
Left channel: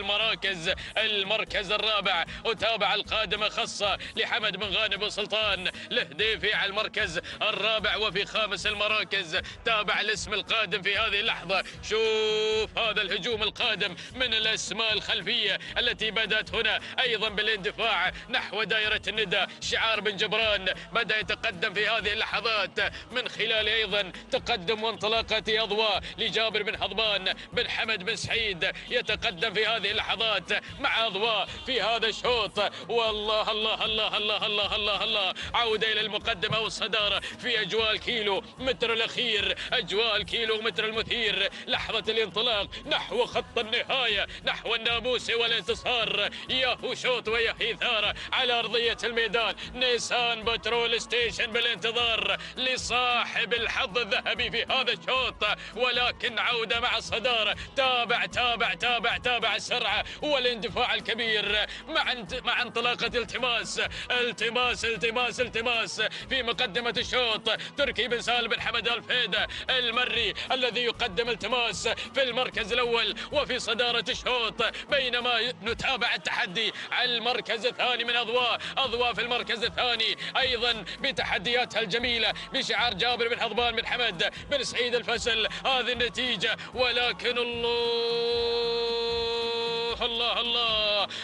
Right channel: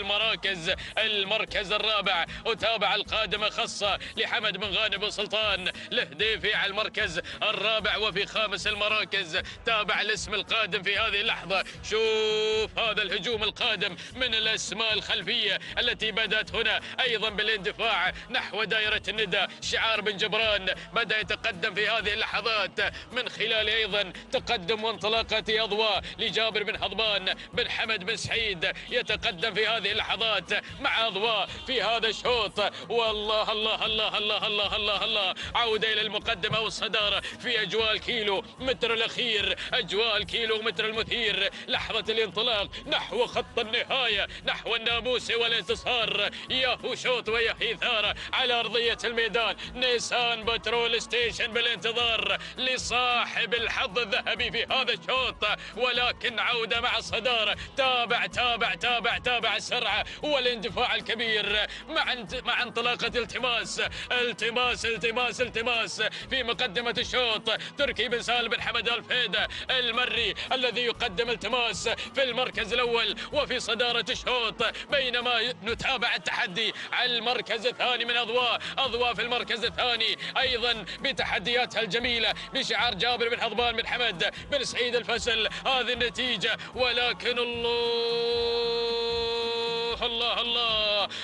المركز الرابع وتابع القادمة خاصة لحمد بن غانم بن سلطان الهديفي على المركز الرابع. وفي خامس المراكز تابع الاسم القادم في هذه اللحظة. شوف هذا الهجوم القادم من الاسماء الخلفية التي بدأت هنا أيضا بالاندفاع نحو دائرة الندى. شعار بن جبران بدأ يتقدم في هذه اللحظات من خلال أيضا تقدم وانطلاقة أضواء لجابر بن هضبان بن حمد بن سعيد، يتقدم في هذه اللحظات مع أضواء في هذا الشوط. والله الله الله الله الله الله الله، عودة إلى المقدمة والصدارة في أجواء الكيلو متر الأخير، أجواء الكيلو متر المثير، لحظة الانطلاق نحو خط النهاية، نحو الناموس والانتصار. ياهو شوط وياهي إثارة على أرضية الميدان. نيسان بترول ستيشن بالانتظار لصاحب الحظ الذهبي في هذا الشوط، ولكن عودة مع الصدارة. تابع السرعة والاندفاع الكبير مع انطلاقة التماس في مقدمة الشوط. تركي بن سالم بن حمد الفهيد المري الذي يقدم التماس في المركز الأول وفي صدارة الشوط، بينما نتابع التحدي على المركز الثاني من أضواء في المركز الثاني أيضا بتحدياتها الجميلة بشعار جابر بن هضبان بن حمد بن سعيد الفسل. هذه النتيجة، ولكن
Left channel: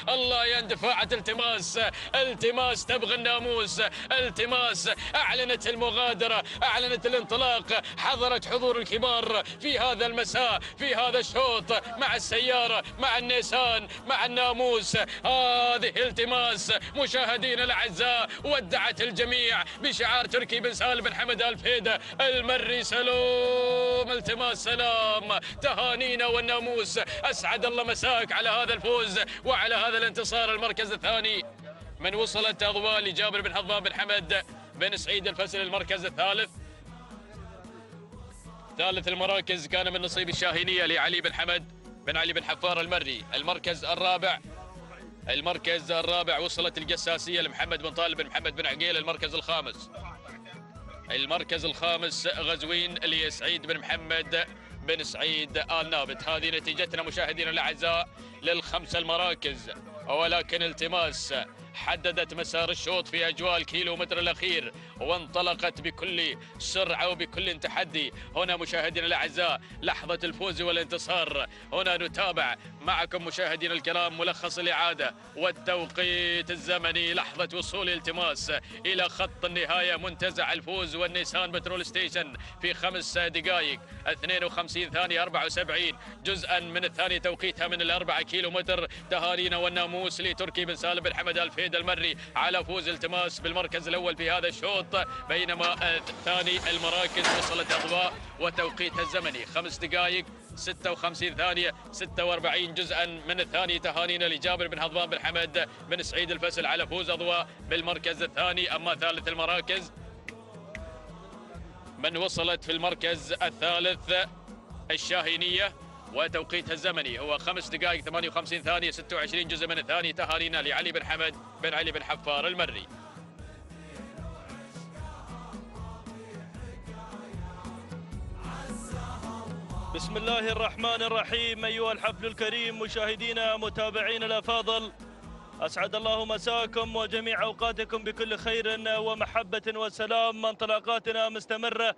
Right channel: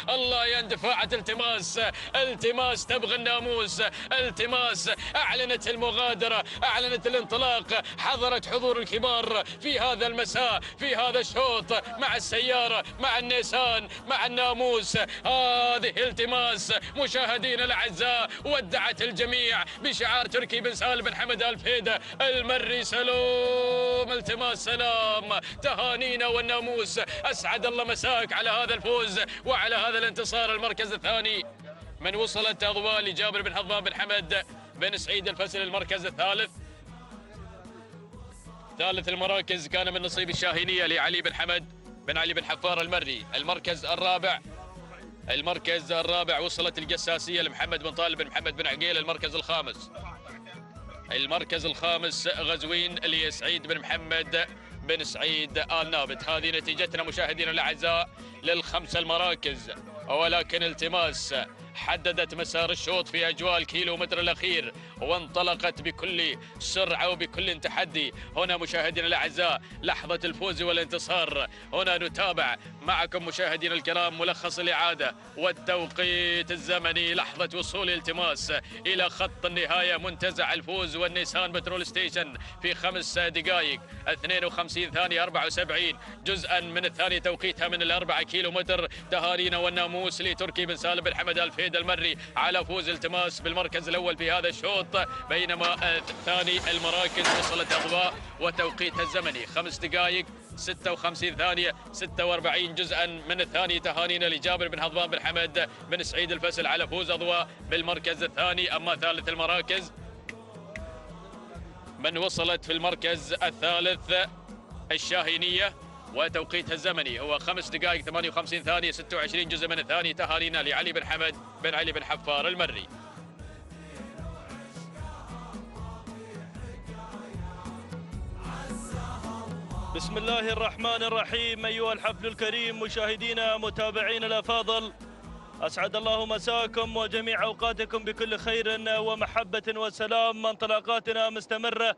الله يا اندفاعة التماس تبغى الناموس. التماس أعلنت المغادرة، أعلنت الانطلاق، حضرت حضور الكبار في هذا المساء في هذا الشوط مع السيارة مع النيسان مع الناموس. هذه التماس مشاهدينا الأعزاء ودعت الجميع بشعار تركي بن سالم بن حمد الفهيد المري. سلام التماس، سلام تهانينا والناموس. أسعد الله مساك على هذا الفوز وعلى هذا الانتصار. المركز الثاني من وصلت أضواء لجابر بن هضبان بن حمد بن سعيد الفسل. المركز ثالث المراكز كان من نصيب الشاهينية لعلي بن حمد بن علي بن حفار المري. المركز الرابع وصلت القساسية لمحمد بن طالب بن محمد بن عقيل. المركز الخامس غزوين لسعيد بن محمد بن سعيد آل نابت. هذه نتيجتنا مشاهدينا الأعزاء للخمس المراكز، ولكن التماس حددت مسار الشوط في أجواء الكيلومتر الأخير، وانطلقت بكل سرعة وبكل تحدي. هنا مشاهدينا الأعزاء لحظة الفوز والانتصار، هنا نتابع معكم مشاهدينا الكرام ملخص الإعادة والتوقيت الزمني، لحظة وصول التماس إلى خط النهاية، منتزع الفوز والنيسان بترول ستيشن في 5 دقائق 52 ثانية 74 جزءا من الثانية توقيتها من 4 كيلومتر. تهانينا والناموس لتركي بن سالم بن حمد الفيد المري على فوز التماس بالمركز الأول في هذا الشوط، بينما ثاني المراكز وصلت أضواء وتوقيتها الزمني 5 دقائق 56 ثانية 46 جزءا من الثاني. تهانينا لجابر بن هضبان بن حمد بن سعيد الفسل على فوز أضواء بالمركز الثاني. أما ثالث المراكز من وصلت في المركز الثالث الشاهينية وتوقيتها الزمني هو 5 دقائق 58 ثانية 26 جزء من الثاني. تهانينا لعلي بن حمد بن علي بن حفار المري. بسم الله الرحمن الرحيم. أيها الحفل الكريم مشاهدينا متابعينا الأفاضل، أسعد الله مساكم وجميع أوقاتكم بكل خير ومحبة وسلام. انطلاقاتنا مستمرة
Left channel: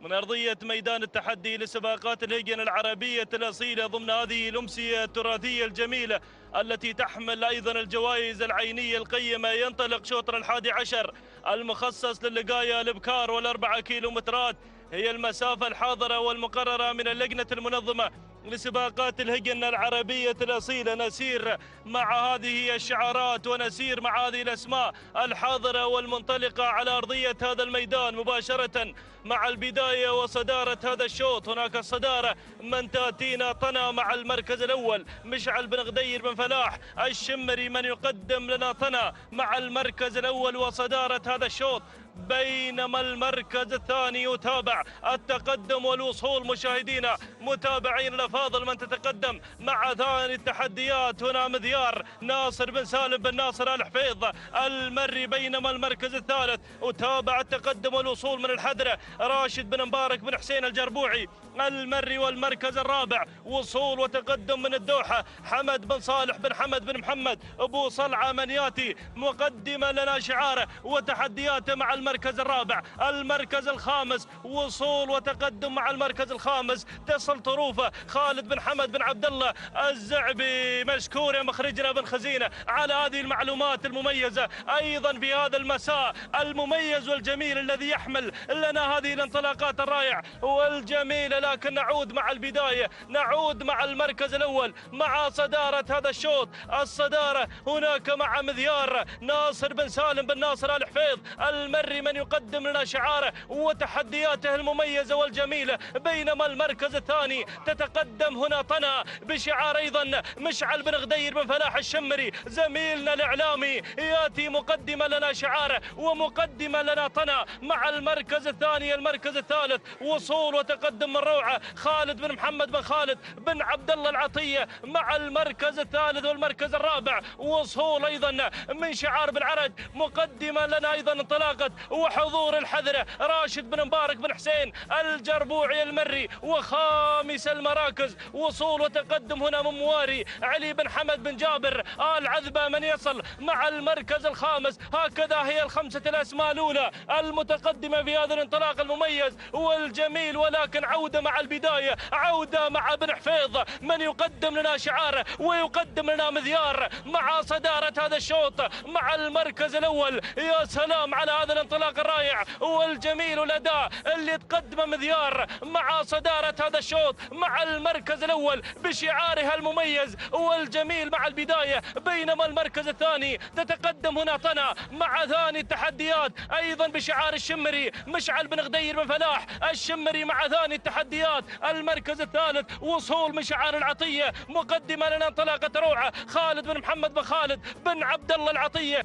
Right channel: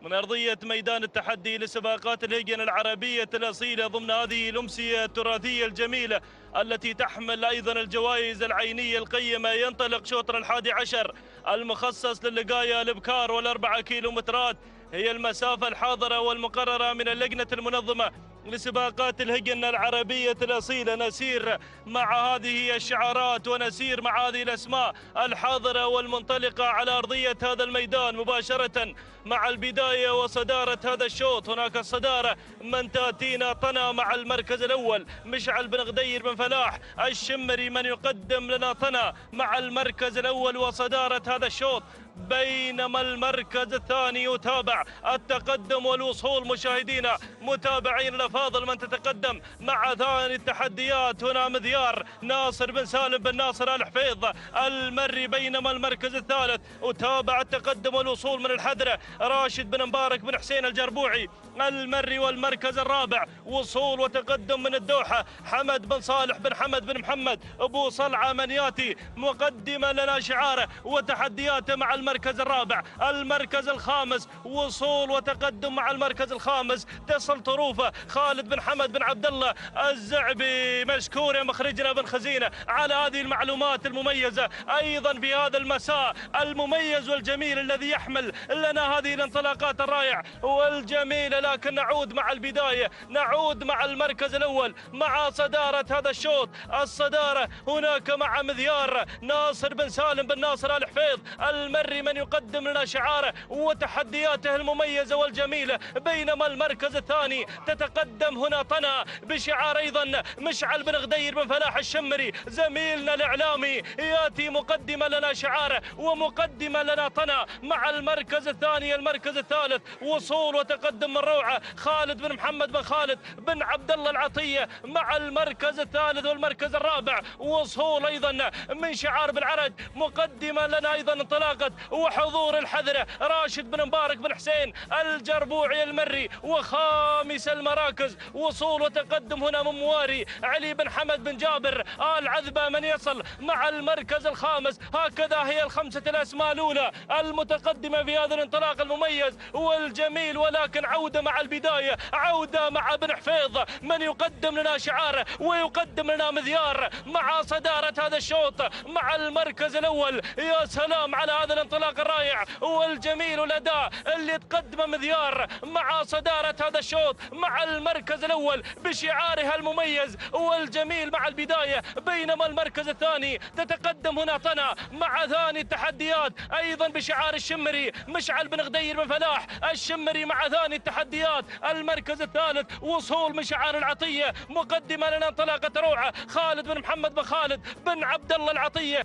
من أرضية ميدان التحدي لسباقات الهجن العربية الأصيلة ضمن هذه الأمسية التراثية الجميلة التي تحمل أيضا الجوائز العينية القيمة. ينطلق شوطر 11 المخصص للقاية الإبكار والأربعة كيلومترات، هي المسافة الحاضرة والمقررة من اللجنة المنظمة لسباقات الهجن العربية الأصيلة. نسير مع هذه الشعارات ونسير مع هذه الأسماء الحاضرة والمنطلقة على أرضية هذا الميدان مباشرة مع البداية وصدارة هذا الشوط. هناك الصدارة من تأتينا طنا مع المركز الأول مشعل بن غدير بن فلاح الشمري، من يقدم لنا طنا مع المركز الأول وصدارة هذا الشوط، بينما المركز الثاني يتابع التقدم والوصول. مشاهدينا متابعين الأفاضل من تتقدم مع ثاني التحديات هنا مذيار ناصر بن سالم بن ناصر الحفيظ المري، بينما المركز الثالث وتابع التقدم والوصول من الحدرة راشد بن مبارك بن حسين الجربوعي المري، والمركز الرابع وصول وتقدم من الدوحة حمد بن صالح بن حمد بن محمد أبو صلعة من ياتي مقدما لنا شعاره وتحدياته مع المركز الرابع. المركز الخامس وصول وتقدم مع المركز الخامس، تصل طروفه خالد بن حمد بن عبد الله الزعبي. مشكور يا مخرجنا بن خزينة على هذه المعلومات المميزة أيضا بهذا المساء المميز والجميل الذي يحمل لنا هذه الانطلاقات الرائعة والجميلة. لكن نعود مع البداية، نعود مع المركز الأول مع صدارة هذا الشوط. الصدارة هناك مع مذيار ناصر بن سالم بن ناصر الحفيظ المري، من يقدم لنا شعاره وتحدياته المميزة والجميلة، بينما المركز الثاني تتقدم هنا طنا بشعار أيضا مشعل بن غدير بن فلاح الشمري زميلنا الإعلامي، ياتي مقدما لنا شعاره ومقدما لنا طنا مع المركز الثاني. المركز الثالث وصول وتقدم من روعة خالد بن محمد بن خالد بن عبد الله العطية مع المركز الثالث. والمركز الرابع وصول أيضا من شعار بالعرج مقدما لنا أيضا انطلاقة وحضور الحذرة راشد بن مبارك بن حسين الجربوعي المري. وخامس المراكز وصول وتقدم هنا من مواري علي بن حمد بن جابر العذبة من يصل مع المركز الخامس. هكذا هي الخمسة الأسماء الأولى المتقدمة في هذا الانطلاق المميز والجميل. ولكن عودة مع البداية، عودة مع بن حفيظ من يقدم لنا شعاره ويقدم لنا مذيار مع صدارة هذا الشوط مع المركز الأول. يا سلام على هذا الانطلاق الرائع والجميل والأداء اللي تقدمه مذيار مع صدارة هذا الشوط مع المركز الأول بشعارها المميز والجميل مع البداية. بينما المركز الثاني تتقدم هنا طنا مع ثاني التحديات أيضا بشعار الشمري مشعل بن غدير بن فلاح الشمري مع ثاني التحديات. المركز الثالث وصول مشعار العطية مقدما لنا انطلاقة روعة خالد بن محمد بن خالد بن عبد الله العطية.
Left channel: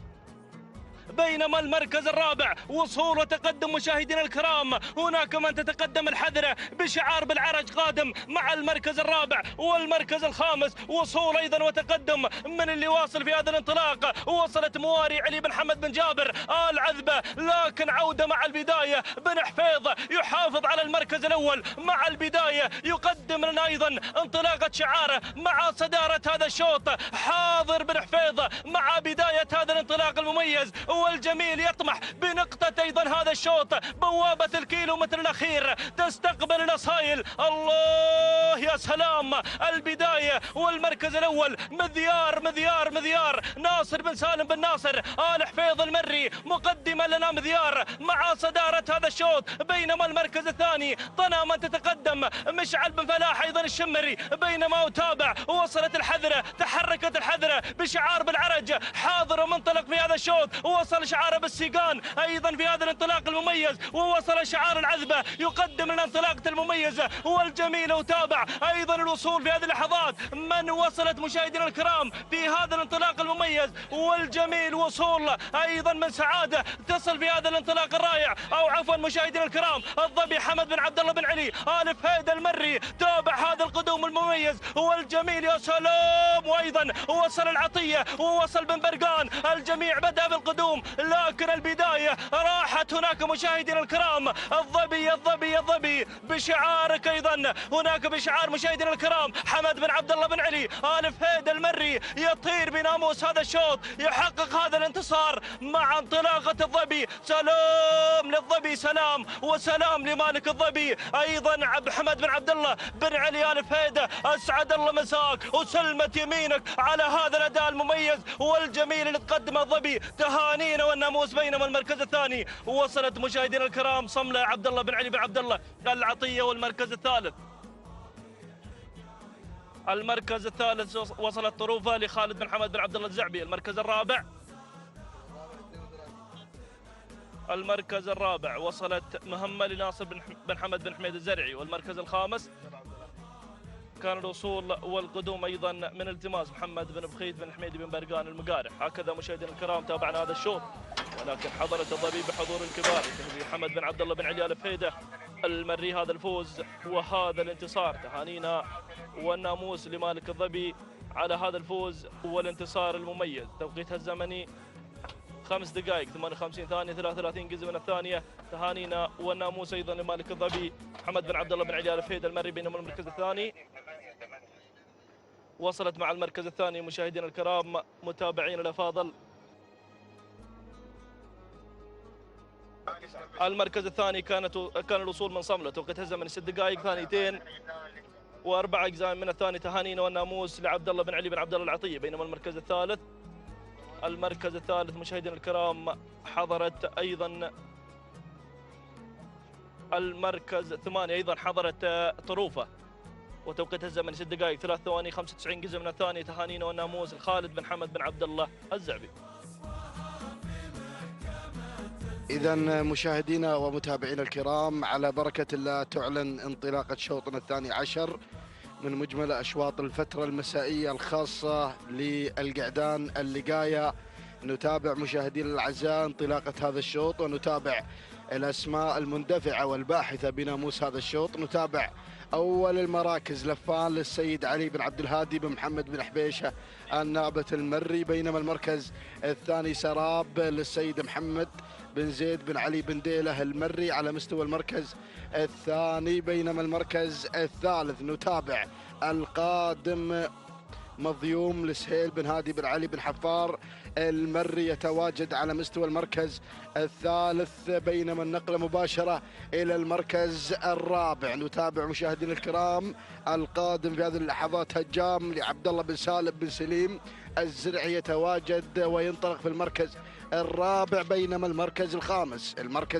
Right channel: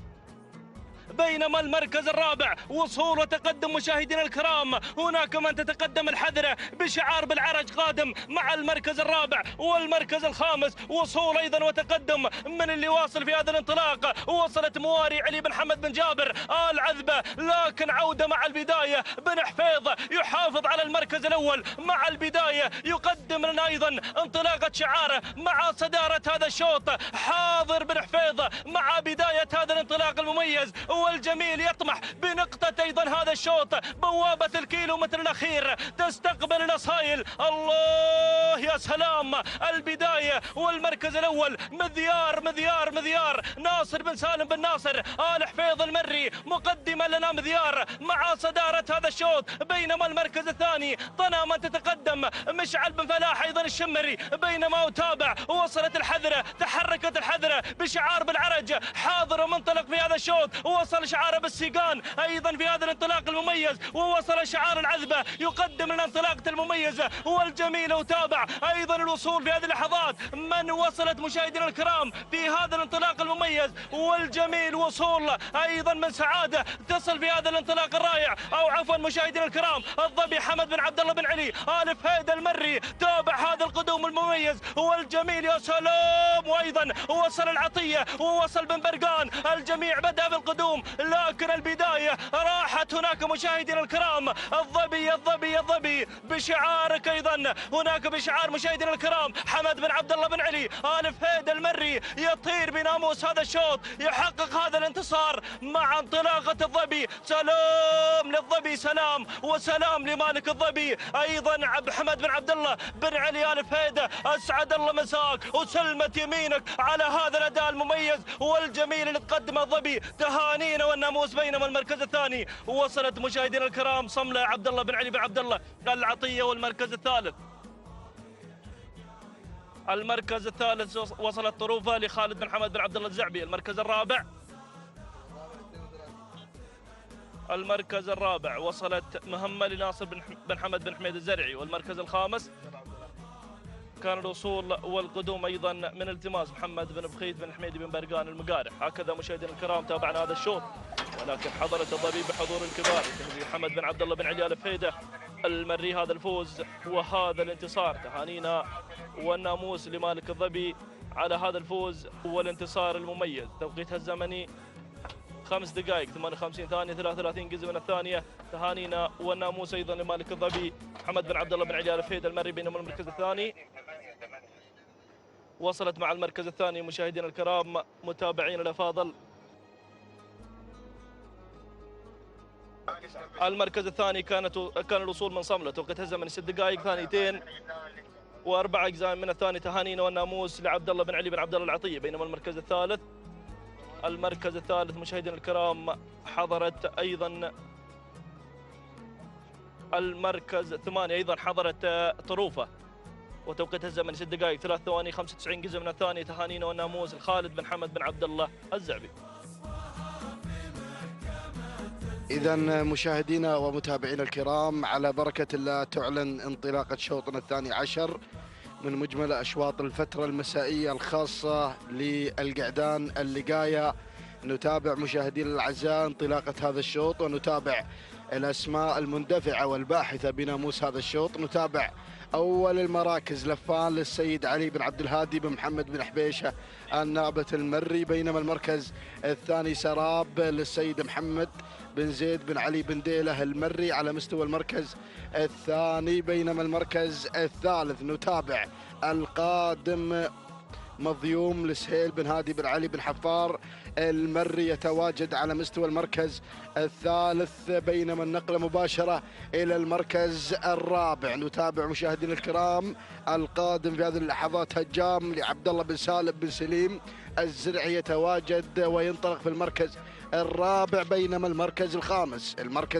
بينما المركز الرابع وصول وتقدم مشاهدينا الكرام هناك من تتقدم الحذرة بشعار بالعرج قادم مع المركز الرابع. والمركز الخامس وصول أيضا وتقدم من اللي واصل في هذا الانطلاق وصلت مواري علي بن حمد بن جابر العذبة. لكن عودة مع البداية بن حفيظ يحافظ على المركز الأول مع البداية، يقدم يقدم لنا أيضا انطلاقة شعاره مع صدارة هذا الشوط حاضر بن حفيظ مع بداية هذا الانطلاق المميز والجميل، يطمح بنقطة أيضا هذا الشوط. بوابة الكيلومتر الأخير تستقبل الأصايل. الله يا سلام، البداية والمركز الأول مذيار ناصر بن سالم بن ناصر آل حفيظ المري مقدما لنا مذيار مع صدارة هذا الشوط، بينما المركز الثاني طناما تتقدم مشعل بن فلاح أيضا الشمري، بينما أتابع وصلت الحذرة، تحركت الحذرة بشعار بالعرج حاضر ومنطلق في هذا الشوط، ووصل شعار بالسيقان أيضا في هذا الانطلاق المميز، ووصل شعار العذبة يقدم لنا انطلاقة المميزة والجميلة. وتابع أيضا الوصول في هذه اللحظات من وصلت مشاهدينا الكرام في هذا الانطلاق المميز والجميل، وصول أيضا من سعادة تصل في هذا الانطلاق الرائع، أو عفوا مشاهدينا الكرام الظبي حمد بن عبد الله بن علي آل فهيد المري. تابع هذا القدوم المميز والجميل، يا سلام. وأيضا وصل العطية ووصل بن برقان، الجميع بدأ بالقدوم لكن البداية راحت هناك مشاهدينا الكرام. الظبي بشعارك أيضا هناك بشعار مشاهدينا الكرام حمد بن عبد الله بن علي آل فهيد المري، يطير بناموس هذا الشوط، يحقق هذا الانتصار مع انطلاقة الظبي. سلام للظبي، سلام وسلام لمالك الظبي أيضا حمد بن عبد الله بن علي آل فهيد. أسعد الله مساك وسلمت يمينك على هذا الأداء المميز والجميل اللي تقدمه الظبي. تهانينا والناموس. بينما المركز الثاني وصلت مشاهدينا الكرام صملة عبد الله بن علي بن عبد الله العطية، والمركز الثالث وصلت طروفة لخالد بن حمد بن عبد الله الزعبي. المركز الرابع وصلت مهمة لناصر بن حمد بن حميد الزرعي. والمركز الخامس كان الوصول والقدوم أيضا من التماس محمد بن بخيت بن حميد بن برقان المقارح. هكذا مشاهدينا الكرام تابعنا هذا الشوط، ولكن حضرت الضبيب بحضور الكبار محمد بن عبد الله بن علي آل فهيد المري هذا الفوز وهذا الانتصار. تهانينا والناموس لمالك الظبي على هذا الفوز والانتصار المميز. توقيتها الزمني 5 دقائق 58 ثانية 33 جزء من الثانية. تهانينا والناموس أيضا لمالك الظبي محمد بن عبد الله بن علي آل فهيد المري. بينما المركز الثاني وصلت مع المركز الثاني مشاهدينا الكرام متابعين الأفاضل، المركز الثاني كان الوصول من صملة، توقيت الزمن 6 دقائق 2 و4 أجزاء من الثاني. تهانينا والناموس لعبد الله بن علي بن عبد الله العطية. بينما المركز الثالث مشاهدينا الكرام حضرت أيضا المركز 8 أيضا حضرت طروفة، وتوقيت الزمن 6 دقائق 3 ثواني 95 جزء من الثانية. تهانينا والناموس خالد بن حمد بن عبد الله الزعبي. إذا مشاهدينا ومتابعينا الكرام، على بركة الله تعلن انطلاقة شوطنا الثاني عشر من مجمل أشواط الفترة المسائية الخاصة للقعدان اللقاية. نتابع مشاهدينا الأعزاء انطلاقة هذا الشوط، ونتابع الأسماء المندفعة والباحثة بناموس هذا الشوط. نتابع أول المراكز لفان للسيد علي بن عبد الهادي بن محمد بن حبيشة النابة المري. بينما المركز الثاني سراب للسيد محمد بن زيد بن علي بن ديله المري على مستوى المركز الثاني. بينما المركز الثالث نتابع القادم مضيوم لسهيل بن هادي بن علي بن حفار المري يتواجد على مستوى المركز الثالث. بينما النقلة مباشرة إلى المركز الرابع. نتابع مشاهدينا الكرام القادم في هذه اللحظات هجام لعبد الله بن سالم بن سليم الزرعي يتواجد وينطلق في المركز الرابع. بينما المركز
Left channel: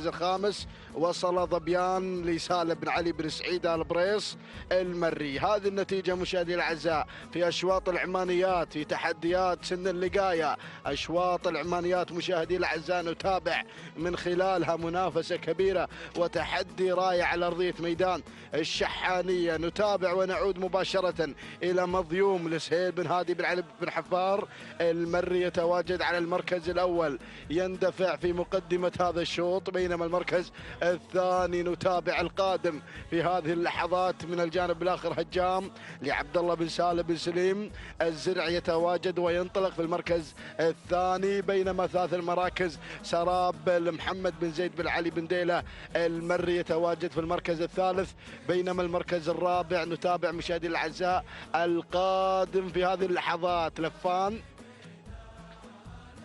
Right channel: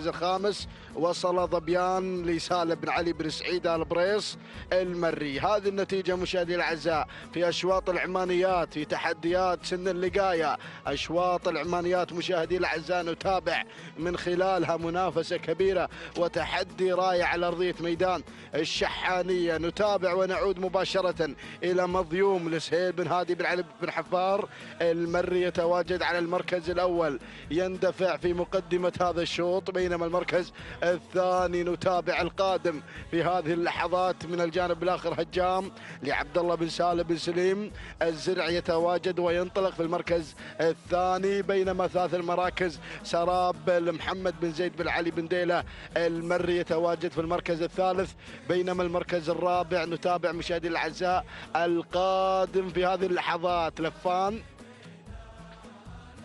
الخامس وصل ظبيان لسالم بن علي بن سعيد آل بريص المري. هذه النتيجة مشاهدينا الأعزاء في أشواط العمانيات، في تحديات سن اللقاية. أشواط العمانيات مشاهدينا الأعزاء نتابع من خلالها منافسة كبيرة وتحدي رائع على أرضية ميدان الشحانية. نتابع ونعود مباشرة إلى مضيوم لسهيل بن هادي بن علي بن حفار المري يتواجد على المركز الأول يندفع في مقدمة هذا الشوط. بينما المركز الثاني نتابع القادم في هذه اللحظات من الجانب الآخر هجام لعبد الله بن سالم بن سليم الزرعي يتواجد وينطلق في المركز الثاني، بينما ثالث المراكز سراب لمحمد بن زيد بن علي بن ديلة المري يتواجد في المركز الثالث، بينما المركز الرابع نتابع مشاهدي الأعزاء القادم في هذه اللحظات لفان،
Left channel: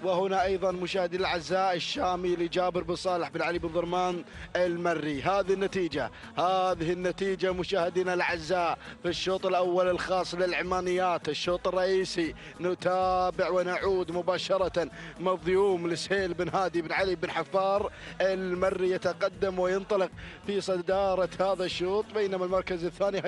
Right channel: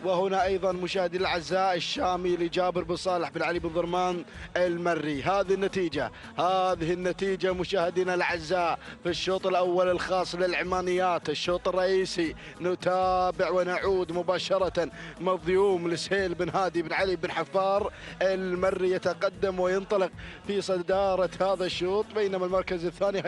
وهنا ايضا مشاهدي الاعزاء الشامي لجابر بن صالح بن علي بن ضرمان المري. هذه النتيجه مشاهدينا الاعزاء في الشوط الاول الخاص للعمانيات. الشوط الرئيسي نتابع ونعود مباشره مضيوم لسهيل بن هادي بن علي بن حفار المري يتقدم وينطلق في صداره هذا الشوط، بينما المركز الثاني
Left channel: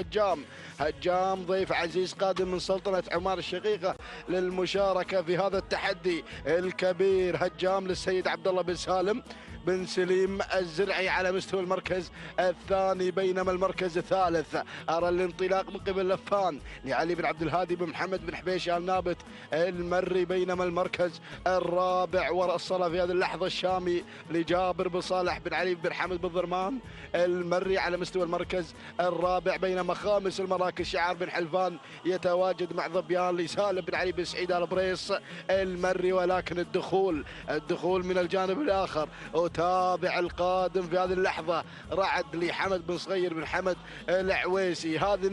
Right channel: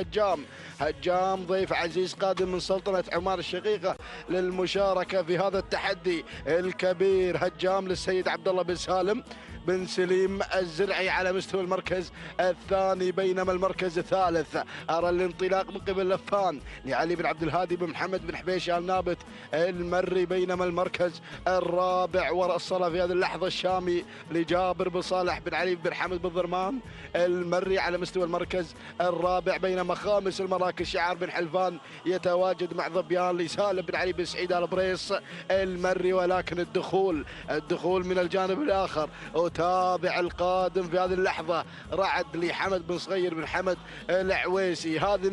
هجام ضيف عزيز قادم من سلطنه عمان الشقيقه للمشاركه في هذا التحدي الكبير. هجام للسيد عبد الله بن سالم بن سليم الزرعي على مستوى المركز الثاني، بينما المركز الثالث أرى الانطلاق من قبل لفان لعلي بن عبد الهادي بن محمد بن حبيش آل نابت المري، بينما المركز الرابع وصل في هذه اللحظة الشامي لجابر بن صالح بن علي بن حمد بن ضرمان المري على مستوى المركز الرابع، بينما خامس المراكز شعار بن حلفان يتواجد مع ظبيان لسالم بن علي بن سعيد آل بريس المري، ولكن الدخول من الجانب الآخر. وتابع القادم في هذه اللحظة رعد لحمد بن صغير بن حمد العويسي. هذه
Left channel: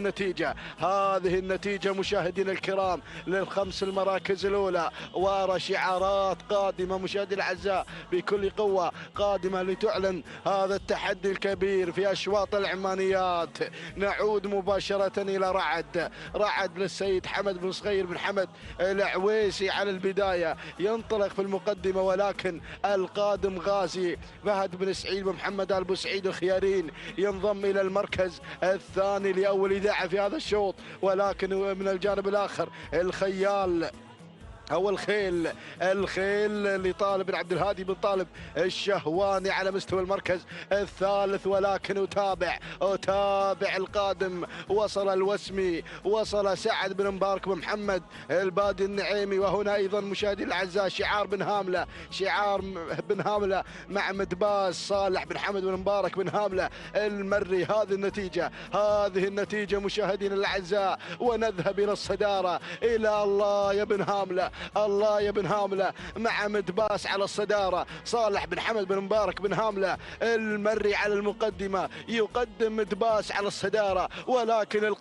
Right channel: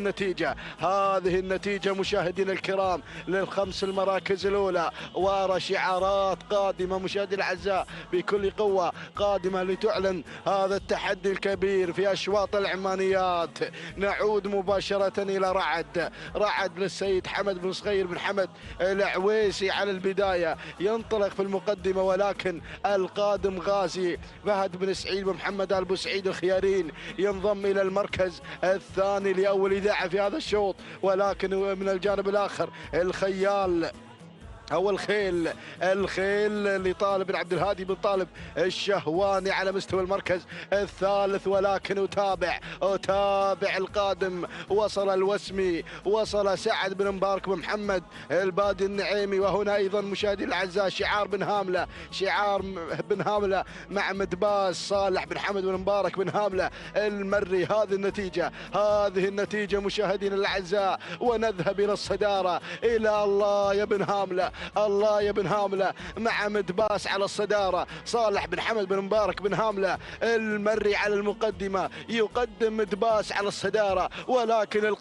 النتيجة مشاهدينا الكرام للخمس المراكز الأولى، وأرى شعارات قادمة مشاهدينا الأعزاء بكل قوة قادمة لتعلن هذا التحدي الكبير في أشواط العمانيات. نعود مباشرة إلى رعد للسيد حمد بن صغير بن حمد العويسي على البداية، ينطلق في المقدمة، ولكن القادم غازي فهد بن سعيد بن محمد آل بوسعيد الخيارين ينضم إلى المركز الثاني لأول إذاعة في هذا الشوط، ولكن من الجانب الآخر الخيال أو الخيل لطالب بن عبد الهادي بن طالب الشهواني على مستوى المركز الثالث، ولكن أتابع القادم. وصل الوسمي، وصل سعد بن مبارك بن محمد البادي النعيمي، وهنا أيضا مشاهدي الأعزاء شعار بن هاملة مع مدباس صالح بن حمد بن مبارك بن هاملة المري. هذه النتيجة مشاهدينا الأعزاء، ونذهب إلى الصدارة إلى الله يا بن هاملة مع مدباس على الصدارة، صالح بن حمد بن مبارك بن هاملة المري على المقدمة، يقدم مدباس على الصدارة، ولكن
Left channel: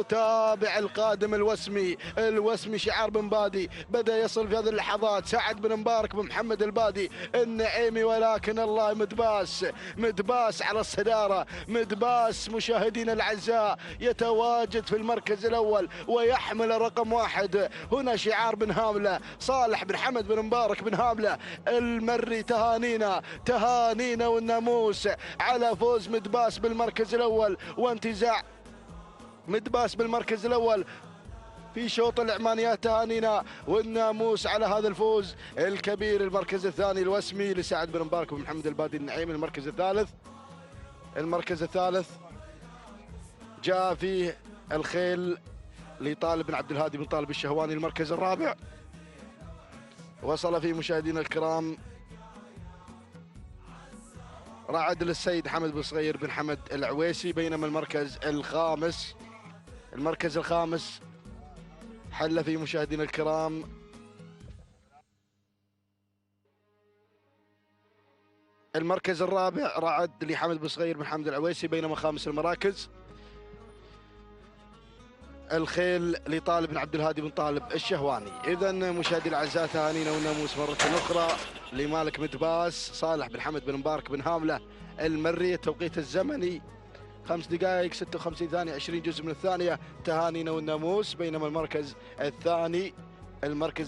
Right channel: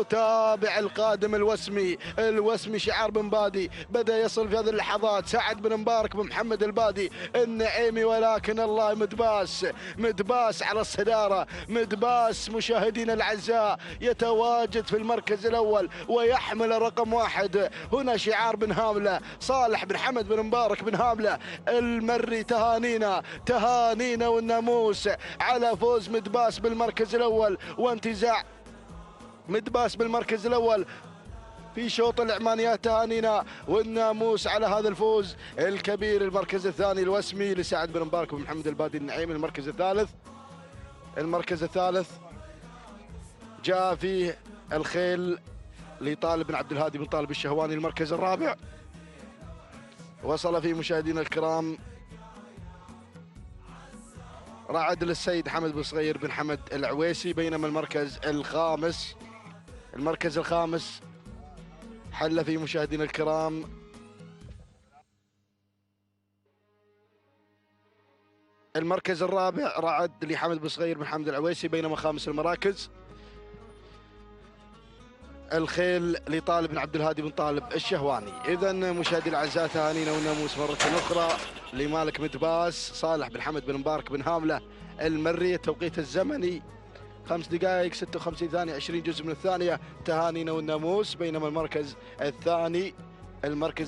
أتابع القادم الوسمي شعار بن بادي بدأ يصل في هذه اللحظات سعد بن مبارك بن محمد البادي النعيمي، ولكن الله مدباس على الصدارة. مدباس مشاهدينا الأعزاء يتواجد في المركز الأول ويحمل رقم 1. هنا شعار بن هاملة، صالح بن حمد بن مبارك بن هاملة المري، تهانينا والناموس على فوز مدباس بالمركز الأول وانتزاع مدباس بالمركز الأول في شوط العمانيات. تهانينا والناموس على هذا الفوز الكبير. المركز الثاني الوسمي لسعد بن مبارك بن محمد البادي النعيم. المركز الثالث جاء فيه الخيل لطالب بن عبد الهادي بن طالب الشهواني. المركز الرابع وصل فيه مشاهدينا الكرام رعد للسيد حمد بن صغير بن حمد العويسي، بينما المركز الخامس حل فيه مشاهدينا الكرام المركز الرابع رعد لحمد بن صغير بن حمد العويسي، بينما خامس المراكز الخيل لطالب بن عبد الهادي بن طالب الشهواني. إذا مشاهدي الأعزاء تهانينا والناموس مرة أخرى لمالك مدباس صالح بن حمد بن مبارك بن هاملة المري. التوقيت الزمني 5 دقائق 56 ثانية 20 جزء من الثانية. تهانينا والناموس. بينما المركز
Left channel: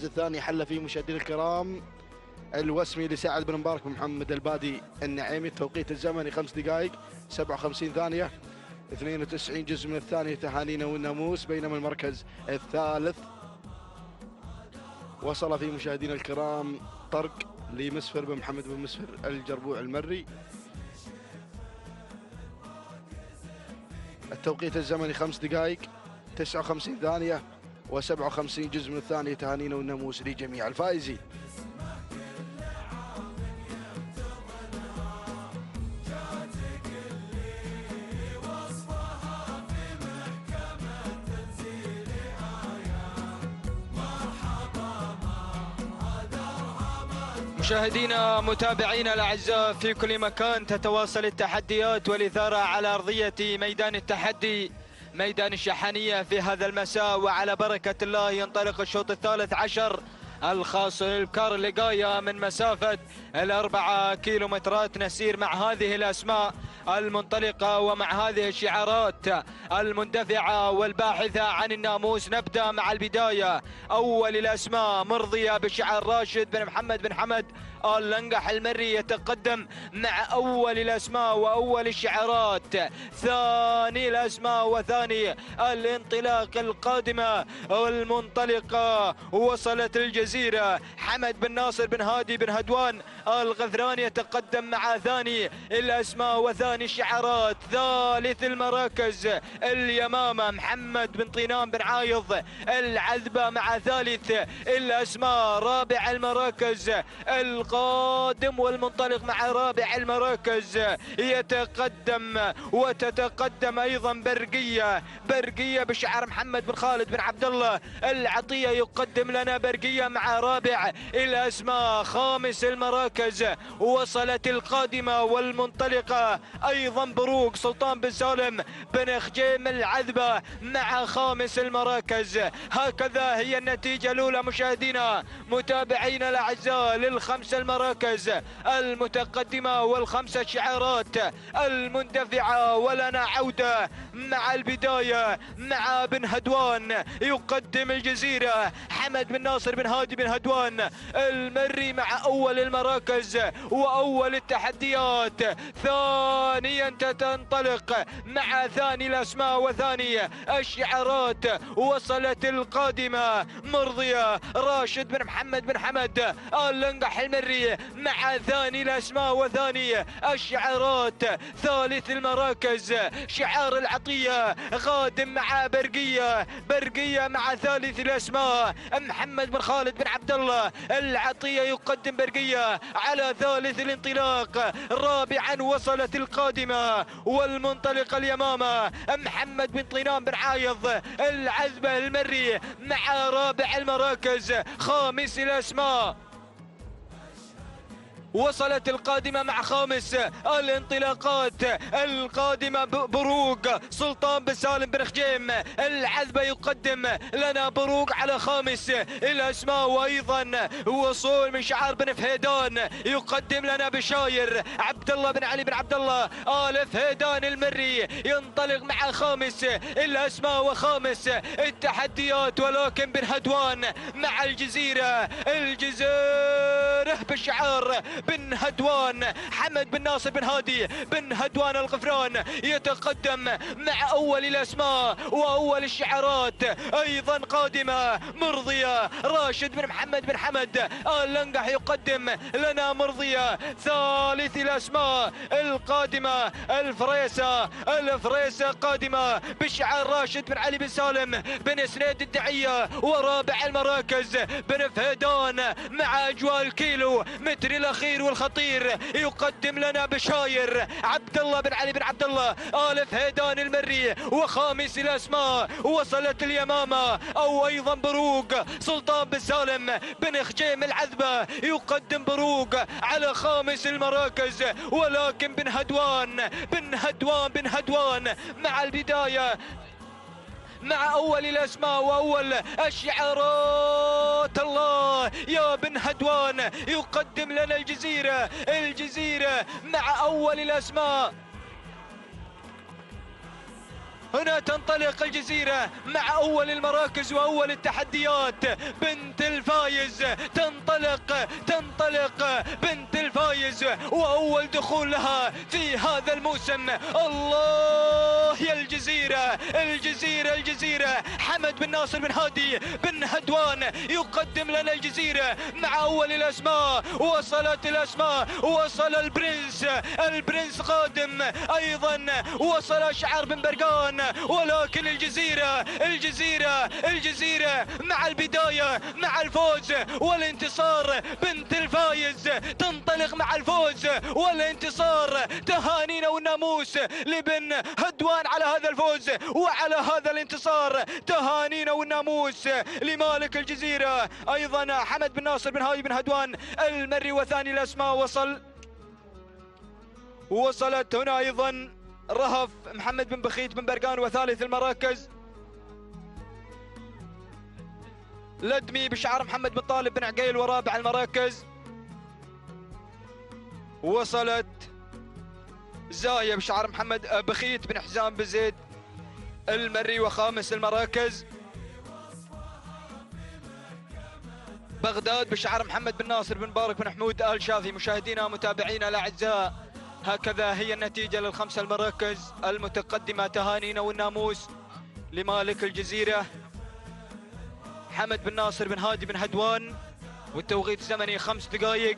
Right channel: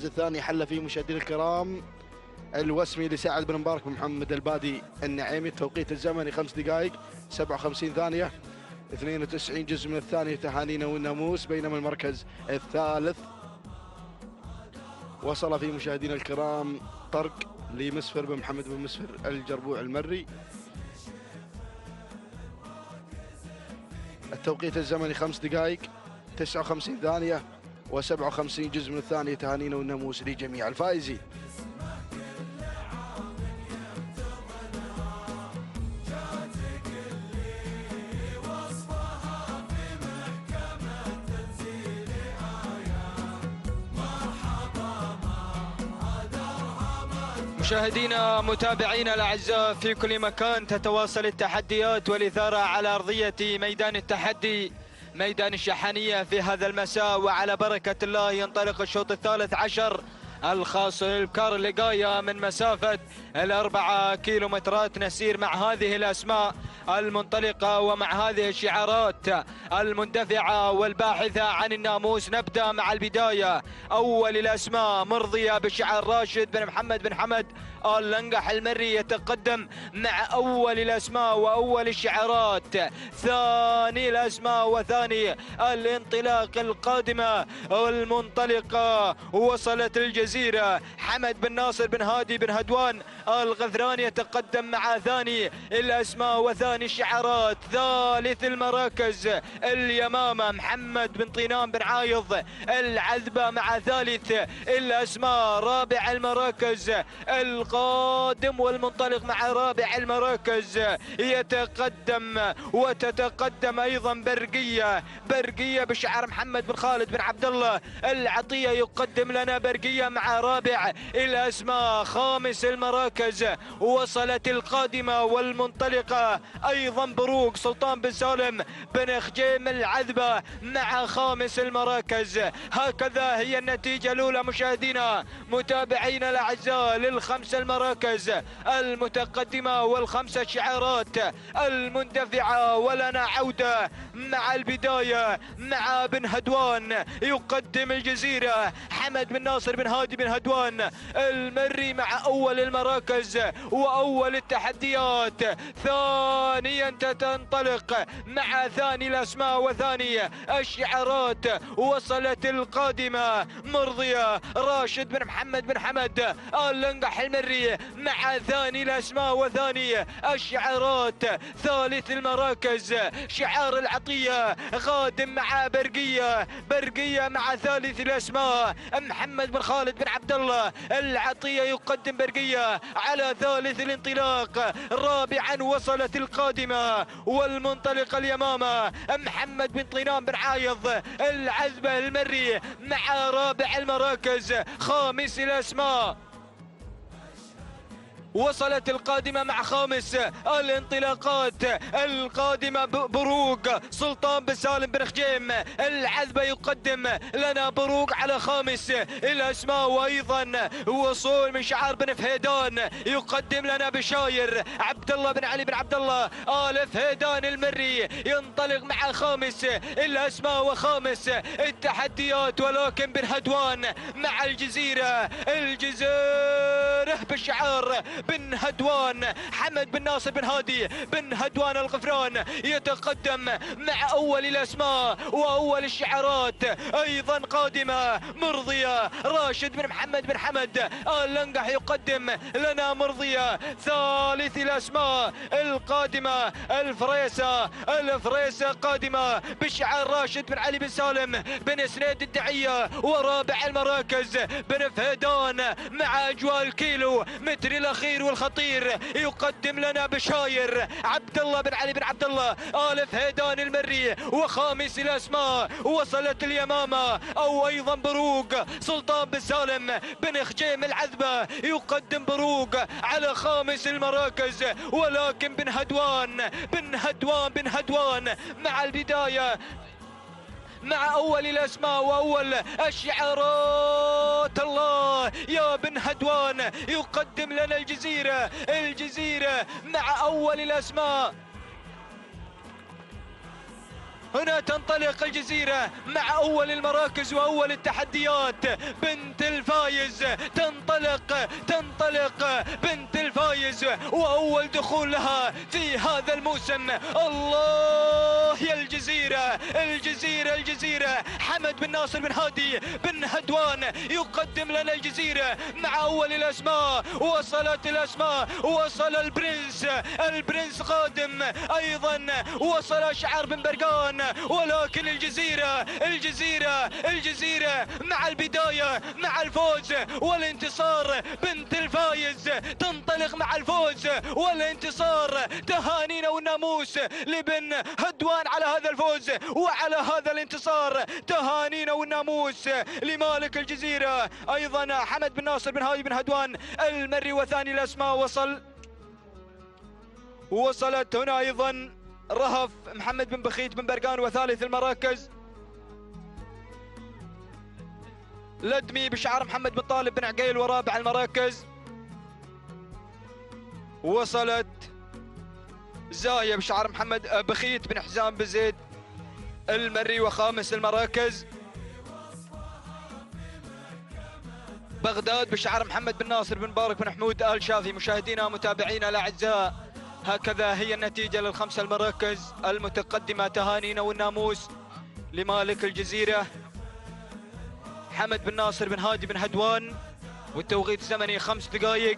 الثاني حل فيه مشاهدينا الكرام الوسمي لسعد بن مبارك بن محمد البادي النعيمي. التوقيت الزمني 5 دقائق 57 ثانية 92 جزء من الثانية. تهانينا والناموس. بينما المركز الثالث وصل فيه مشاهدينا الكرام طرق لمسفر بن محمد بن مسفر الجربوع المري. التوقيت الزمني 5 دقائق 59 ثانية و57 جزء من الثانية. تهانينا والناموس لجميع الفائزين. مشاهدينا متابعينا الاعزاء في كل مكان، تتواصل التحديات والاثاره على ارضيه ميدان التحدي ميدان الشحانيه في هذا المساء، وعلى بركه الله ينطلق الشوط الثالث عشر الخاص للكار لقاية من مسافة 4 كيلومترات. نسير مع هذه الأسماء المنطلقة ومع هذه الشعارات المندفعة والباحثة عن الناموس. نبدأ مع البداية. أول الأسماء مرضية بشعار راشد بن محمد بن حمد اللنقح المري يتقدم مع أول الأسماء وأول الشعارات. ثاني الأسماء وثاني الانطلاق القادمة المنطلقة وصلت الجزيرة. حمد بن ناصر بن هادي بن هدوان الغفران يتقدم مع ثاني الأسماء وثاني الشعارات. ثالث المراكز اليمامة محمد بن طينان بن عايض العذبة مع ثالث الأسماء. رابع المراكز القادم والمنطلق مع رابع المراكز يتقدم وتتقدم ايضا برقيه بشعار محمد بن خالد بن عبد الله العطيه يقدم لنا برقيه مع رابع الاسماء. خامس المراكز وصلت القادمه والمنطلقه ايضا بروق سلطان بن سالم بن خجيم العذبه مع خامس المراكز. هكذا هي النتيجه الاولى مشاهدينا متابعينا الاعزاء للخمس المراكز المتقدمة والخمسة شعارات المندفعة. ولنا عودة مع البداية مع بن هدوان يقدم الجزيرة. حمد بن ناصر بن هادي بن هدوان المري مع أول المراكز وأول التحديات. ثانيا تنطلق مع ثاني الأسماء وثاني الشعارات. وصلت القادمة مرضية راشد بن محمد بن حمد اللنقح المري مع ثاني الأسماء وثاني الشعارات. ثالث المراكز شعار العطية قادم مع برقية مع ثالث الأسماء. محمد بن خالد بن عبد الله العطية يقدم برقية على ثالث الانطلاق. رابعا وصلت القادمة والمنطلق اليمامة محمد بن طينان بن عايض العذبة المري مع رابع المراكز. خامس الأسماء وصلت القادمة مع خامس الانطلاقات القادمة. بروق سلطان بن سالم بن خجيم العذبة يقدم لنا بروق على خامس الأسماء. وأيضا وصول من شعار بن فهيدان يقدم لنا بشاير عبد الله بن علي بن عبد الله آل فهيدان المري ينطلق مع خامس الأسماء وخامس التحديات. ولكن بن هدوان مع الجزيرة بشعار بن هدوان. حمد بن ناصر بن هادي بن هدوان الغفران يتقدم مع أول الأسماء وأول الشعارات. أيضا قادمة مرضية راشد بن محمد بن حمد اللنقح يقدم لنا مرضية. ثالث الأسماء القادمة الفريسة قادمة بشعار راشد بن علي بن سالم بن سنيد الدعية. ورابع المراكز بن فهدان مع أجواء الكيلو متر الأخير والخطير يقدم لنا بشاير عبد الله بن علي بن عبد الله آل فهيدان المري. وخامس الأسماء وصلت اليمامة أو أيضا بروق سلطان بن سالم بن خجيم العذبة يقدم بروق على خامس المراكز. ولكن بن هدوان مع البداية مع أول الأسماء وأول الشعارات. الله يا بن هدوان يقدم لنا الجزيرة مع أول الأسماء. هنا تنطلق الجزيرة مع أول المراكز وأول التحديات. بنت الفايز تنطلق بنت الفايز وأول دخول لها في هذا الموسم. الله يا الجزيرة حمد بن ناصر بن هادي بن هدوان يقدم لنا الجزيرة مع أول الأسماء. وصلت الأسماء وصل البرنس قادم أيضا. وصل شعار بن برقان. ولكن الجزيرة مع البداية مع الفوز والانتصار. بنت الفايز تنطلق ينطلق مع الفوز والانتصار. تهانينا والناموس لبن هدوان على هذا الفوز وعلى هذا الانتصار. تهانينا والناموس لمالك الجزيرة أيضا حمد بن ناصر بن هادي بن هدوان المري. وثاني الأسماء وصلت هنا أيضا رهف محمد بن بخيت بن برقان. وثالث المراكز لدمي بشعار محمد بن طالب بن عقيل. ورابع المراكز وصلت زاوية بشعار محمد بخيت بن حزام بن زيد المري. وخامس المراكز بغداد بشعار محمد بن ناصر بن مبارك بن حمود آل شافي. مشاهدينا متابعينا الأعزاء، هكذا هي النتيجة للخمسة المراكز المتقدمة. تهانينا والناموس لمالك الجزيرة حمد بن ناصر بن هادي بن هدوان، والتوقيت الزمني 5 دقائق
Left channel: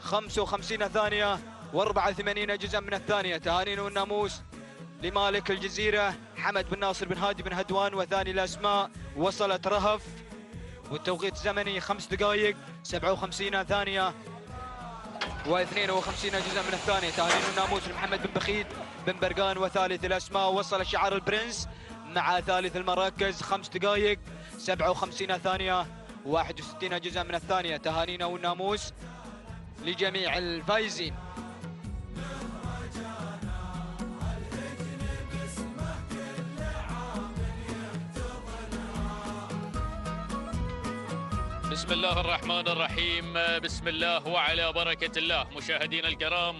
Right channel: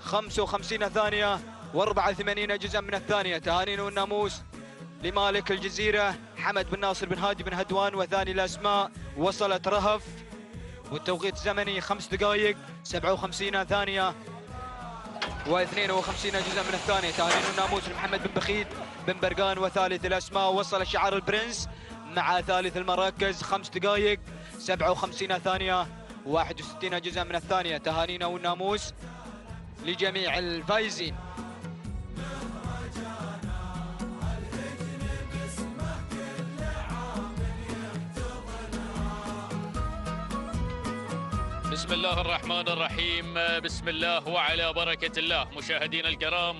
55 ثانية و84 جزءا من الثانية. تهانينا والناموس لمالك الجزيرة حمد بن ناصر بن هادي بن هدوان. وثاني الأسماء وصلت رهف، والتوقيت الزمني 5 دقائق 57 ثانية و52 جزءا من الثانية. تهانينا والناموس لمحمد بن بخيت بن برقان. وثالث الأسماء وصل شعار البرنس مع ثالث المراكز 5 دقائق 57 ثانية و61 جزءا من الثانية. تهانينا والناموس لجميع الفائزين. بسم الله الرحمن الرحيم. بسم الله وعلى بركة الله. مشاهدينا الكرام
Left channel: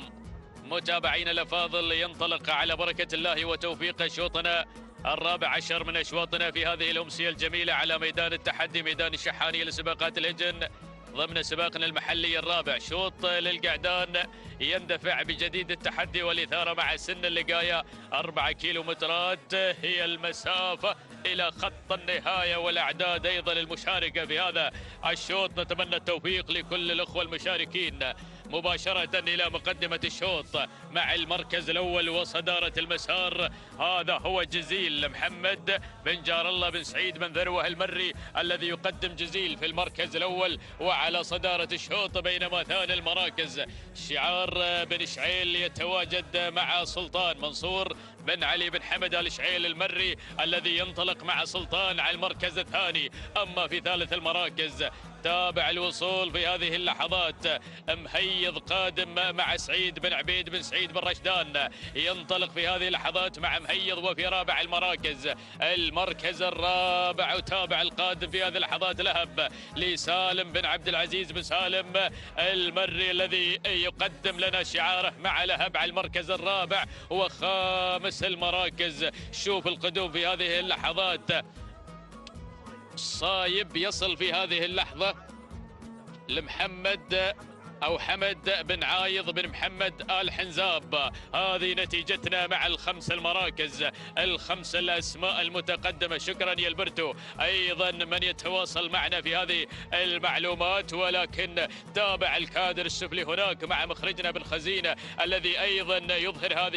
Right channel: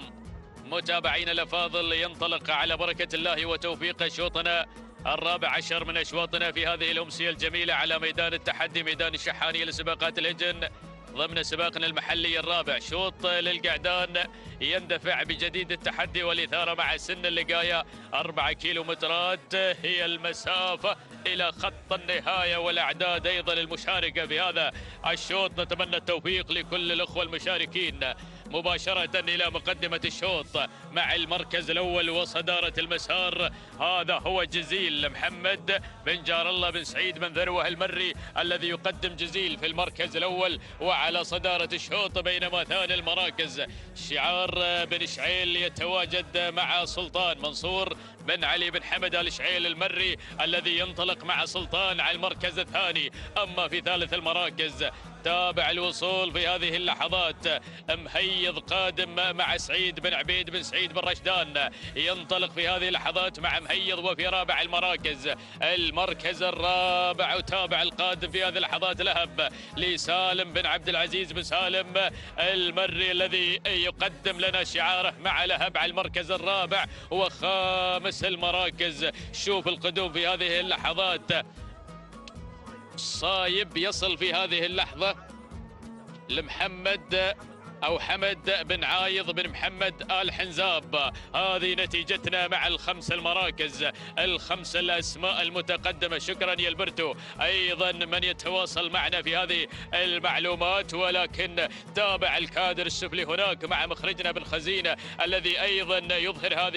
متابعينا الأفاضل، ينطلق على بركة الله وتوفيقه شوطنا الرابع عشر من أشواطنا في هذه الأمسية الجميلة على ميدان التحدي، ميدان الشحانية لسباقات الهجن ضمن سباقنا المحلي الرابع. شوط للقعدان يندفع بجديد التحدي والإثارة مع سن اللقاية. 4 كيلومترات هي المسافة إلى خط النهاية، والأعداد أيضا المشاركة في هذا الشوط. نتمنى التوفيق لكل الأخوة المشاركين. مباشرة إلى مقدمة الشوط مع المركز الأول وصدارة المسار، هذا هو جزيل محمد بن جار الله بن سعيد بن ذروة المري الذي يقدم جزيل في المركز الأول وعلى صدارة الشوط. بينما ثاني المراكز شعار بن شعيل يتواجد مع سلطان منصور بن علي بن حمد آل شعيل المري الذي ينطلق مع سلطان على المركز الثاني. أما في ثالث المراكز تابع الوصول في هذه اللحظات مهيض قادم مع سعيد بن عبيد بن سعيد بن رشدان، ينطلق في هذه اللحظات مع مهيض. وفي رابع المراكز المركز الرابع وتابع القادم في هذه اللحظات لهب لسالم بن عبد العزيز بن سالم المري الذي يقدم لنا شعاره مع لهب على المركز الرابع. وخامس المراكز شوف القدوم في هذه اللحظات، صايب يصل في هذه اللحظة لمحمد أو حمد بن عايض بن محمد آل حنزاب. هذه نتيجتنا مع الخمس المراكز، الخمس الأسماء المتقدمة. شكرا يا البرتو أيضا من يتواصل معنا في هذه المعلومات. ولكن تابع الكادر السفلي هناك مع مخرجنا بن خزينة الذي أيضا يظهر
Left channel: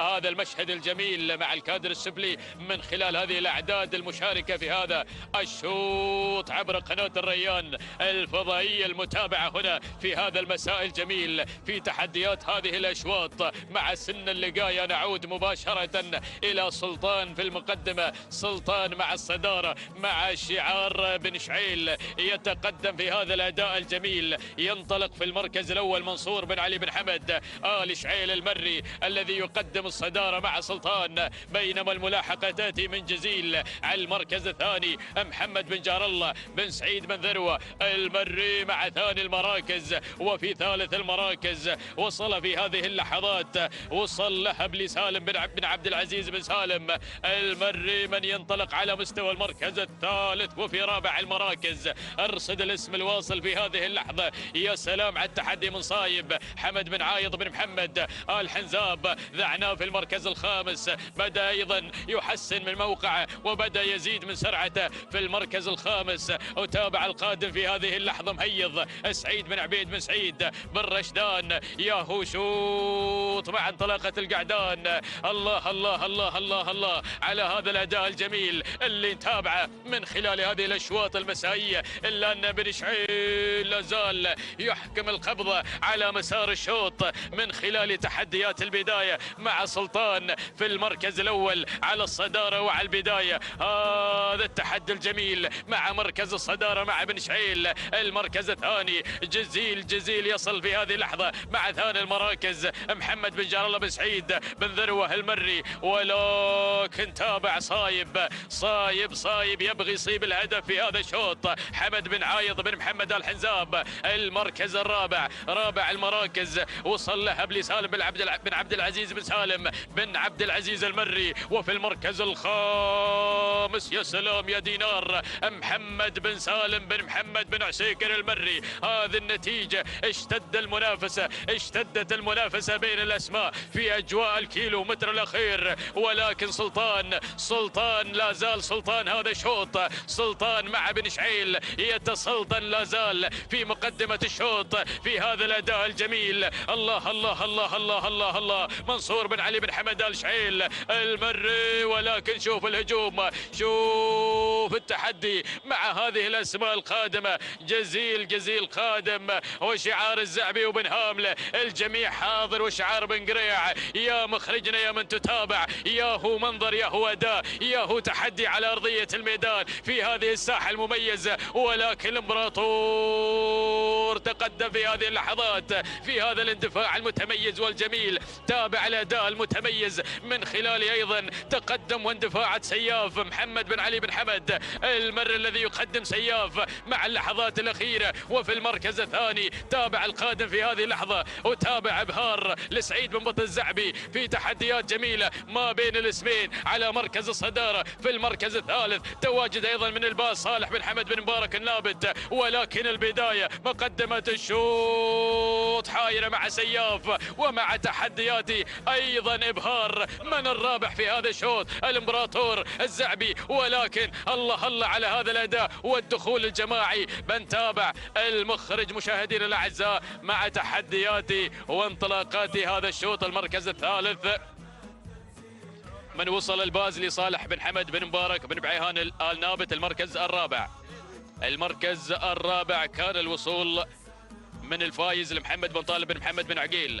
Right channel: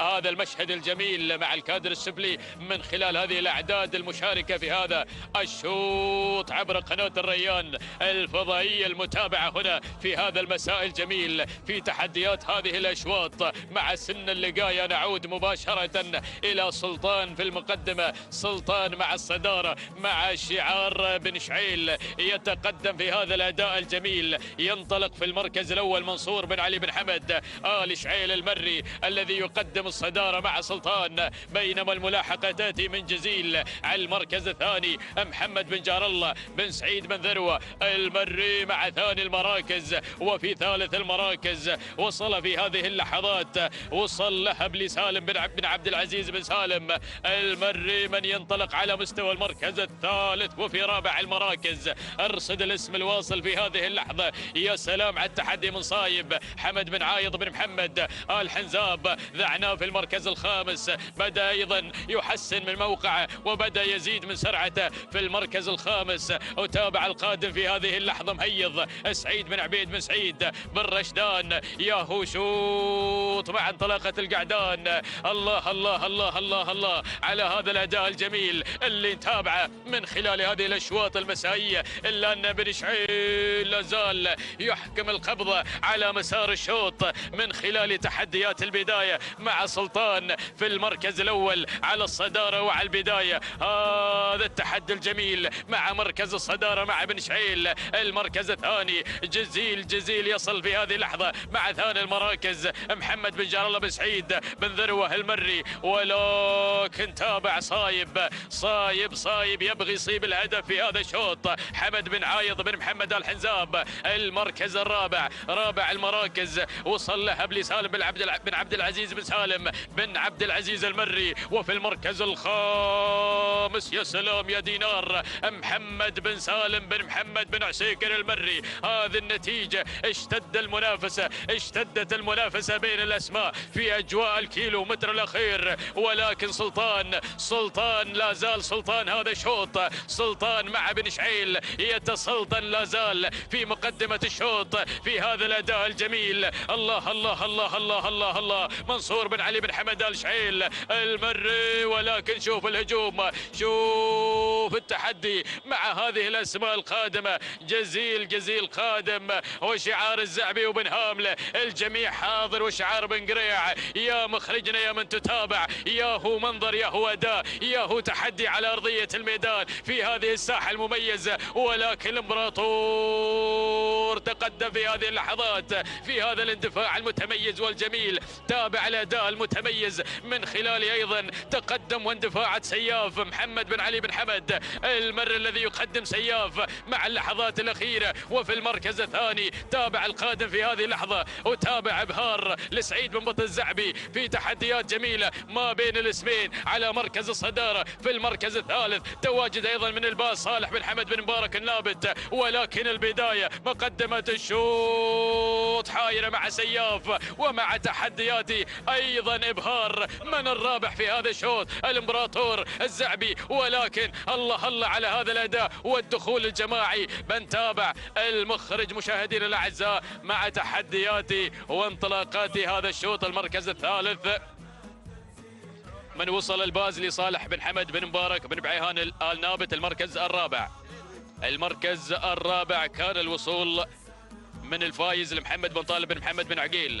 هذا المشهد الجميل مع الكادر السفلي من خلال هذه الأعداد المشاركة في هذا الشوط عبر قناة الريان الفضائية المتابعة هنا في هذا المساء الجميل في تحديات هذه الأشواط. مع سن اللقاية نعود مباشرة إلى سلطان في المقدمة، سلطان مع الصدارة مع شعار بن شعيل يتقدم في هذا الأداء الجميل. ينطلق في المركز الأول منصور بن علي بن حمد آل شعيل المري الذي يقدم الصدارة مع سلطان. بينما الملاحقة تأتي من جزيل على المركز الثاني محمد بن جار الله بن سعيد بن ذروة المري مع ثاني المراكز. وفي ثالث المراكز وصل في هذه اللحظات وصل لهب لسالم بن عبد العزيز بن سالم المري من ينطلق على مستوى المركز الثالث. وفي رابع المراكز ارصد الاسم الواصل في هذه اللحظة، يا سلام على التحدي من صايب حمد بن عايض بن محمد آل حنزاب. ذعناه في المركز الخامس، بدأ أيضا يحسن من موقعه وبدأ يزيد من سرعته في المركز الخامس. وتابع القادم في هذه اللحظة مهيض سعيد بن عبيد بن سعيد سعيد بن رشدان. يا هو شوط مع انطلاقة القعدان. الله الله الله الله الله على هذا الأداء الجميل اللي نتابعه من خلال هذه الأشواط المسائية، إلا أن بن شعيل لازال يحكم القبضة على مسار الشوط من خلال تحديات البداية مع سلطان في المركز الأول على الصدارة وعلى البداية. هذا التحدي الجميل مع مركز الصدارة مع بن شعيل. المركز الثاني جزيل يصل في هذه اللحظة مع ثاني المراكز محمد بن جار الله بن سعيد بن ذروة المري، ولكن تابع صايب يبغي يصيب الهدف في هذا الشوط. حمد بن عايض بن محمد الحنزاب المركز الرابع، رابع المراكز، وصل له بن سالم بن عبد العزيز بن سالم بن عبد العزيز المري. وفي المركز الخامس يا سلام يا دينار محمد بن سالم بن محمد بن عسيكر المري. هذه النتيجة اشتدت المنافسة بين الأسماء في أجواء الكيلو متر الأخير، ولكن سلطان لا زال سلطان هذا الشوط. سلطان مع بن شعيل يتسلطن لا زال في مقدمة الشوط في هذا الأداء الجميل. الله الله الله الله الله الله منصور بن علي بن حمد آل شعيل المري، ولكن شوف الهجوم، شوف التحدي مع هذه الأسماء القادمة. جزيل قادم، وشعار الزعبي وبن هامله الجميع حاضر، وشعار بن قريع. يا مخرجنا يا من تتابع، يا هو منظر، يا هو أداء، يا هو تحدي على أرضية الميدان في هذه الساحة المميزة. ولكن الإمبراطور تقدم في هذه اللحظات في هذا الاندفاع المتميز والجميل. تابع الأداء المتميز من خلال أيضا تقدم واندفاعات سياف محمد بن علي بن حمد المر الذي يقدم سياف مع اللحظات الأخيرة. وفي المركز الثاني تابع القادم في هذه اللحظة، وتابع إبهار لسعيد بن بطل الزعبي في تحديات جميلة ما بين الاسمين على مركز الصدارة. في المركز الثالث تواجد أيضا من الباس صالح بن حمد بن مبارك النابت. ولكن البداية مقدمة الشوط حايرة مع سياف ومع تحدياتي أيضا إبهار. من الرابح في هذا الشوط؟ الإمبراطور الزعبي. ولكن الله على هذا الأداء والدخول الجماعي. بنتابع المخرج مشاهدينا الأعزاء مع تحدياتي وانطلاقاتي هذا الشوط. المركز الثالث من وصل الباز لصالح بن حمد بن مبارك بن بعيهان آل نابت. المركز الرابع كان الوصول من الفايز لمحمد بن طالب بن محمد بن عقيل.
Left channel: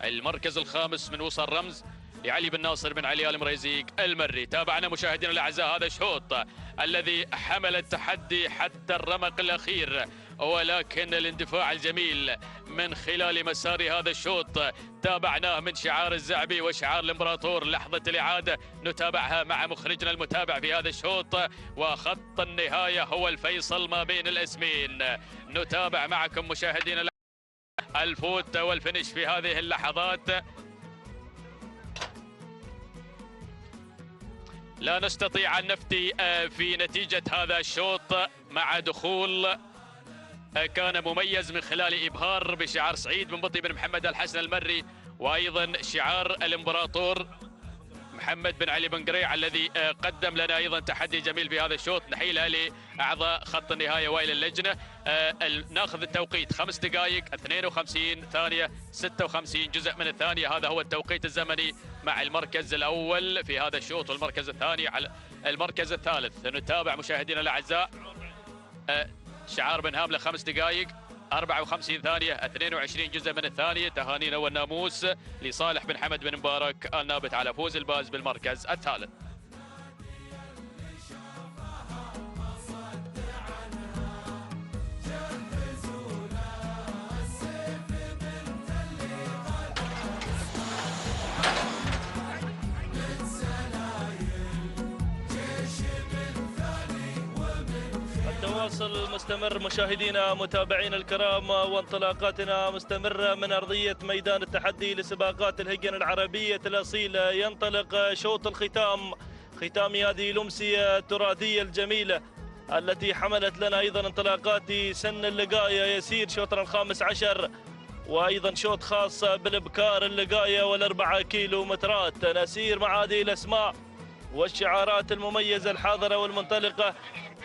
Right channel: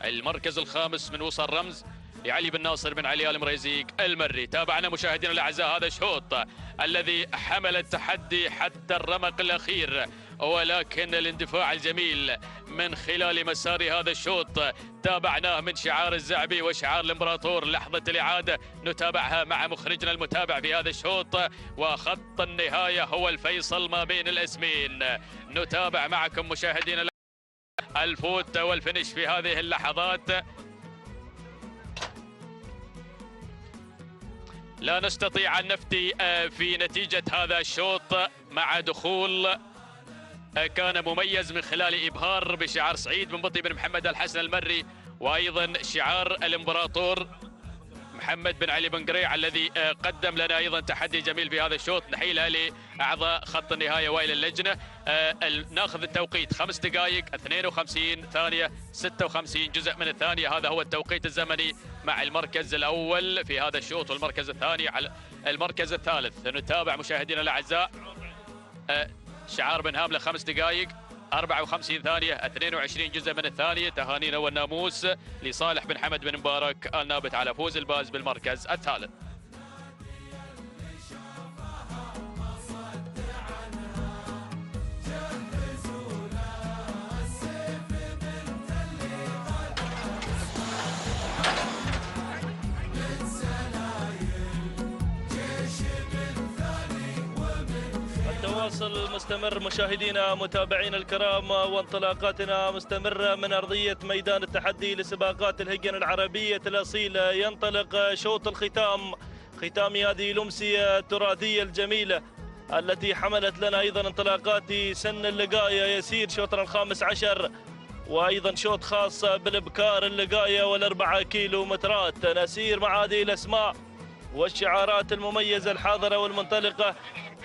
المركز الخامس من وصل رمز لعلي بن ناصر بن علي آل مريزيق المري. تابعنا مشاهدينا الاعزاء هذا الشوط الذي حمل التحدي حتى الرمق الاخير، ولكن الاندفاع الجميل من خلال مسار هذا الشوط تابعناه من شعار الزعبي وشعار الامبراطور. لحظة الإعادة نتابعها مع مخرجنا المتابع في هذا الشوط، وخط النهاية هو الفيصل ما بين الاسمين. نتابع معكم مشاهدينا الفوت والفنش في هذه اللحظات. لا نستطيع أن نفتي في نتيجة هذا الشوط مع دخول كان مميز من خلال إبهار بشعار سعيد بن بطي بن محمد الحسن المري، وأيضا شعار الإمبراطور محمد بن علي بن قريع الذي قدم لنا أيضا تحدي جميل بهذا الشوط. نحيلها لأعضاء خط النهاية وإلى اللجنة. ناخذ التوقيت 5 دقائق 52 ثانية 56 جزء من الثانية. هذا هو التوقيت الزمني مع المركز الأول في هذا الشوط، والمركز الثاني على المركز الثالث. نتابع مشاهدينا الأعزاء شعار بن هاملة 5 دقائق 54 ثانية 22 جزء من الثانية. تهانينا والناموس لصالح بن حمد بن مبارك النابت على فوز الباز بالمركز الثالث. مستمر مشاهدينا متابعينا الكرام، وانطلاقاتنا مستمرة من أرضية ميدان التحدي لسباقات الهجن العربية الأصيلة. ينطلق شوط الختام، ختام هذه الأمسية التراثية الجميلة التي حملت لنا أيضا انطلاقات سن اللقاية. يسير شوطنا الخامس عشر، وأيضا شوط خاص بالإبكار اللقاية وال4 كيلو مترات. نسير مع هذه الأسماء والشعارات المميزة الحاضرة والمنطلقة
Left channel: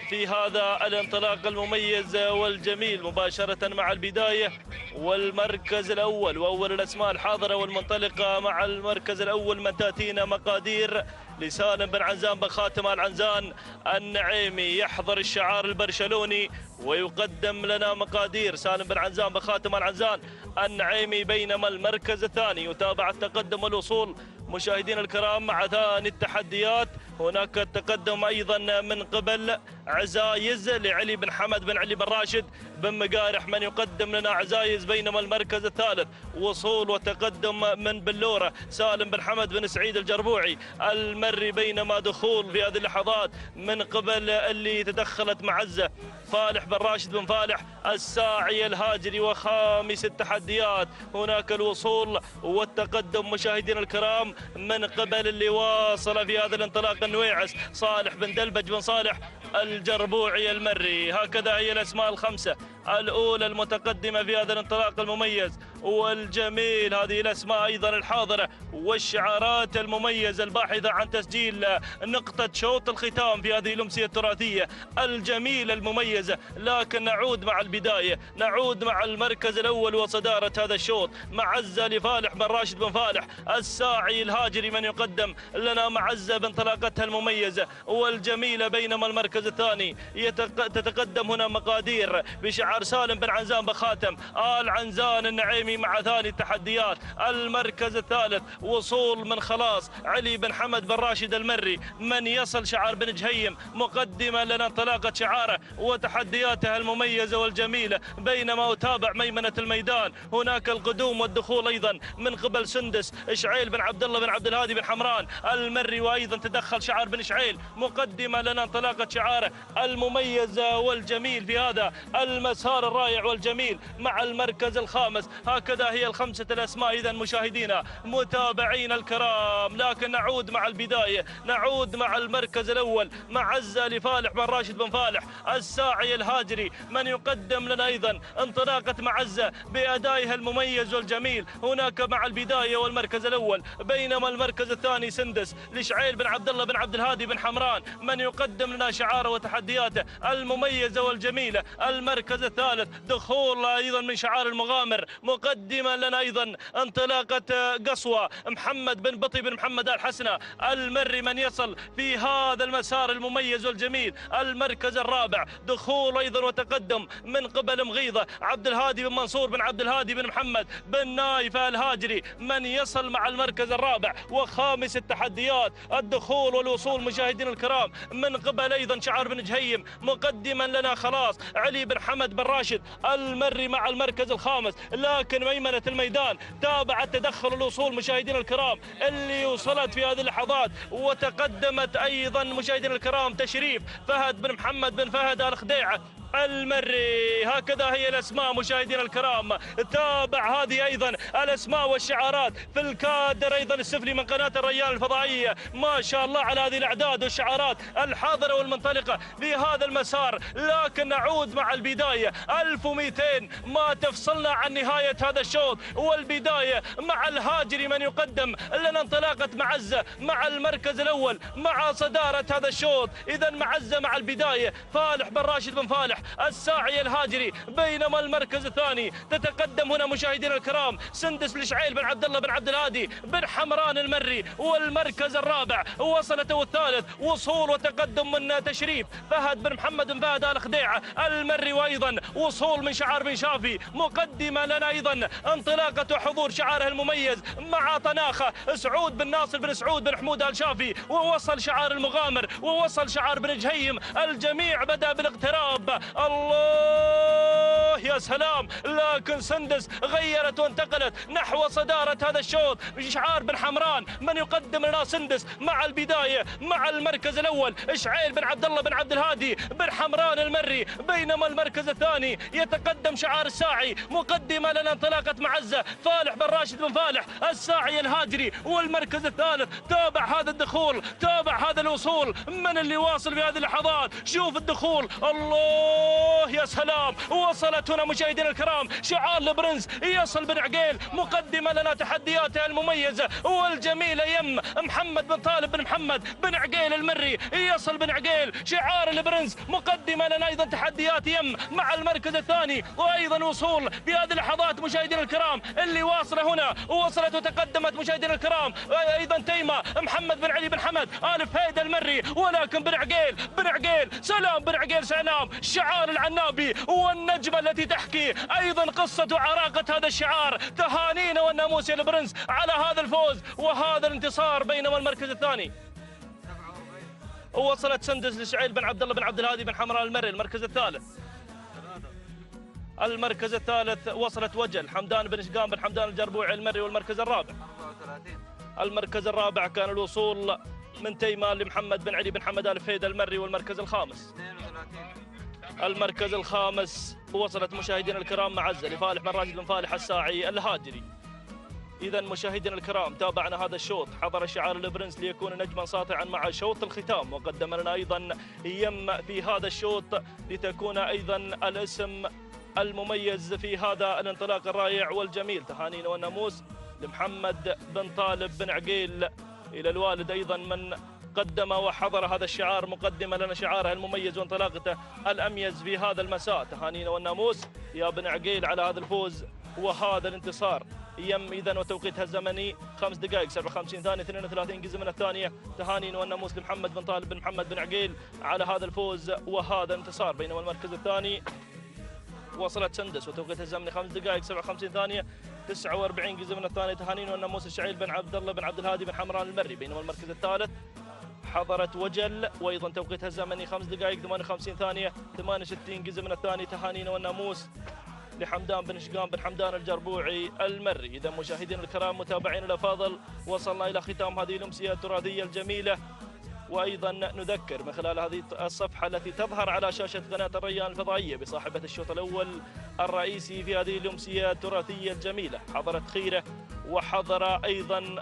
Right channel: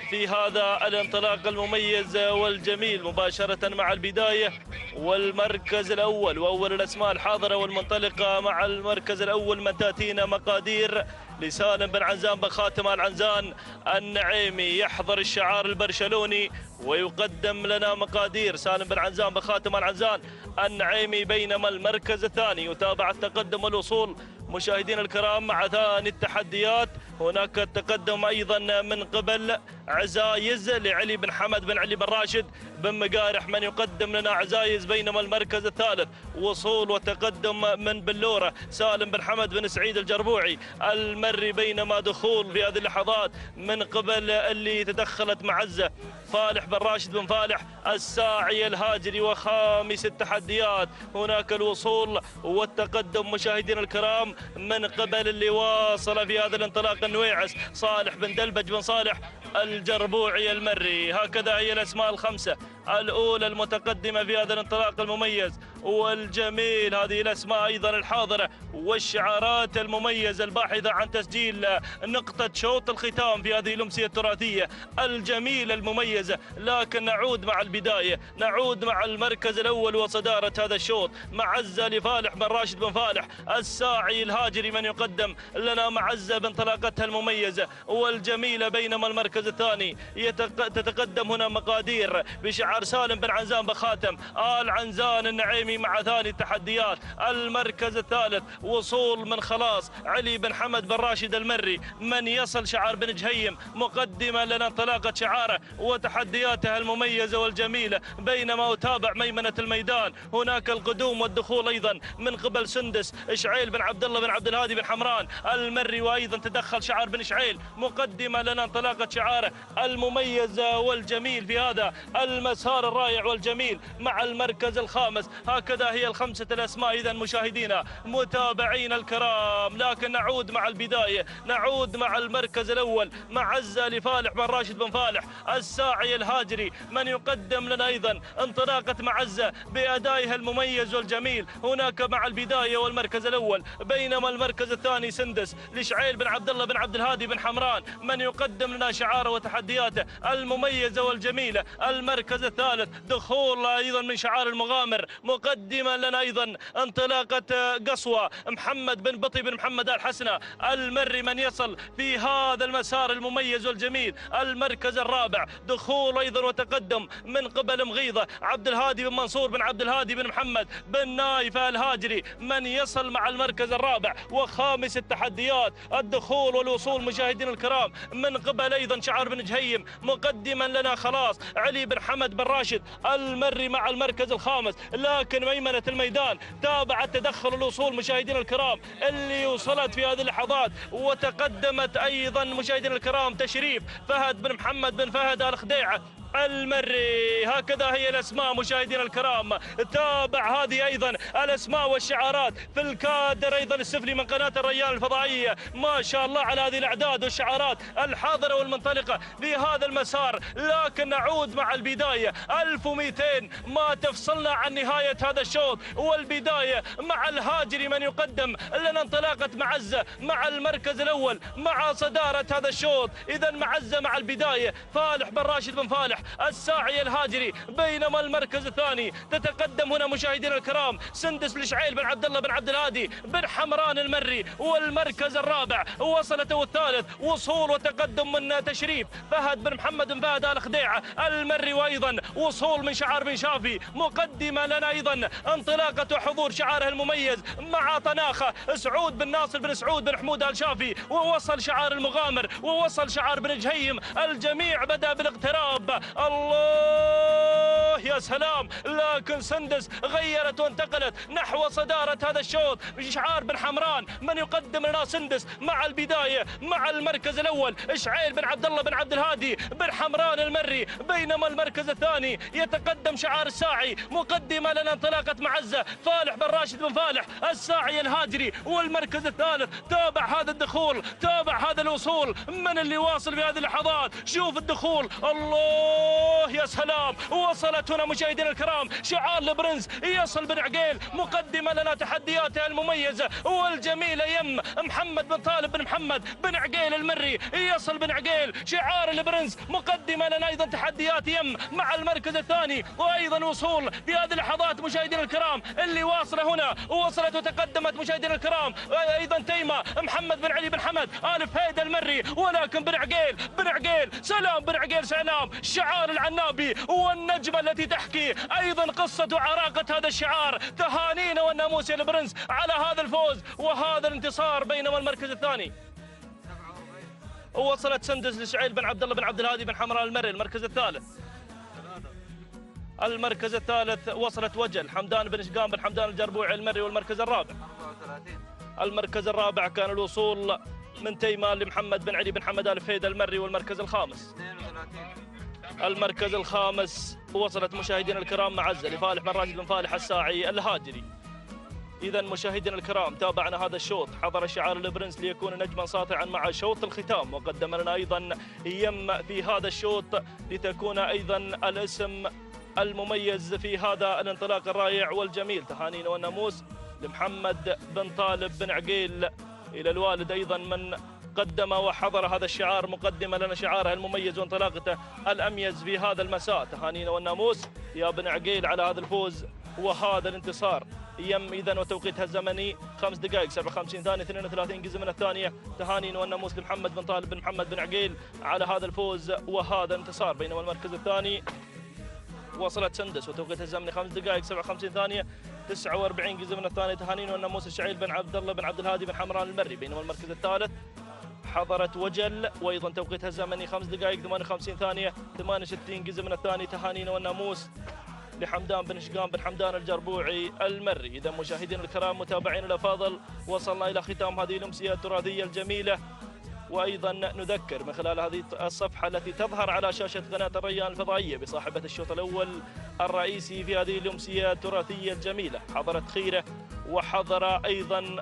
في هذا الانطلاق المميز والجميل مباشرة مع البداية والمركز الأول وأول الأسماء الحاضرة والمنطلقة مع المركز الأول من تأتينا مقادير لسالم بن عنزان بخاتم العنزان النعيمي. يحضر الشعار البرشلوني ويقدم لنا مقادير سالم بن عنزان بخاتم العنزان النعيمي، بينما المركز الثاني يتابع التقدم والوصول مشاهدينا الكرام مع ثاني التحديات. هناك التقدم ايضا من قبل عزايز لعلي بن حمد بن علي بن راشد بن مقارح من يقدم لنا عزايز، بينما المركز الثالث وصول وتقدم من بلوره سالم بن حمد بن سعيد الجربوعي المري، بينما دخول في هذه اللحظات من قبل اللي تدخلت معزه فالح بن راشد بن فالح الساعي الهاجري. وخامس التحديات هناك الوصول والتقدم مشاهدينا الكرام من قبل اللي واصل في هذا الانطلاق النويعس صالح بن دلبج بن صالح الجربوعي المري. هكذا هي الاسماء الخمسه الاولى المتقدمه في هذا الانطلاق المميز والجميل. هذه الاسماء ايضا الحاضره والشعارات المميزه الباحثه عن تسجيل نقطه شوط الختام في هذه الامسيه التراثيه الجميله المميزه. لكن نعود مع البدايه، نعود مع المركز الاول وصداره هذا الشوط معزه لفالح بن راشد بن فالح الساعي الهاجري من يقدم لنا معزه بانطلاقتها المميزه والجميله، بينما المركز الثاني تتقدم هنا مقادير بشعار سالم بن عنزان بخاتم آل عنزان النعيمي مع ثاني التحديات. المركز الثالث وصول من خلاص علي بن حمد بن راشد المري من يصل شعار بن جهيم مقدما لنا انطلاقه شعاره وتحدياته المميزه والجميله، بينما أتابع ميمنه الميدان هناك القدوم والدخول ايضا من قبل سندس اشعيل بن عبد الله بن عبد الهادي بن حمران المري، وايضا تدخل شعار بن اشعيل مقدما لنا انطلاقه شعاره المميز والجميل في هذا المسار الرائع والجميل مع المركز الخامس. هكذا هي الخمسه الاسماء اذا مشاهدينا متابعينا الكرام. لكن نعود مع البدايه، نعود مع المركز الاول معزه لفالح بن راشد بن فالح الساعي الهاجري من يقدم لنا ايضا انطلاقه معزه بادائها المميز والجميل هناك مع البدايه والمركز الاول، بينما المركز الثاني سندس لشعيل بن عبد الله بن عبد الهادي بن حمران من يقدم لنا شعاره وتحدياته المميزه والجميله. المركز الثالث دخول ايضا من شعار المغامر مقدما لنا ايضا انطلاقه قصوى محمد بن بطي بن محمد الحسنه المري من يصل في هذا المسار المميز والجميل. المركز الرابع دخول ايضا وتقدم من قبل مغيضه عبد الهادي بن منصور بن عبد الهادي بن محمد بن نايف الهاجري من يصل مع المركز الرابع. وخامس التحديات الدخول والوصول مشاهدينا الكرام من قبل ايضا شعار بن جهيم مقدما لنا خلاص علي بن حمد بن راشد المري مع المركز الخامس. لكن ميمنه الميدان تابعت تدخل الوصول مشاهدينا الكرام اللي وصلت في هذه اللحظات وتقدمت ايضا مشاهدينا الكرام تشريف فهد بن محمد بن فهد الخديعه المري. هكذا هي الاسماء مشاهدينا الكرام. تابع هذه ايضا الاسماء والشعارات في الكادر ايضا السفلي من قناه الريان الفضائيه. ما شاء الله على هذه الاعداد والشعارات الحاضره والمنطلقه في هذا المسار. لكن نعود مع البدايه 1200 ما تفصلنا عن نهايه هذا الشوط والبدايه مع الهاجري من يقدم لنا انطلاقه معزه مع المركز الاول مع صداره هذا الشوط. اذا معزه مع البدايه فالح بن راشد بن فالح الساعي الهاجري، بينما المركز الثاني تتقدم هنا مشاهدينا الكرام سندس لشعيل بن عبد الله بن عبد الهادي بن حمران المري. والمركز الرابع وصلته الثالث وصول وتقدم من تشريف فهد بن محمد بن فهد الخديعه المري، وايضا وصول من شعار بن شافي مقدمه لنا ايضا انطلاقه حضور شعاره المميز مع طناخه سعود بن ناصر بن سعود بن حمود الشافي، ووصل شعار المغامر ووصل شعار بن جهيم. الجميع بدا بالاقتراب. الله يا سلام. لكن سندس غيرت وانتقلت نحو صدارة هذا الشوط بشعار بن حمران من يقدم لنا سندس مع البداية مع المركز الأول إشعيل بن عبد الله بن عبد الهادي بن حمران المري، بينما المركز الثاني يتقدم شعار الساعي مقدمة لنا انطلاقة معزة فالح بن راشد بن فالح الساعي الهاجري. والمركز الثالث تابع هذا الدخول، تابع هذا الوصول من اللي واصل في هذه اللحظات. شوف الدخول، الله يا سلام، وصلت هنا مشاهدينا الكرام شعار البرنس يصل بن عقيل مقدما لنا تحدياته المميزة والجميلة يم محمد بن طالب بن محمد بن عقيل المري. يصل بن عقيل شعار البرنس مقدما لنا أيضا تحديات يم مع المركز الثاني، وأيضا وصول في هذه اللحظات مشاهدينا الكرام اللي واصلة هنا ووصلت وتقدمت مشاهدينا الكرام أيضا تيمة محمد بن علي بن حمد آل فهيد المري. ولكن بن عقيل سلام بن عقيل سلام شعار العنابي والنجمة التي تحكي أيضا قصة وعراقة هذا الشعار. تهانينا والناموس يا البرنس على هذا الفوز وهذا الانتصار. بينما المركز الثاني وصلت سندس لشعيل بن عبد الله بن عبد الهادي بن حمراء المري. المركز الثالث وصلت وجل حمدان بن شقام بن حمدان الجربوعي المري. والمركز الرابع كان الوصول من تيمان لمحمد بن علي بن حمد آل فهيد المري. المركز الخامس وصلت مشاهدينا الكرام معزة لفالح بن راشد بن فالح الساعي الهاجري. إذا مشاهدينا الكرام تابعنا هذا الشوط، حضر شعار البرنس ليكون نجما ساطعا مع شوط الختام، وقدم لنا أيضا يم في هذا الشوط لتكون أيضا الاسم المميز في هذا الانطلاق الرائع والجميل. تهانينا والناموس لمحمد بن طالب بن عقيل، إلى الوالد أيضا من قدم وحضر هذا الشعار مقدما لنا شعاره المميز وانطلاقته الأميز في هذا المساء. تهانينا والناموس يا بن عقيل على هذا الفوز وهذا الانتصار. يم إذا وتوقيتها الزمني 5 دقائق 57 ثانية 32 جزء من الثانية. تهانينا والناموس لمحمد بن طالب بن محمد بن عقيل على هذا الفوز وهذا الانتصار. بينما المركز الثاني وصلت سندس وتوقيتها الزمني 5 دقائق 57 ثانية 49 جزء من الثانية. تهانينا والناموس الشعيل بن عبد الله بن عبد الهادي بن حمراء المري. بينما المركز الثالث حضرت وجل وايضا توقيتها الزمني 5 دقائق 58 ثانية 68 جزء من الثانية. تهانينا والناموس لحمدان بن شقام بن حمدان الجربوعي المري. إذا مشاهدينا الكرام متابعينا الأفاضل وصلنا إلى ختام هذه الأمسية التراثية الجميلة، وأيضا نذكر من خلال هذه الصفحة التي تظهر على شاشة قناة الريان الفضائية بصاحبة الشوط الأول الرئيسي في هذه الأمسية التراثية الجميلة. حضرت خيرة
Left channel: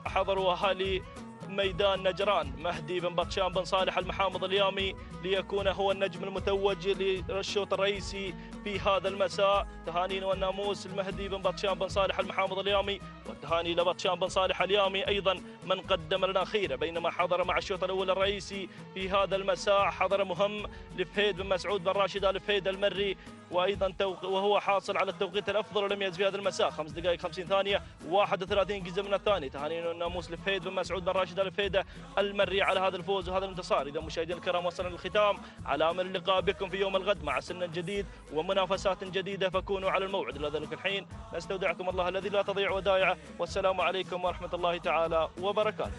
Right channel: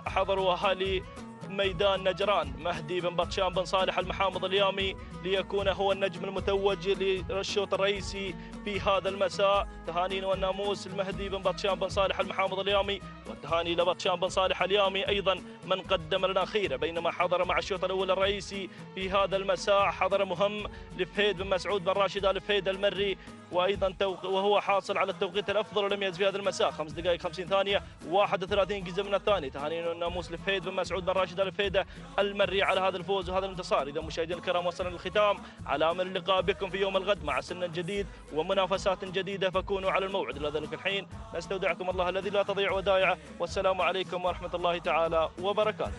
حضروا أهالي ميدان نجران مهدي بن بطشان بن صالح المحامض اليامي ليكون هو النجم المتوج للشوط الرئيسي في هذا المساء. تهانينا والناموس المهدي بن بطشان بن صالح المحامض اليامي، والتهاني لبطشان بن صالح اليامي أيضا من قدم لنا خيرة. بينما حضر مع الشوط الأول الرئيسي في هذا المساء حضر مهم لفهيد بن مسعود بن راشد آل فهيد المري، وأيضا وهو حاصل على التوقيت الأفضل والأميز في هذا المساء 5 دقائق 50 ثانية 31 جزء من الثانية. تهانينا والناموس لفهيد بن مسعود بن راشد آل فهيد المري على هذا الفوز وهذا الانتصار. إذا مشاهدينا الكرام وصلنا للختام، على أمل اللقاء بكم في يوم الغد مع سن جديد ومنافسات جديدة، فكونوا على الموعد. إلى ذلك الحين نستودعكم الله الذي لا تضيع ودائعه، والسلام عليكم ورحمة الله تعالى وبركاته.